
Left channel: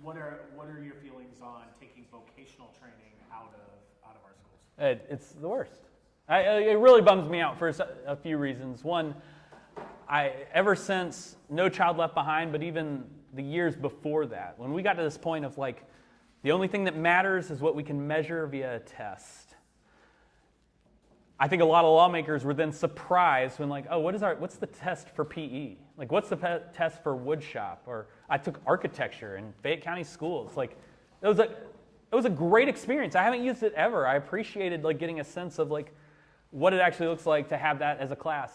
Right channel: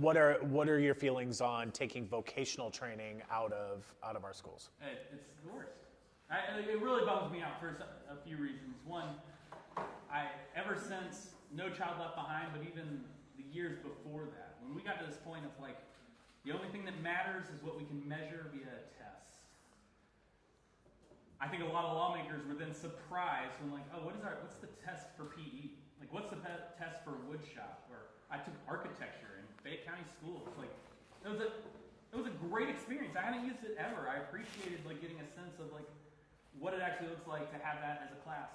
what are your feelings on taking vocational training out of our schools? It's the worst. It really bums me out for a few reasons. One, ever since No Child Left Behind, but even the years before that, when we got to this point of like, the only thing that matters is what we can measure via a test. I think a lot of lawmakers were then surprised when like, oh, what's the test for PE? Like, what's the test for wood shop? Or I took architecture in Fayette County schools. Like, it was a great experience. I haven't used it ever. I appreciated like getting a sense of like what it actually looks like to have that as a class.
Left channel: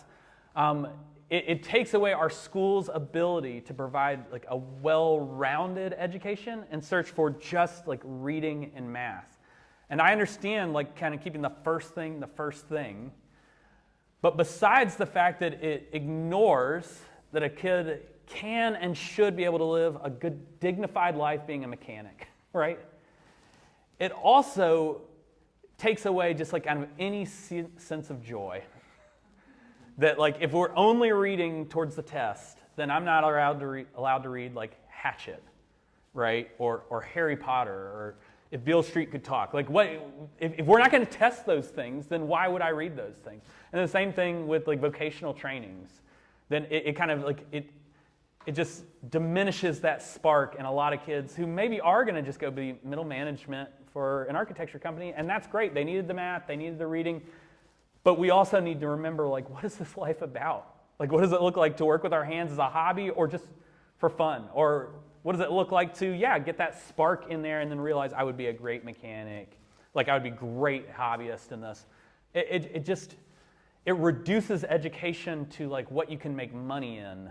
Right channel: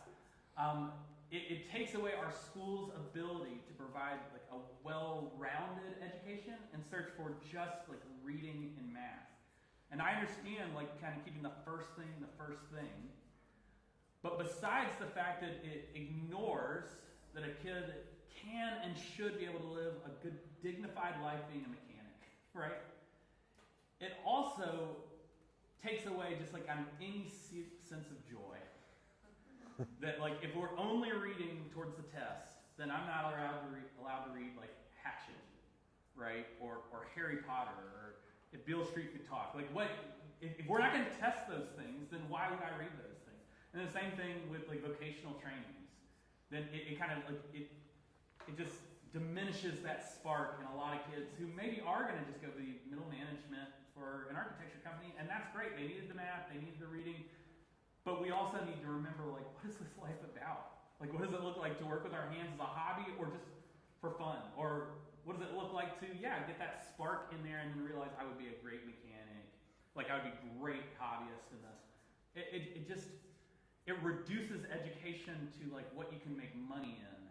It takes away our school's ability to provide like a well-rounded education and search for just like reading and math. And I understand like kind of keeping the first thing, but besides the fact that it ignores that a kid can and should be able to live a good, dignified life being a mechanic, right? It also takes away just like kind of any sense of joy. That like if we're only reading towards the test, then I'm not allowed to read like Hatchet, right? Or Harry Potter, or if Beale Street Could Talk. Like what if we're not going to test those things, then why would I read those things? And the same thing with like vocational trainings. Then it kind of like it just diminishes that spark in a lot of kids who maybe are going to just go be middle management for an architecture company, and that's great. They needed the math, they needed the reading. But we also need to remember, like, what is this life about? Like, what does it look like to work with our hands as a hobby or just for fun? Or what does it look like to, get that spark in there and then realize I would be a great mechanic. Like, I would be a great hobbyist in this. It reduces education to, like, what you can make money in.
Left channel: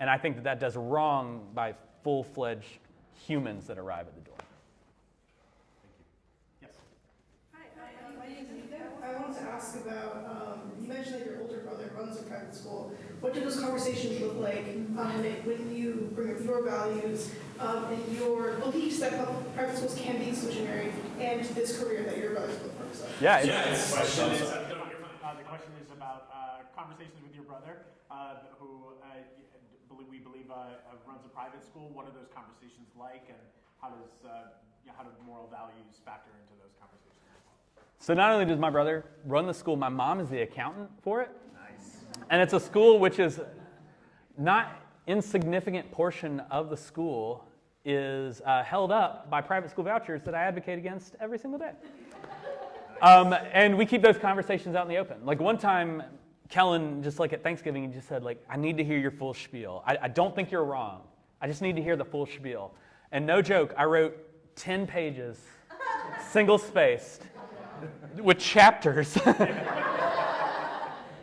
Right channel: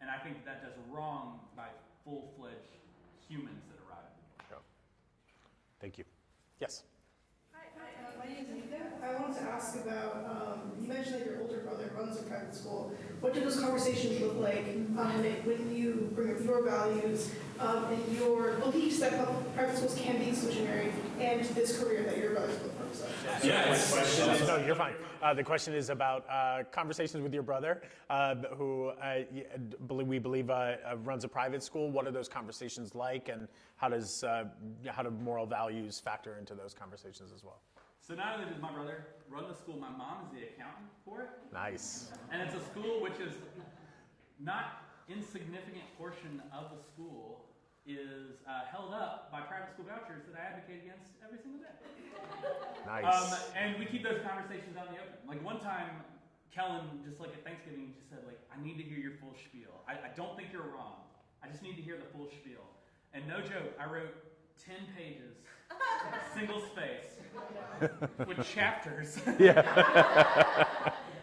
And I think that does wrong by full-fledged humans that arrive at the door. Thank you. Yes? My name is Anita. I wanted to ask about, you mentioned that your older brother runs a private school. What do those conversations look like when you bring up your values and your beliefs that private schools can be exclusionary and this career that your brother's both focused on? The question is about conversations with your brother, who we believe runs a private school. What are those conversations like, and how do moral values factor into those conversations as well? So not only does my brother run the school, my mom is the accountant for it. Nice. And it's a school which is not insignificant portion of the school is held up by private school vouchers that I advocate against every single day. Nice. And we keep those conversations out in the open. Like one time, Kellen, just like at Thanksgiving, he just said, like, I need to hear your full spiel. I don't think you're wrong. I just need to hear the full spiel. And no joke, I wrote 10 pages, single-spaced, with chapters.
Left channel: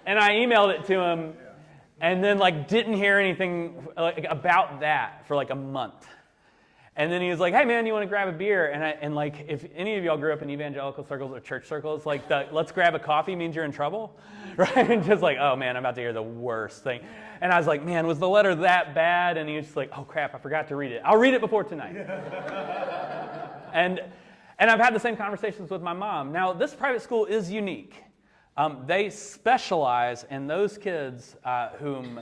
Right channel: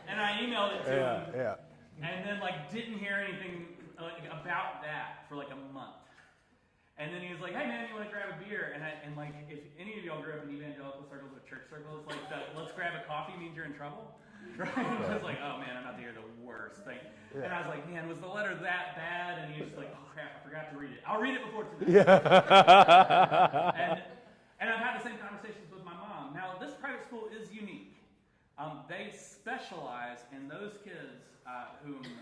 And I emailed it to him, and then like didn't hear anything like about that for like a month. And then he was like, "Hey man, you want to grab a beer?" And like if any of y'all grew up in evangelical circles or church circles, like the "let's grab a coffee" means you're in trouble, right? And just like, oh man, I'm about to hear the worst thing. And I was like, man, was the letter that bad? And he was just like, oh crap, I forgot to read it. I'll read it before tonight. And I've had the same conversations with my mom. Now this private school is unique. They specialize in those kids whom,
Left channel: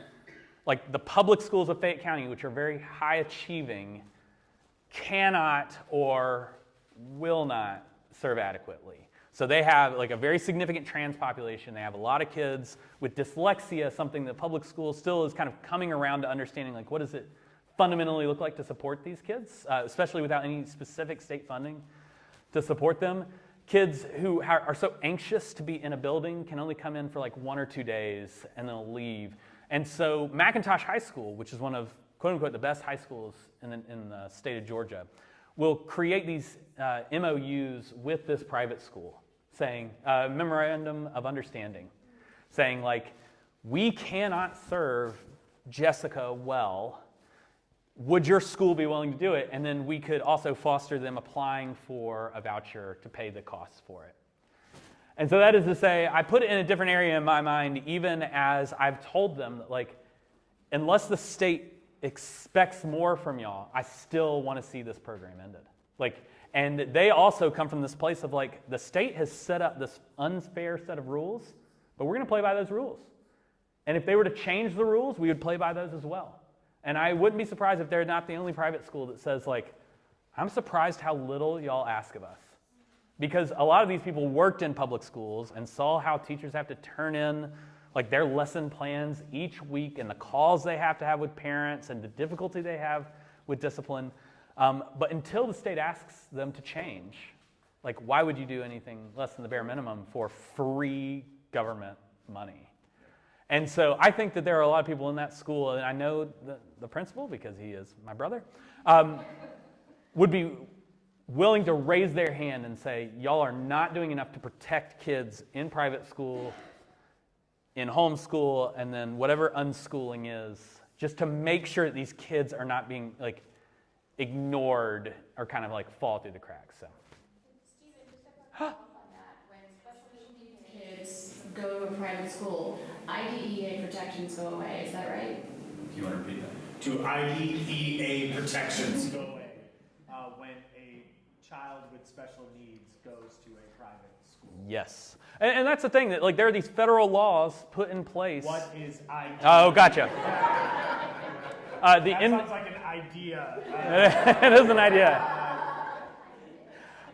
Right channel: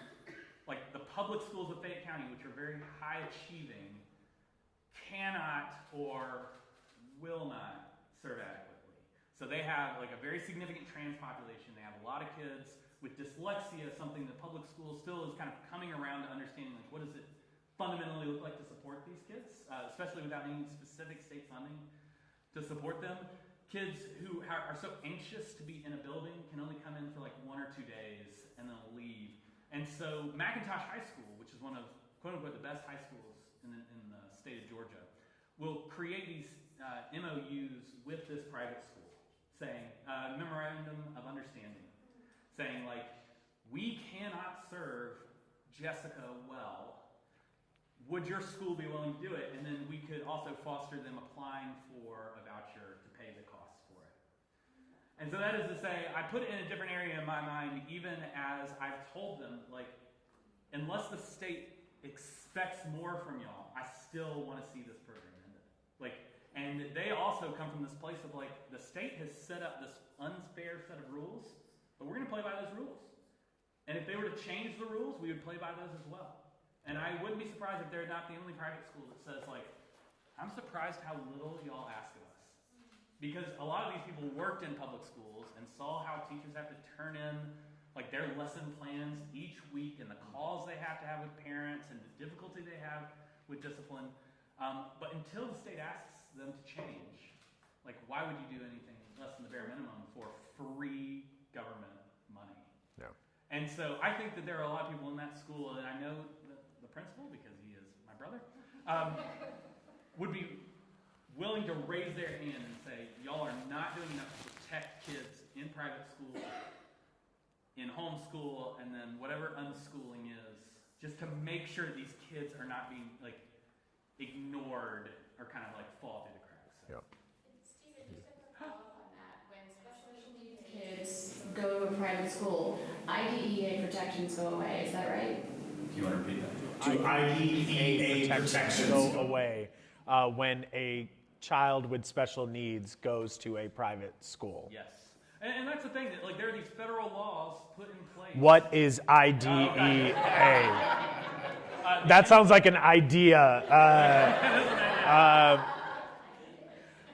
like the public schools of Fayette County, which are very high achieving, cannot or will not serve adequately. So they have like a very significant trans population. They have a lot of kids with dyslexia, something that public school still is kind of coming around to understanding, like what does it fundamentally look like to support these kids, especially without any specific state funding to support them. Kids who are so anxious to be in a building can only come in for like 1 or 2 days and they'll leave. And so McIntosh High School, which is one of quote unquote the best high schools in the state of Georgia, will create these MOUs with this private school, saying, memorandum of understanding, saying like, we cannot serve Jessica well. Would your school be willing to do it? And then we could also foster them applying for a voucher to pay the costs for it. And so that is to say, I put it in a different area in my mind, even as I've told them that, like, unless the state expects more from y'all, I still want to see this program ended. Like, and they also come from this place of like, the state has set up this unfair set of rules, but we're going to play by those rules. And if they were to change the rules, we would play by those as well. And I wouldn't be surprised if they're not the only private school that says like, I'm surprised how little y'all ask of us. Because a lot of these people worked in public schools and saw how teachers have to turn in like their lesson plans each week and the calls they have to have with parents and the difficulty they have with discipline. But until the state asks them to change, like why would you do anything less than the bare minimum for free government money? Yeah. And so I think that there are a lot of people in that school, and I know the principal because he is my brother, would be willing to raise their hand and say, y'all are not doing enough to protect kids in private school, in homeschool, and then whatever unschooling is, just to make sure that these kids are not being like ignored or kind of like fall through the cracks. So. Yep. Stephen, just a follow up on that. When special needs kids go to a private school, IDEA protections go away. Is that right? Do you want to repeat that? To IDEA protections go away when a child with special needs goes to a private school. Yes. And that's the thing, that like there are these federal laws put in place. What is IDEA? Oh, gotcha. That sounds like an idea. It is an idea.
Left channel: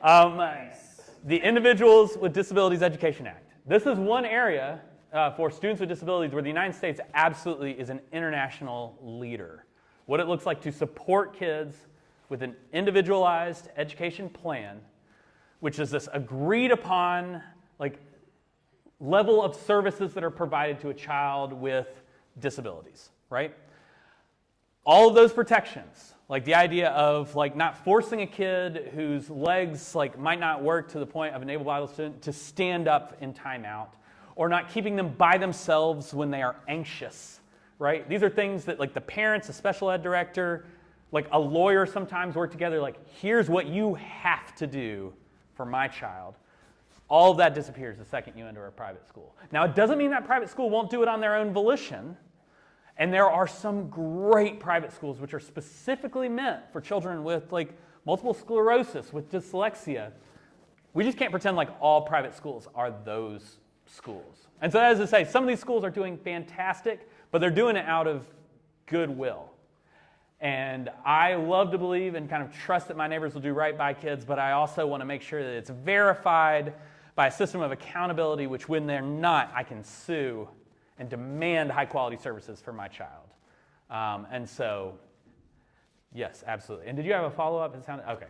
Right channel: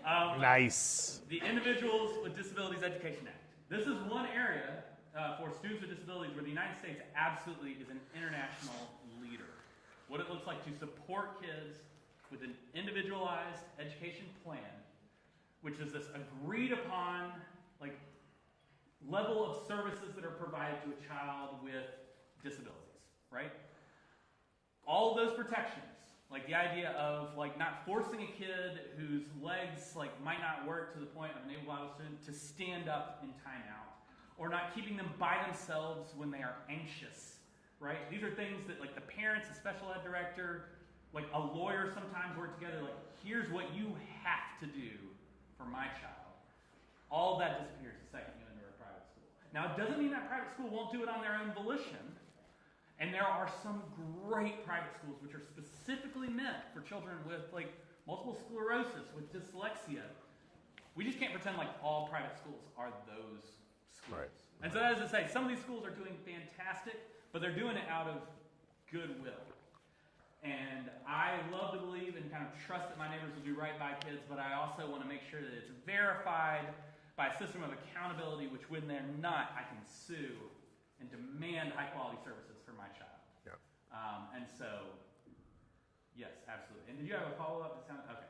Nice. The Individuals with Disabilities Education Act. This is one area for students with disabilities where the United States absolutely is an international leader. What it looks like to support kids with an individualized education plan, which is this agreed upon like level of services that are provided to a child with disabilities, right? All of those protections, like the idea of like not forcing a kid whose legs like might not work to the point of an able-bodied student to stand up in timeout, or not keeping them by themselves when they are anxious, right? These are things that like the parents, a special ed director, like a lawyer sometimes work together, like here's what you have to do for my child. All of that disappears the second you enter a private school. Now, it doesn't mean that private school won't do it on their own volition. And there are some great private schools which are specifically meant for children with like multiple sclerosis, with dyslexia. We just can't pretend like all private schools are those schools. And so as I say, some of these schools are doing fantastic, but they're doing it out of goodwill. And I love to believe and kind of trust that my neighbors will do right by kids, but I also want to make sure that it's verified by a system of accountability, which when they're not, I can sue and demand high quality services for my child. Yeah. And so, yes, absolutely. And did you have a follow-up? It sounded, okay.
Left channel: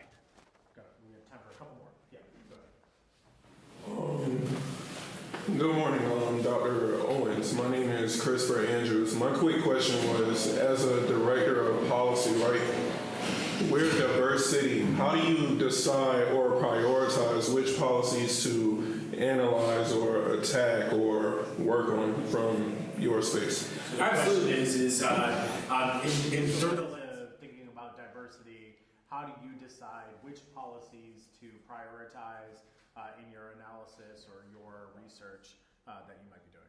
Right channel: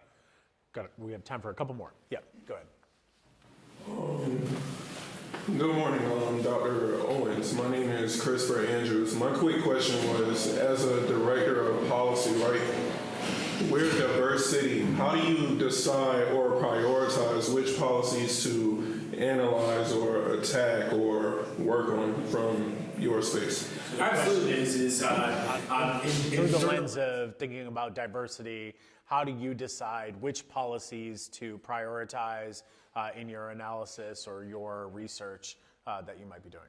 Got it. We have time for a couple more. Yeah, go ahead. Good morning, Dr. Owens. My name is Christopher Andrews. My quick question was, as a director of policy, right, we're a diverse city. How do you decide or prioritize which policies to analyze or attack or work on from your space? Our question is in terms of thinking about diversity, how do you decide which policies to prioritize in your analysis or your research that you might be doing?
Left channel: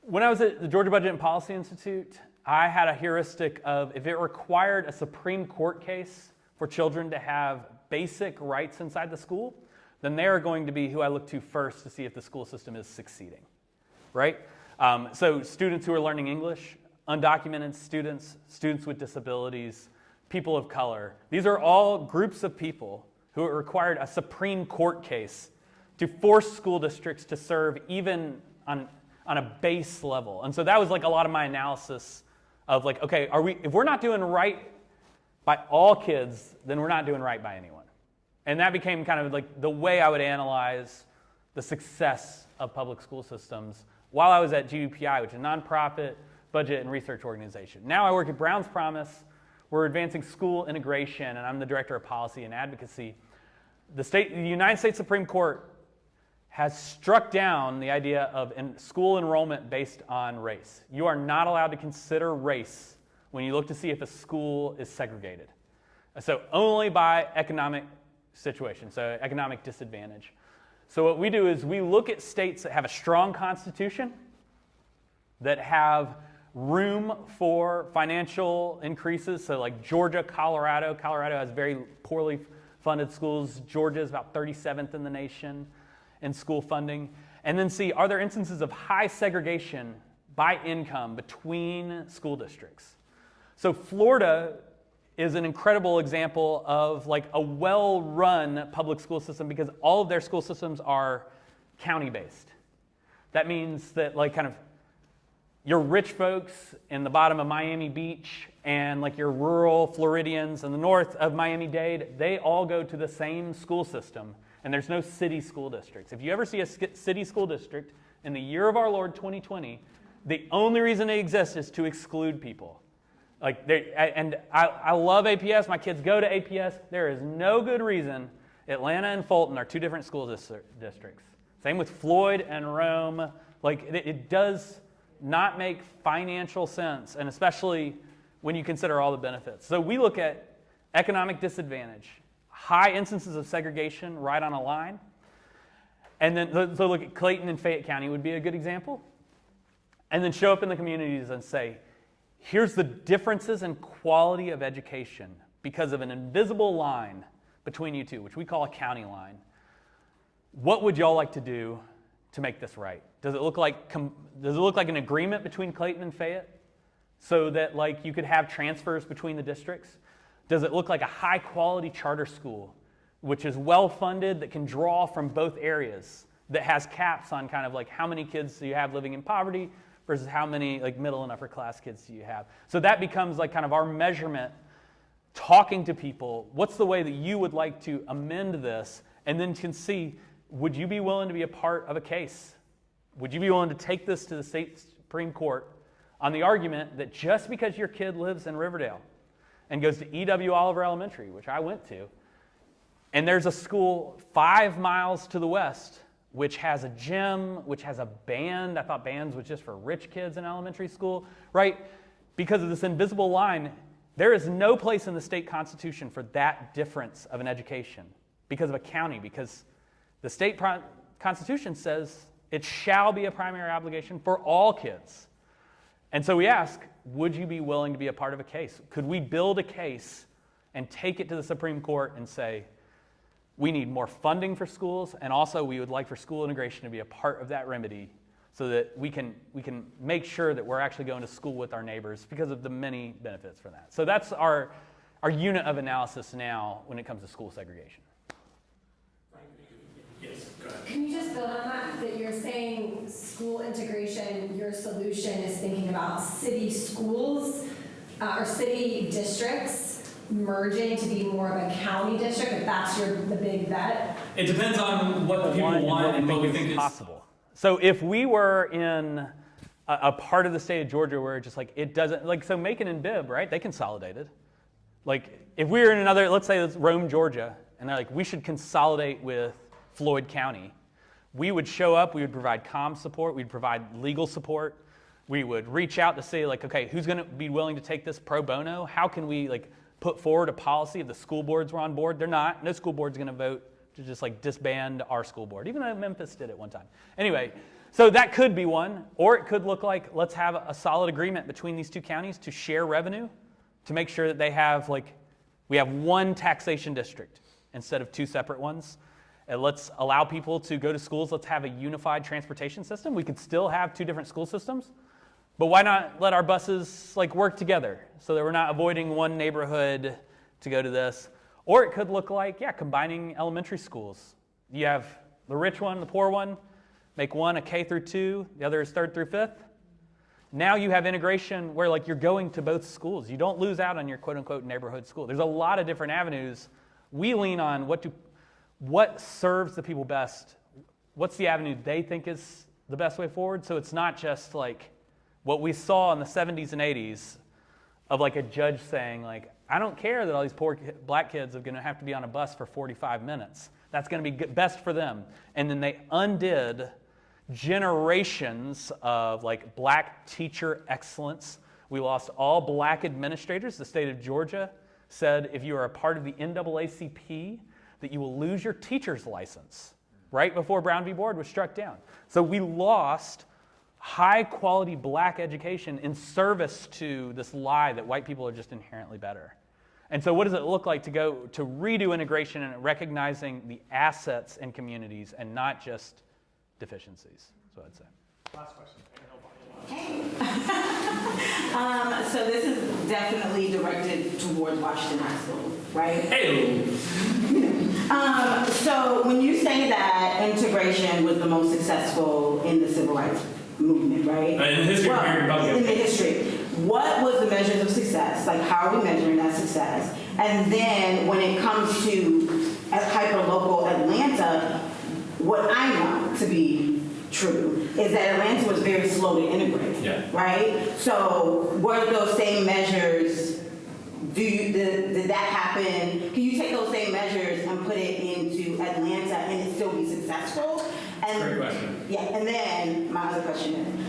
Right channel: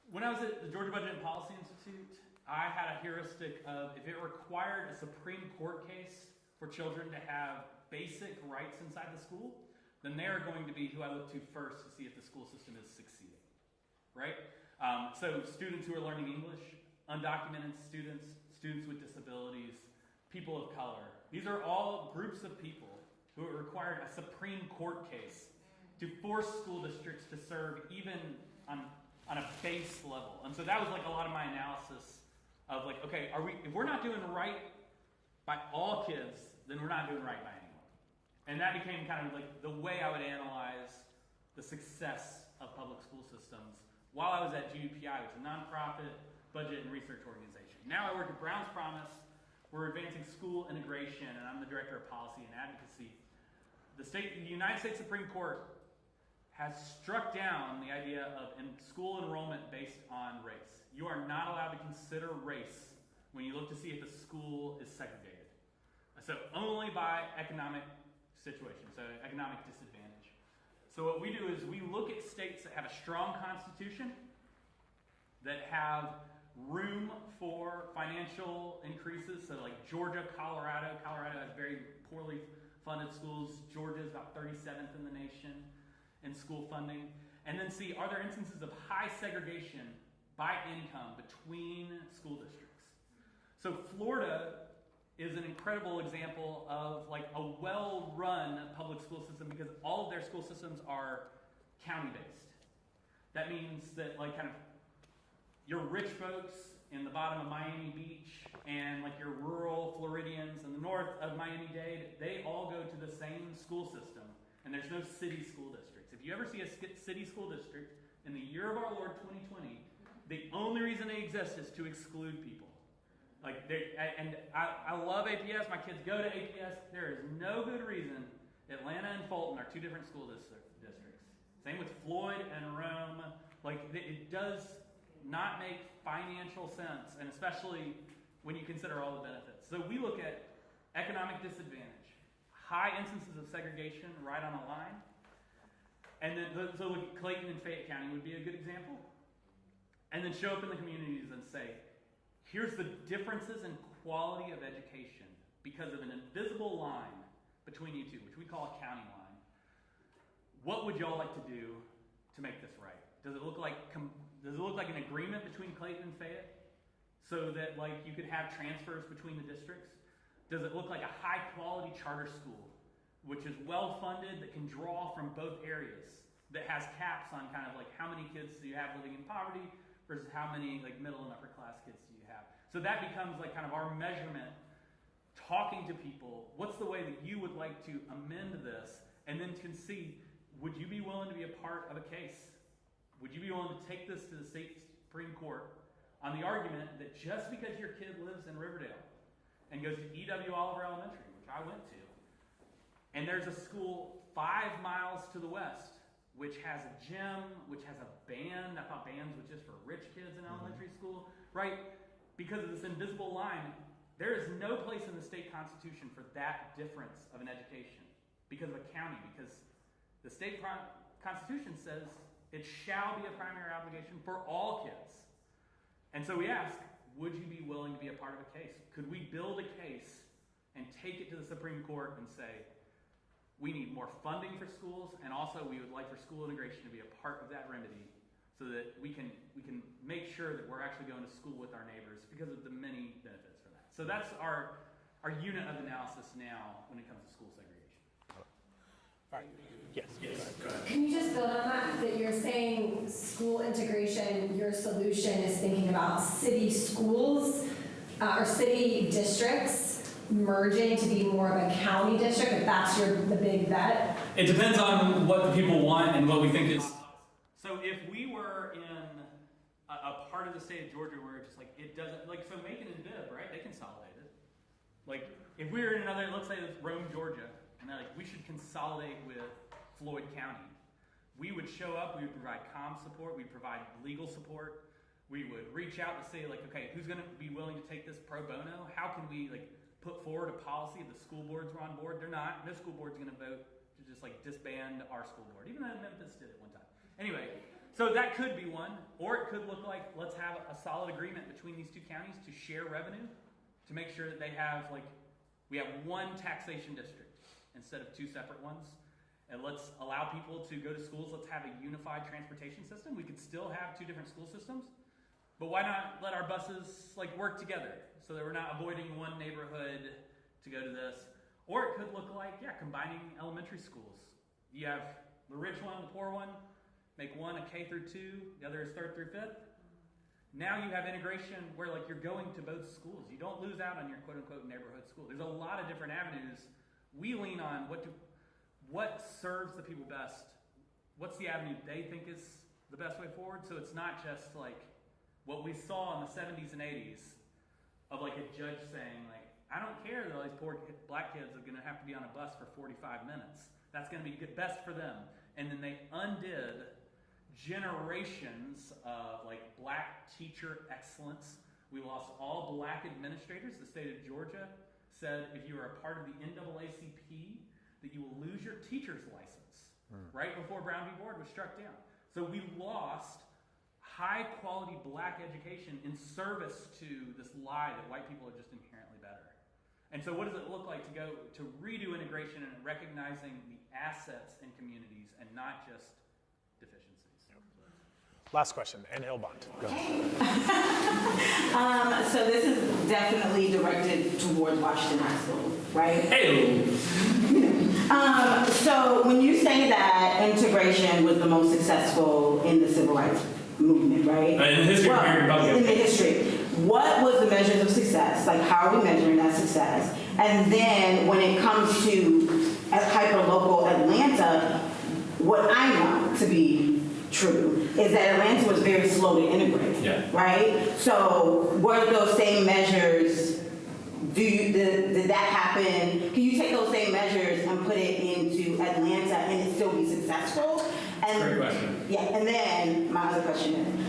When I was at the Georgia Budget and Policy Institute, I had a heuristic of if it required a Supreme Court case for children to have basic rights inside the school, then they are going to be who I look to first to see if the school system is succeeding, right? So students who are learning English, undocumented students, students with disabilities, people of color, these are all groups of people who required a Supreme Court case to force school districts to serve even on a base level. And so that was like a lot of my analysis of like, okay, if we're not doing right by all kids, then we're not doing right by anyone. And that became kind of like the way I would analyze the success of public school systems while I was at GUPI, which is a nonprofit budget and research organization. Now I work at Brown's Promise. We're advancing school integration, and I'm the director of policy and advocacy. The United States Supreme Court has struck down the idea of school enrollment based on race. You are not allowed to consider race when you look to see if a school is segregated. So only by economic situation, so economic disadvantage. So what we do is we look at states that have a strong constitution, that have room for financial increases. So like Georgia, Colorado. Colorado has very poorly funded schools. Georgia is about 37th in the nation in school funding. And then see, are there instances of high segregation by income between school districts? So Florida is an incredible example of like a well-run public school system because all of their school systems are county-based. That means that like kind of your rich folks in the bottom of Miami Beach and like your rural Floridians in the north of Miami-Dade, they all go to the same school system, and there's no city school districts. If you ever see a city school district in the year of our Lord 2020, the only reason they exist is to exclude people. I love APS. My kids go to APS. There is no good reason Atlanta and Fulton are two different school districts. Same with Floyd and Rome. Like it does not make financial sense, and especially when you consider all the benefits. So we look at economic disadvantage, high instances of segregation right on a line, and then so look at Clayton and Fayette County would be a good example, and then show up in the communities and say, here's the differences in quality of education because of an invisible line between you two, which we call a county line. What would y'all like to do to make this right? Does it look like an agreement between Clayton and Fayette so that like you could have transfers between the districts? Does it look like a high quality charter school which is well funded, that can draw from both areas, that has caps on kind of like how many kids do you have living in poverty versus how many like middle and upper class kids do you have? So that becomes like kind of our measurement, talking to people, what's the way that you would like to amend this, and then can see, would you be willing to be a part of a case? Would you be willing to take this to the state Supreme Court on the argument that just because your kid lives in Riverdale and goes to E.W. Oliver Elementary, which I went to, and there's a school 5 miles to the west which has a gym, which has a band. I thought bands was just for rich kids in elementary school, right? Because of this invisible line, there is no place in the state constitution for that difference of an education because of a county, because the state constitution says it shall be a primary obligation for all kids. And so we ask, would you be willing to be a part of a case? Could we build a case and take it to the Supreme Court and say, we need more funding for schools, and also we would like for school integration to be a part of that remedy so that we can make sure that we're actually going to school with our neighbors because of the many benefits for that. So that's our unit of analysis now when it comes to school segregation. Yes, go ahead. Can you just build on that you're saying school integration, your solution is thinking about city schools or city districts merging to be more of a county district, if that's the big bet? It depends on what the people want and what we think is Possible. So if we were in a part of the state of Georgia where just like it doesn't, like so Macon and Bibb, right? They consolidated. Like if we were in another, let's say it's Rome, Georgia, and they're like, we should consolidate with Floyd County. We would show up, we would provide comm support, we'd provide legal support. We would reach out to say like, okay, who's gonna be willing to take this pro bono? How can we like put forward a policy if the school boards were on board? They're not. No school board's gonna vote to just like disband our school board, even though Memphis did it one time. Anyway, so that could be one, or it could look like let's have a solid agreement between these two counties to share revenue, to make sure that they have like, we have one taxation district instead of two separate ones. And let's allow people to go to schools. Let's have a unified transportation system. We could still have two different school systems, but why not let our buses like work together so that we're not avoiding one neighborhood to go to this? Or it could look like, yeah, combining elementary schools. You have the rich one, the poor one, make one a K through 2, the other is 3rd through 5th. Now you have integration where like you're going to both schools. You don't lose out on your quote unquote neighborhood school. There's a lot of different avenues. We lean on what serves the people best. What's the avenue they think is the best way forward? So it's not just like what we saw in the 70s and 80s of like a judge saying like, I don't care that all these poor black kids are going to have to be on a bus for 45 minutes. That's going to be best for them. And then they undid generations of like black teacher excellence. We lost all black administrators. The state of Georgia said if you are a part of the NAACP, that you will lose your teacher's license right before Brown v. Board was struck down. So we lost high quality black education in service to this lie that white people are just inherently better. And so what does it look like to go to redo integration and recognizing the assets in communities and not just deficiencies? That's what I'd say. Last question, and Ilbont. So this is definitely directed towards Washington High School, right? Hey. So when you say that integration was the most successful in the civil rights movement, right? In the history of American Republic. In the history. What was the measures of success? Like, how are we measuring that success? And then when it comes to hyper-local Atlanta, what I know to be true is that Atlanta was very slow to integrate, right? So were those same measures, did that happen? Can you take those same measures and put it into Atlanta and it still be successful? And, great question. Yeah, and then my other question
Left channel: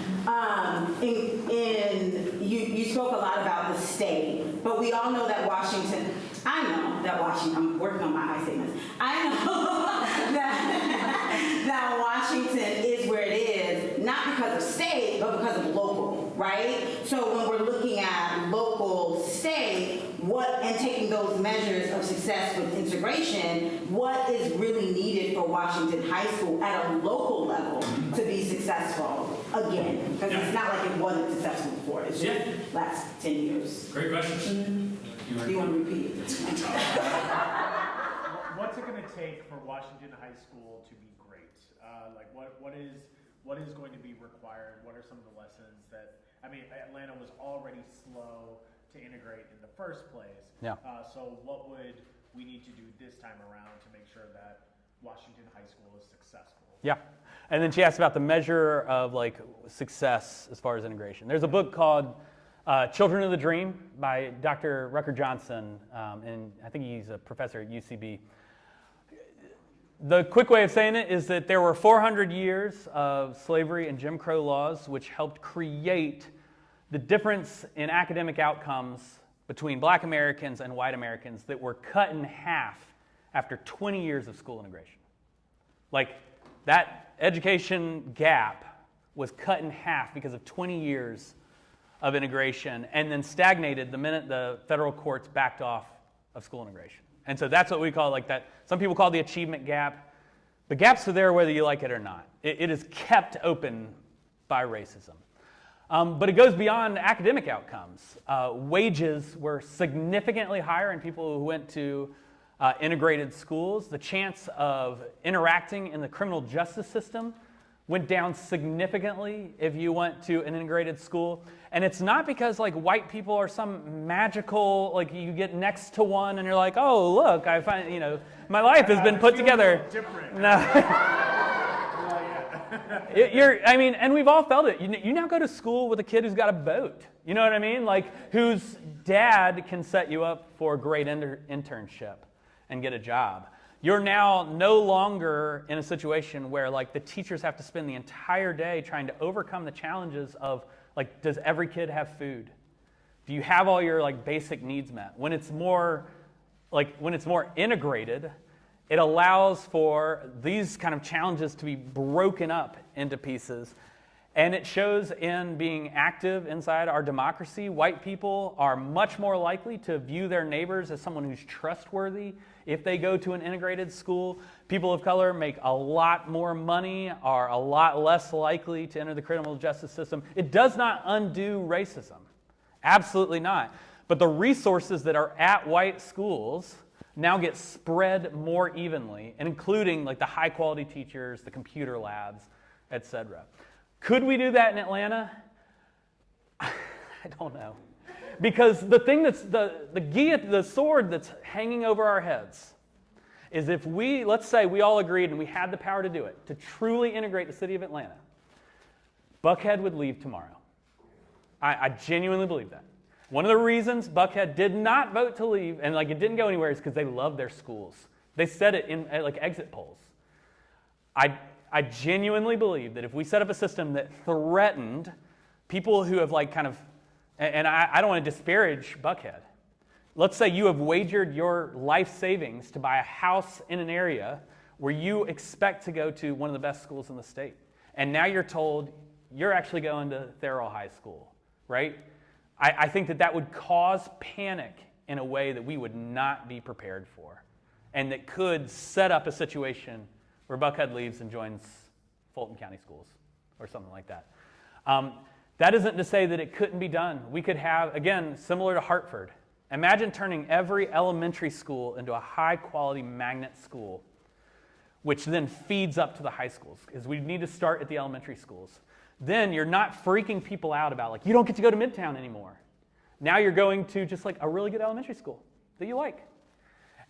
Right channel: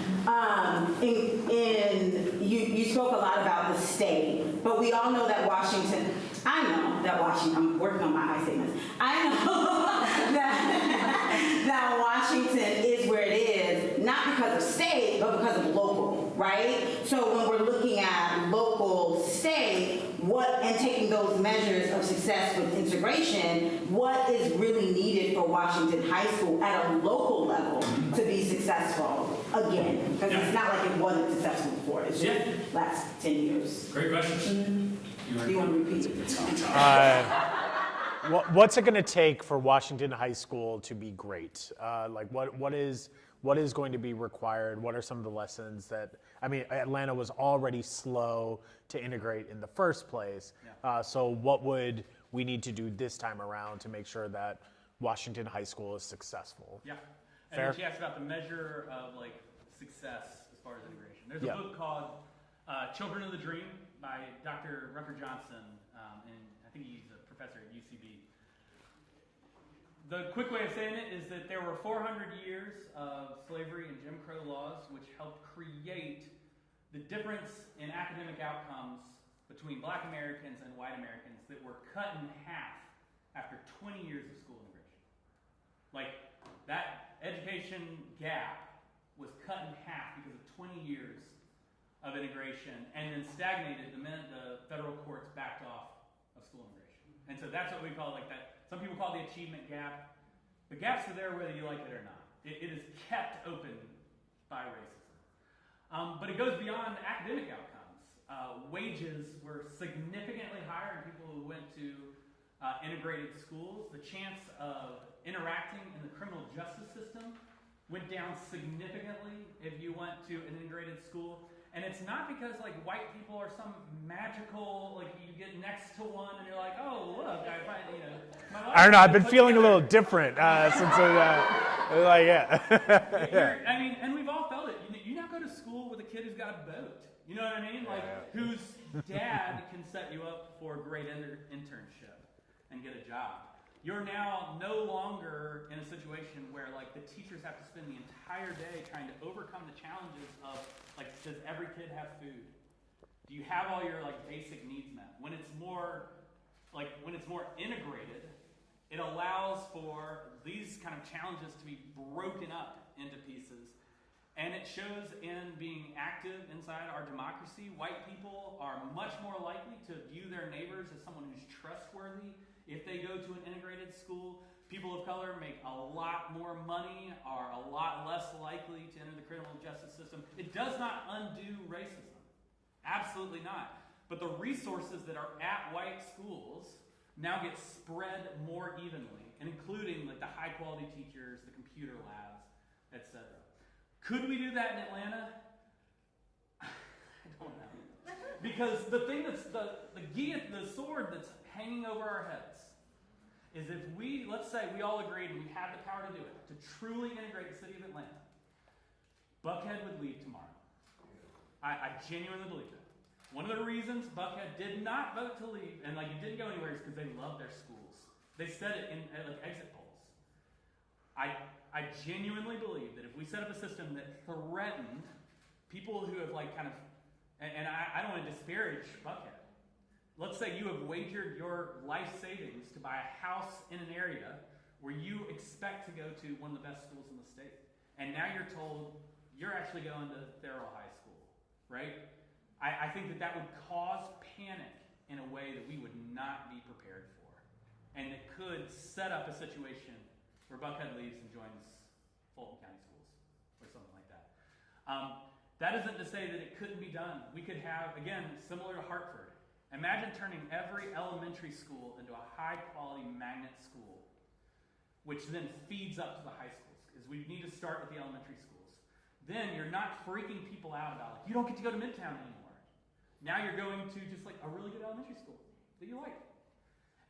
is, you spoke a lot about the state, but we all know that Washington, I'm working on my I statements. I know that Washington is where it is, not because of state, but because of local, right? So when we're looking at local, state, and taking those measures of success with integration, what is really needed for Washington High School at a local level to be successful again? Because it's not like it wasn't successful before. It's just last 10 years. Great question. Do you want to repeat it? What's it going to take for Washington High School to be great? Like what is going to be required? What are some of the lessons that, I mean, Atlanta was already slow to integrate in the first place. So what would we need to do this time around to make sure that Washington High School is successful? Yeah. And then she asked about the measure of like success as far as integration. There's a book called Children of the Dream by Dr. Rucker Johnson, and I think he's a professor at UCB. The quick way of saying it is that there were 400 years of slavery and Jim Crow laws which helped create the difference in academic outcomes between black Americans and white Americans that were cut in half after 20 years of school integration. Like that education gap was cut in half because of 20 years of integration and then stagnated the minute the federal courts backed off of school integration. And so that's what we call like that. Some people call the achievement gap. The gaps are there whether you like it or not. It is kept open by racism. But it goes beyond academic outcomes. Wages were significantly higher in people who went to integrated schools. The chance of interacting in the criminal justice system went down significantly if you went to an integrated school. And it's not because like white people are some magical, like you get next to one and you're like, oh, look, I find, my life has been put together. I've been feeling a little different since Like, yeah. I mean, and we've all felt it. You now go to school with a kid who's got a boat. You know what I mean? Like, whose dad can set you up for a great internship and get a job. You're now no longer in a situation where, like, the teachers have to spend the entire day trying to overcome the challenges of, like, does every kid have food? Do you have all your, like, basic needs met? When it's more integrated, it allows for these kind of challenges to be broken up into pieces. And it shows in being active inside our democracy. White people are much more likely to view their neighbors as someone who's trustworthy if they go to an integrated school. People of color make a lot more money, are a lot less likely to enter the criminal justice system. It does not undo racism. Absolutely not. But the resources that are at white schools now get spread more evenly, and including like the high quality teachers, the computer labs, etc. Could we do that in Atlanta? I don't know. Because the thing that's the sword that's hanging over our heads is if let's say we all agreed and we had the power to do it, to truly integrate the city of Atlanta, Buckhead would leave tomorrow. I genuinely believe that. One of the reasons Buckhead did not vote to leave, and like it didn't go anywhere, is because they love their schools. They said it in like exit polls. I genuinely believe that if we set up a system that threatened people who have like kind of, and I don't want to disparage Buckhead. Let's say you have wagered your life savings to buy a house in an area where you expect to go to one of the best schools in the state. And now you're told you're actually going to Thurl High School, right? I think that would cause panic in a way that we would not be prepared for, and that could set up a situation where Buckhead leaves and joins Fulton County Schools or something like that. That isn't to say that it couldn't be done. We could have, again, similar to Hartford, imagine turning every elementary school into a high-quality magnet school, which then feeds up to the high schools, because we need to start at the elementary schools. Then you're not freaking people out about, like, you don't get to go to Midtown anymore. Now you're going to just like a really good elementary school that you like.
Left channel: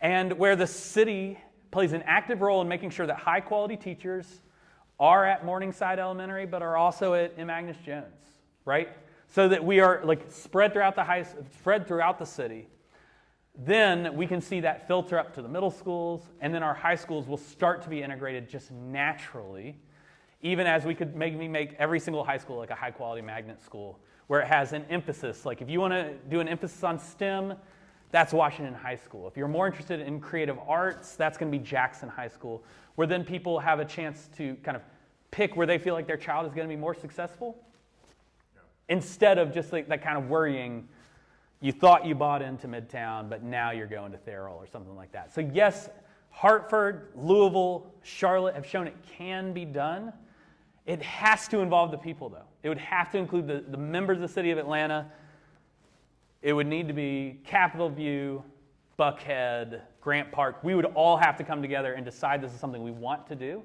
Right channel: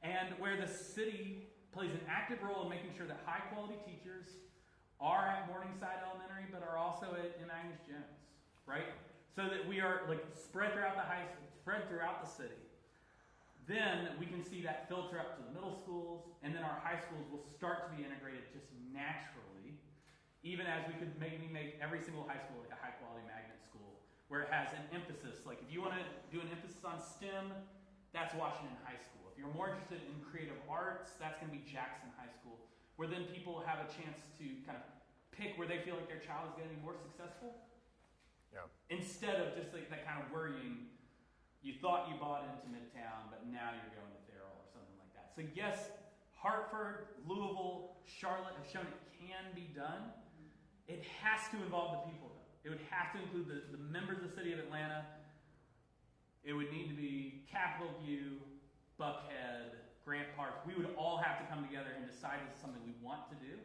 And where the city plays an active role in making sure that high quality teachers are at Morningside Elementary, but are also at M. Agnes Jones, right? So that we are like spread throughout the city. Then we can see that filter up to the middle schools, and then our high schools will start to be integrated just naturally, even as we could make every single high school like a high-quality magnet school, where it has an emphasis. Like if you want to do an emphasis on STEM, that's Washington High School. If you're more interested in creative arts, that's going to be Jackson High School, where then people have a chance to kind of pick where they feel like their child is going to be more successful, instead of just like that kind of worrying, you thought you bought into Midtown, but now you're going to Thurl or something like that. So yes, Hartford, Louisville, Charlotte have shown it can be done. It has to involve the people, though. It would have to include the members of the city of Atlanta. It would need to be Capitol View, Buckhead, Grant Park. We would all have to come together and decide this is something we want to do,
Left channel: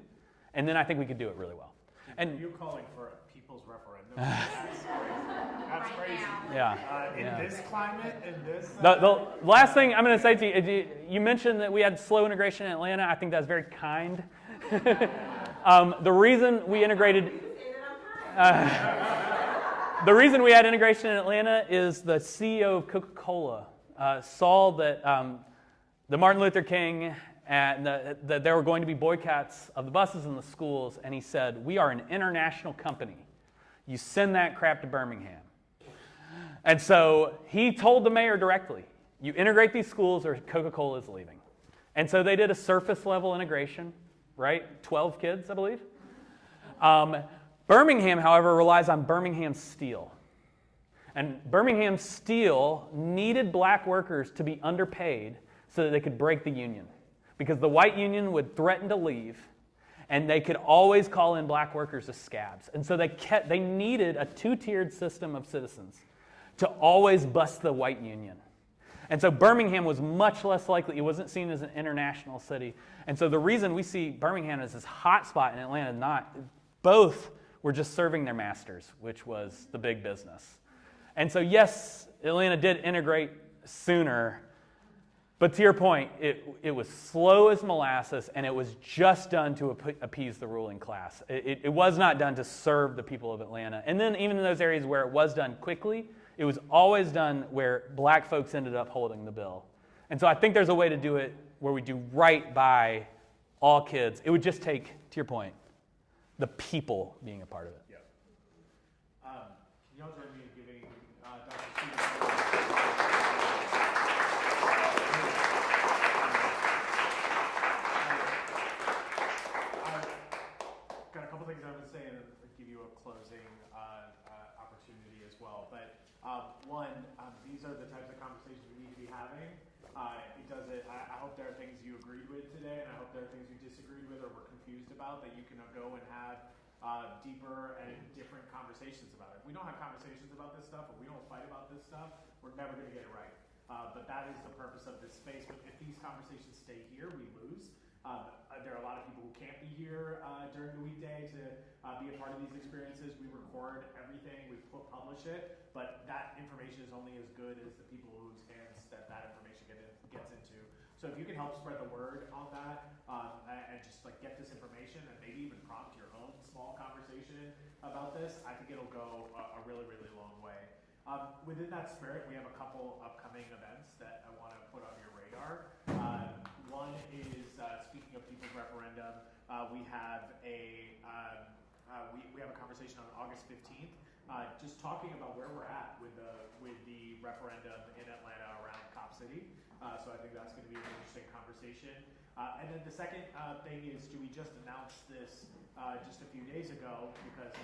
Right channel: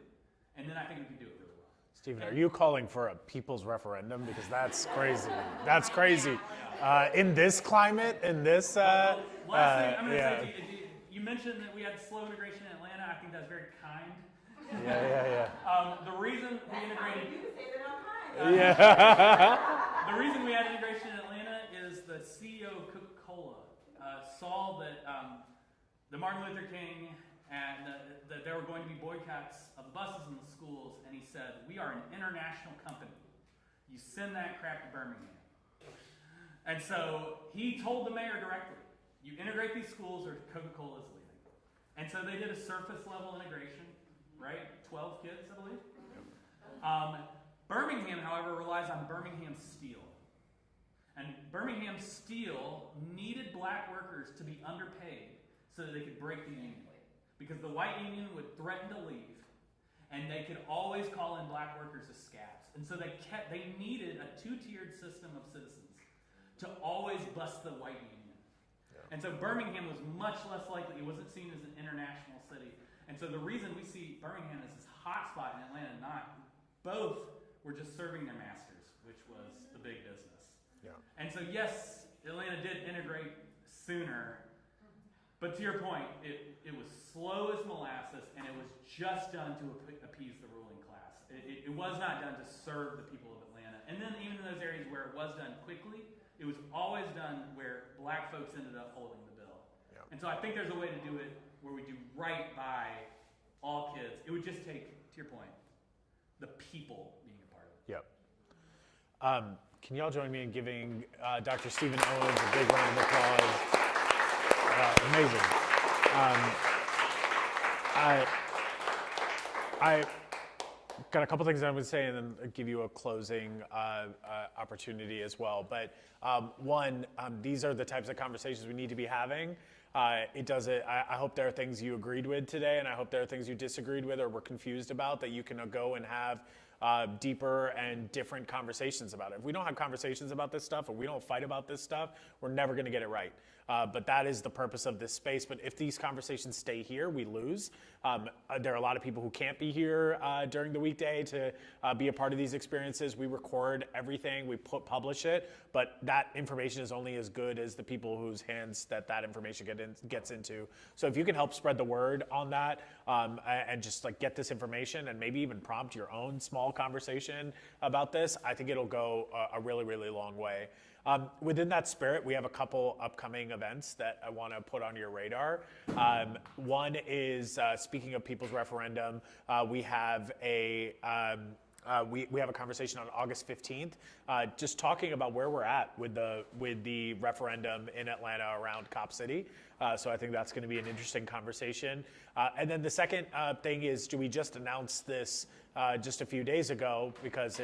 and then I think we could do it really well. Stephen, are you calling for a people's referendum? Because that's crazy. That's crazy. Yeah. In this climate, in this... the last thing I'm going to say to you, you mentioned that we had slow integration in Atlanta. I think that's very kind. The reason we integrated... the reason we had integration in Atlanta is the CEO of Coca-Cola saw that the Martin Luther King and that there were going to be boycotts of the buses and the schools, and he said, we are an international company. You send that crap to Birmingham. And so he told the mayor directly, you integrate these schools or Coca-Cola is leaving. And so they did a surface level integration, right? 12 kids, I believe. Birmingham, however, relies on Birmingham Steel. And Birmingham Steel needed black workers to be underpaid so that they could break the union. Because the white union would threaten to leave, and they could always call in black workers as scabs. And so they needed a two-tiered system of citizens to always bust the white union. And so Birmingham was much less likely. It wasn't seen as an international city. And so the reason we see Birmingham as this hot spot in Atlanta, both were just serving their masters, which was the big business. Yeah. And so yes, Atlanta did integrate sooner, But to your point, it was slow as molasses, and it was just done to appease the ruling class. It was not done to serve the people of Atlanta. And then even in those areas where it was done quickly, it was always done where black folks ended up holding the bill. And so I think there's a way to do it where we do right by all kids. It would just take, to your point, the people being a part of it. Yep. Can y'all join me in giving Dr. Stephen Owens a big round of applause? Amazing. I got a couple things I'm going to say and then give you a closing opportunity as well. But one, these are the types of conversations we need to be having. I hope there are things you agreed with today, and I hope there are things you disagreed with or were confused about that you can go and have deeper and different conversations about it. If we don't have conversations about this stuff, or we don't fight about this stuff, we're never going to get it right. But that is the purpose of this space. But if these conversations stay here, we lose. There are a lot of people who can't be here during the weekday to be a part of these experiences. We record everything, we publish it, but that information is only as good as the people whose hands that information gets into. So if you can help spread the word on that and just like get this information and maybe even prompt your own small conversation about this, I think it'll go a really, really long way. Within that spirit, we have a couple upcoming events that I want to put on your radar. One is, speaking of People's Referendum, we have a conversation on August 15th, just talking about where we're at with the referendum in Atlanta around Cop City. So I think that's going to be an interesting conversation. And then the second thing is, we just announced this just a few days ago because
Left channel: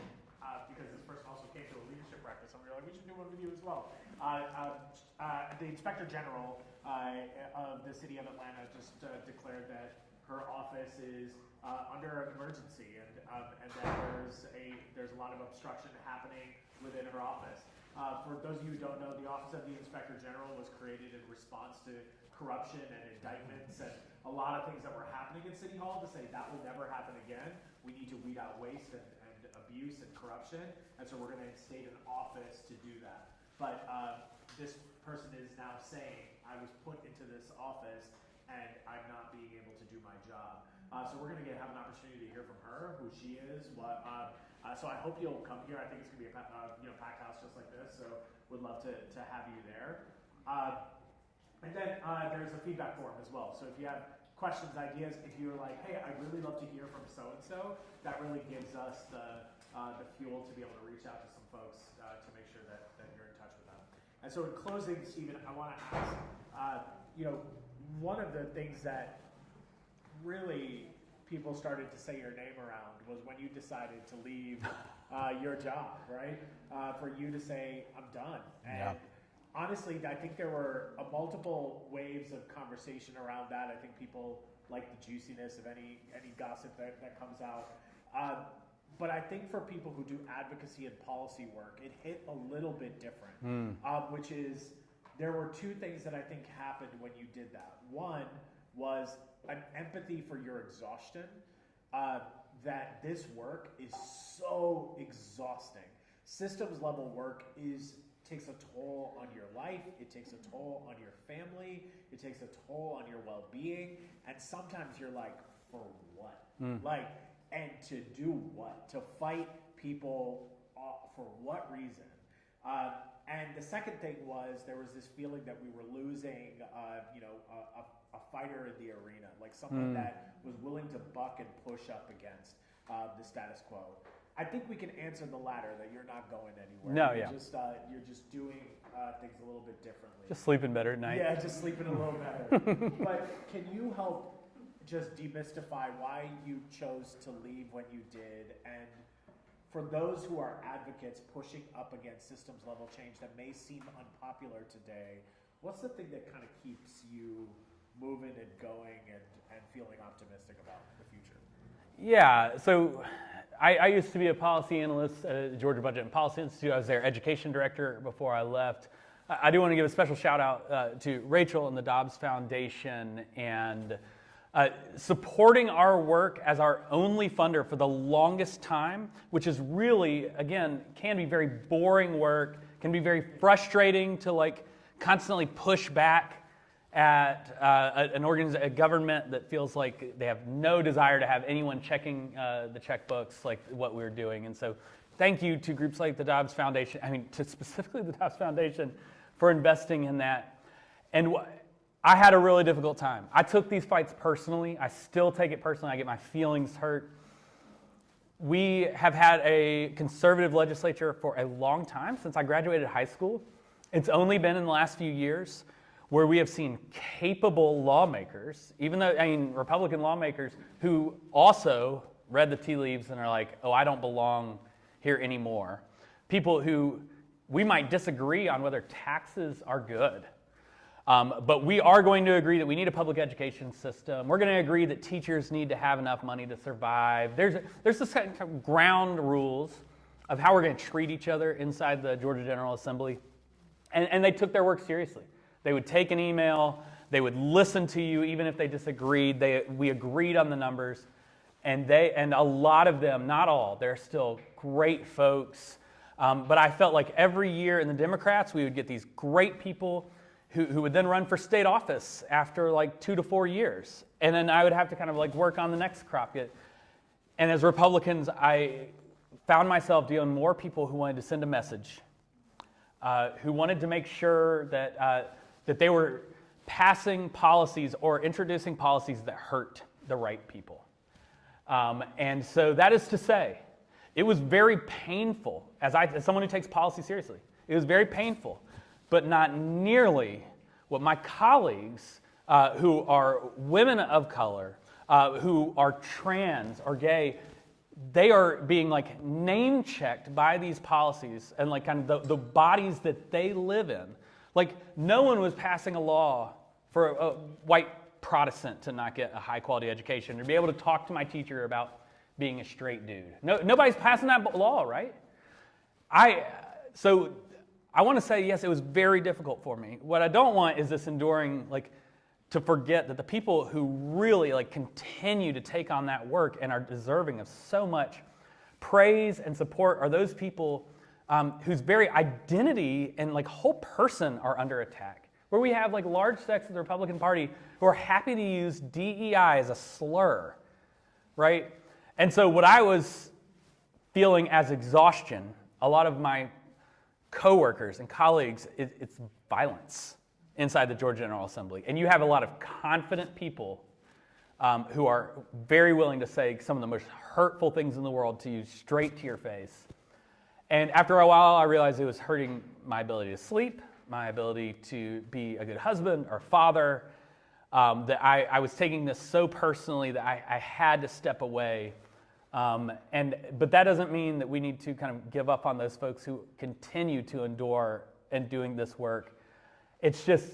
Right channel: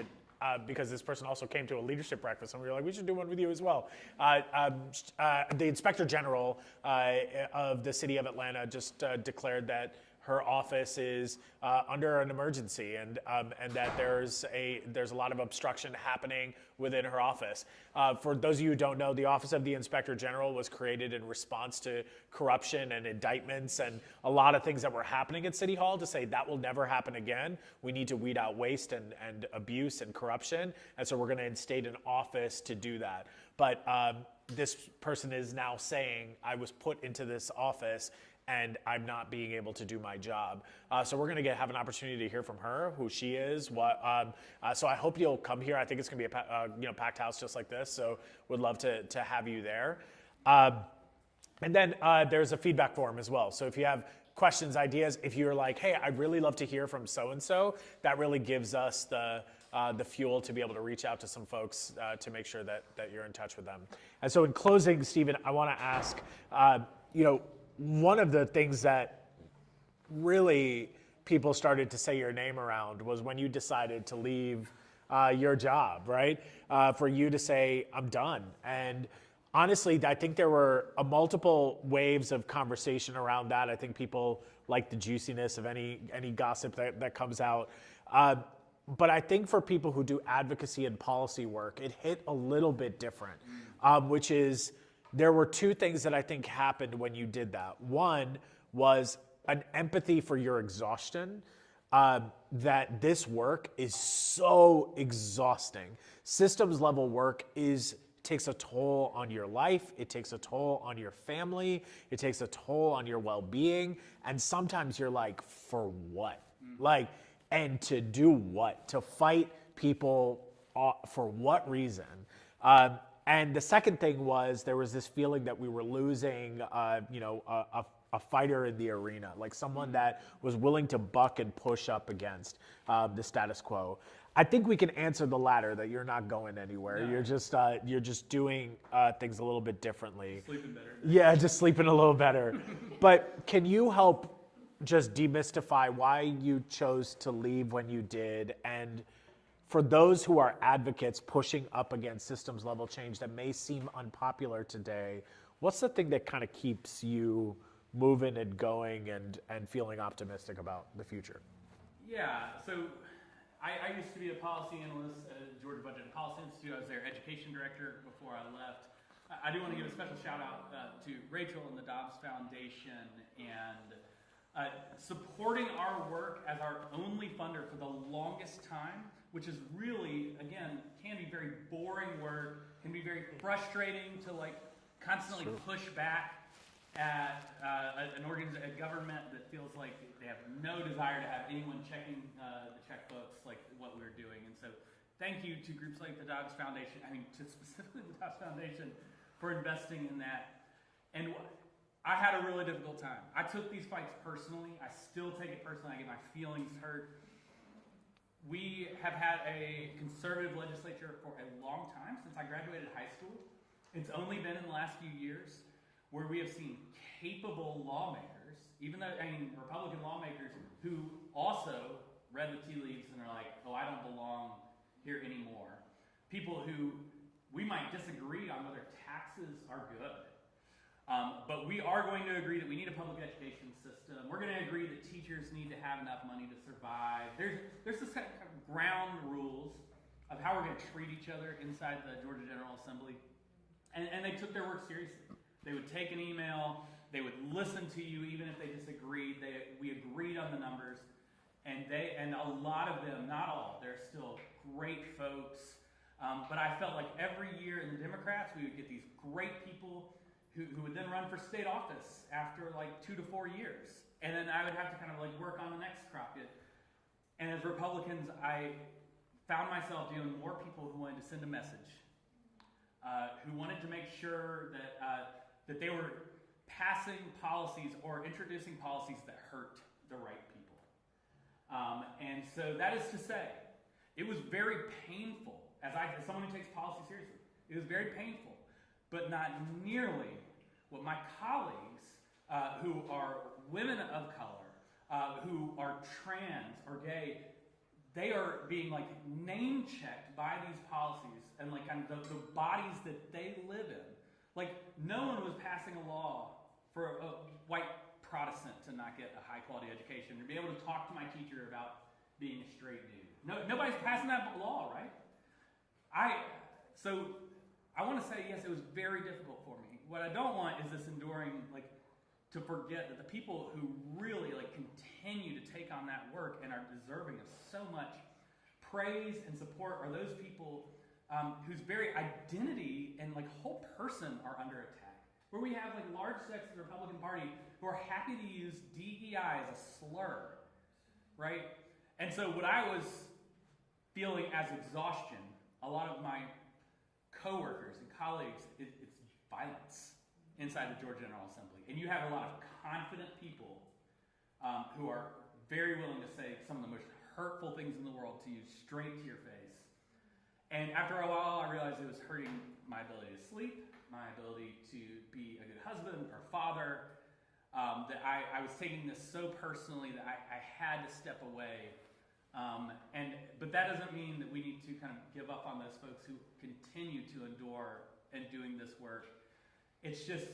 this person also came to a leadership breakfast, and we were like, we should do one with you as well. The Inspector General of the City of Atlanta just declared that her office is under an emergency, and that there's a lot of obstruction happening within her office. For those of you who don't know, the Office of the Inspector General was created in response to corruption and indictments and a lot of things that were happening at City Hall to say that will never happen again. We need to weed out waste and abuse and corruption, and so we're going to instate an office to do that. But this person is now saying, I was put into this office and I'm not being able to do my job. So we're going to have an opportunity to hear from her, who she is. So I hope you'll come here. I think it's going to be a packed house just like this. So would love to have you there. And then there's a feedback form as well. So if you have questions, ideas, if you're like, hey, I'd really love to hear from so-and-so, that really gives us the fuel to be able to reach out to some folks to make sure that you're in touch with them. And so in closing, Stephen, I want to ask, one of the things that really people started to say your name around was when you decided to leave your job, right? For you to say, I'm done. And honestly, I think there were multiple waves of conversation around that. I think people like the juiciness of any gossip that comes out. But I think for people who do advocacy and policy work, it hit a little bit different, which is, there were two things that I think happened when you did that. One was an empathy for your exhaustion, that this work is so exhausting. Systems level work takes a toll on your life, it takes a toll on your family, it takes a toll on your well-being, and sometimes you're like, for what? And to do what? To fight people for what reason? And the second thing was, there was this feeling that we were losing, a fighter in the arena, like someone that was willing to buck and push up against the status quo. I think we can answer the latter, that you're not going anywhere. No, you're just doing things a little bit differently. Just sleeping better at night. Yeah, just sleeping a little better. But can you help just demystify why you chose to leave when you did, and for those who are advocates pushing up against systems level change that may seem unpopular today, what's the thing that kind of keeps you moving and going and feeling optimistic about the future? Yeah, so I used to be a policy analyst at the Georgia Budget and Policy Institute. I was their education director before I left. I do want to give a special shout out to Rachel and the Dobbs Foundation and supporting our work as our only funder for the longest time, which is really, again, can be very boring work, can be very frustrating to constantly push back at a government that feels like they have no desire to have anyone checking the checkbooks like what we're doing. And so thank you to groups like the Dobbs Foundation, to specifically the Dobbs Foundation, for investing in that. And I had a really difficult time. I took these fights personally. I still take it personally. I get my feelings hurt. We have had a conservative legislature for a long time, since I graduated high school. It's only been in the last few years where we have seen capable lawmakers, even though, Republican lawmakers who also read the tea leaves and are like, oh, I don't belong here anymore. People who we might disagree on whether taxes are good. But we are going to agree that we need a public education system. We're going to agree that teachers need to have enough money to survive. There's this kind of ground rules of how we're going to treat each other inside the Georgia General Assembly. And they took their work seriously. They would take an email. They would listen to you even if they disagreed. We agreed on the numbers. And a lot of them, not all, they're still great folks. But I felt like every year in the Democrats, we would get these great people who would then run for state office after like 2 to 4 years. And then I would have to kind of like work on the next crop. And as Republicans, I found myself dealing with more people who wanted to send a message, who wanted to make sure that they were passing policies or introducing policies that hurt the right people. And so that is to say, it was very painful, as someone who takes policy seriously, it was very painful, but not nearly what my colleagues who are women of color, who are trans or gay, they are being like name checked by these policies and like kind of the bodies that they live in. Like no one was passing a law for a white Protestant to not get a high quality education or be able to talk to my teacher about being a straight dude. Nobody's passing that law, right? So I want to say, yes, it was very difficult for me. What I don't want is this enduring, like, to forget that the people who really, like, continue to take on that work and are deserving of so much praise and support are those people whose very identity and, like, whole person are under attack. Where we have, like, large sects of the Republican Party who are happy to use DEI as a slur, right? And so what I was feeling as exhaustion, a lot of my coworkers and colleagues, it's violence inside the Georgia General Assembly. And you have a lot of confident people who are very willing to say some of the most hurtful things in the world to you straight to your face. And after a while, I realized it was hurting my ability to sleep, my ability to be a good husband or father, that I was taking this so personally that I had to step away. But that doesn't mean that we need to kind of give up on those folks who continue to endure and doing this work. It's just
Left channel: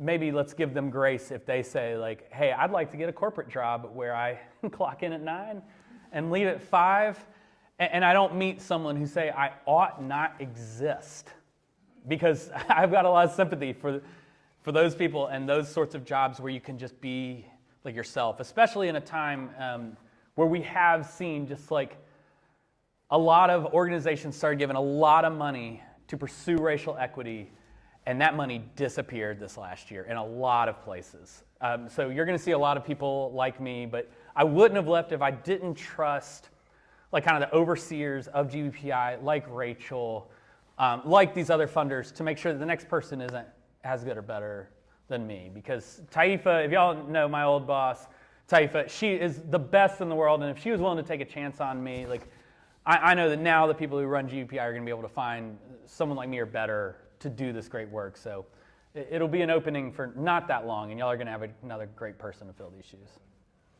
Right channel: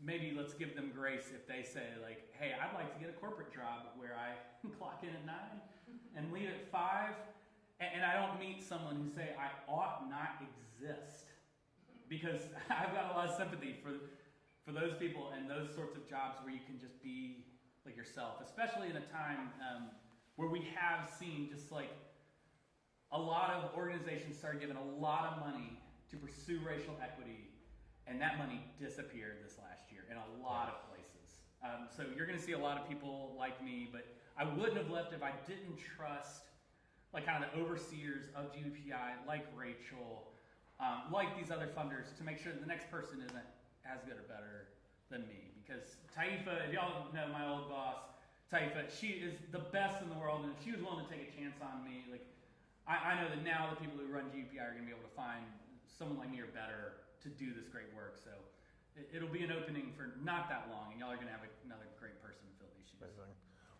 maybe let's give them grace if they say like, hey, I'd like to get a corporate job where I clock in at 9 and leave at 5. And I don't meet someone who say I ought not exist, because I've got a lot of sympathy for those people and those sorts of jobs where you can just be like yourself, especially in a time where we have seen just like a lot of organizations started giving a lot of money to pursue racial equity, and that money disappeared this last year in a lot of places. So you're going to see a lot of people like me, but I wouldn't have left if I didn't trust like kind of the overseers of GBPI, like Rachel, like these other funders, to make sure that the next person isn't as good or better than me. Because Taifa, if y'all know my old boss, Taifa, she is the best in the world, and if she was willing to take a chance on me, like I know that now the people who run GBPI are going to be able to find someone like me or better to do this great work. So it'll be an opening for not that long, and y'all are going to have another great person to fill these shoes.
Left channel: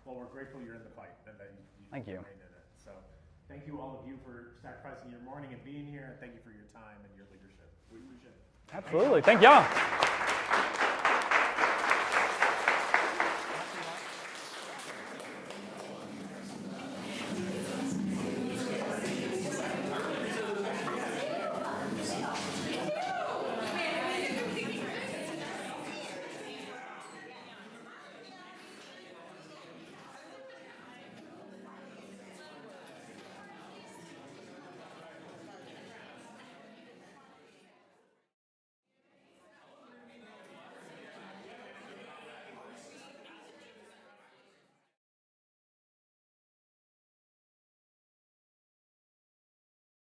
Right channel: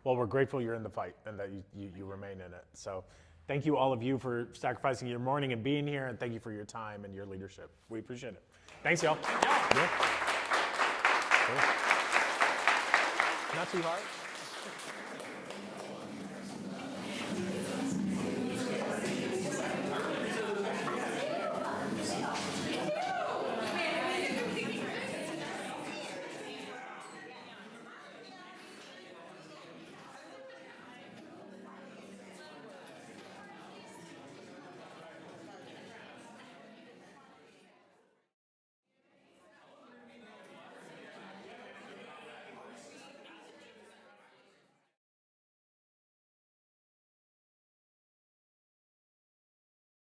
Well, we're grateful you're in the fight and that you remain in it. So thank you all of you for sacrificing your morning and being here, and thank you for your time and your leadership. We appreciate it. Absolutely. Thank y'all. Not too loud.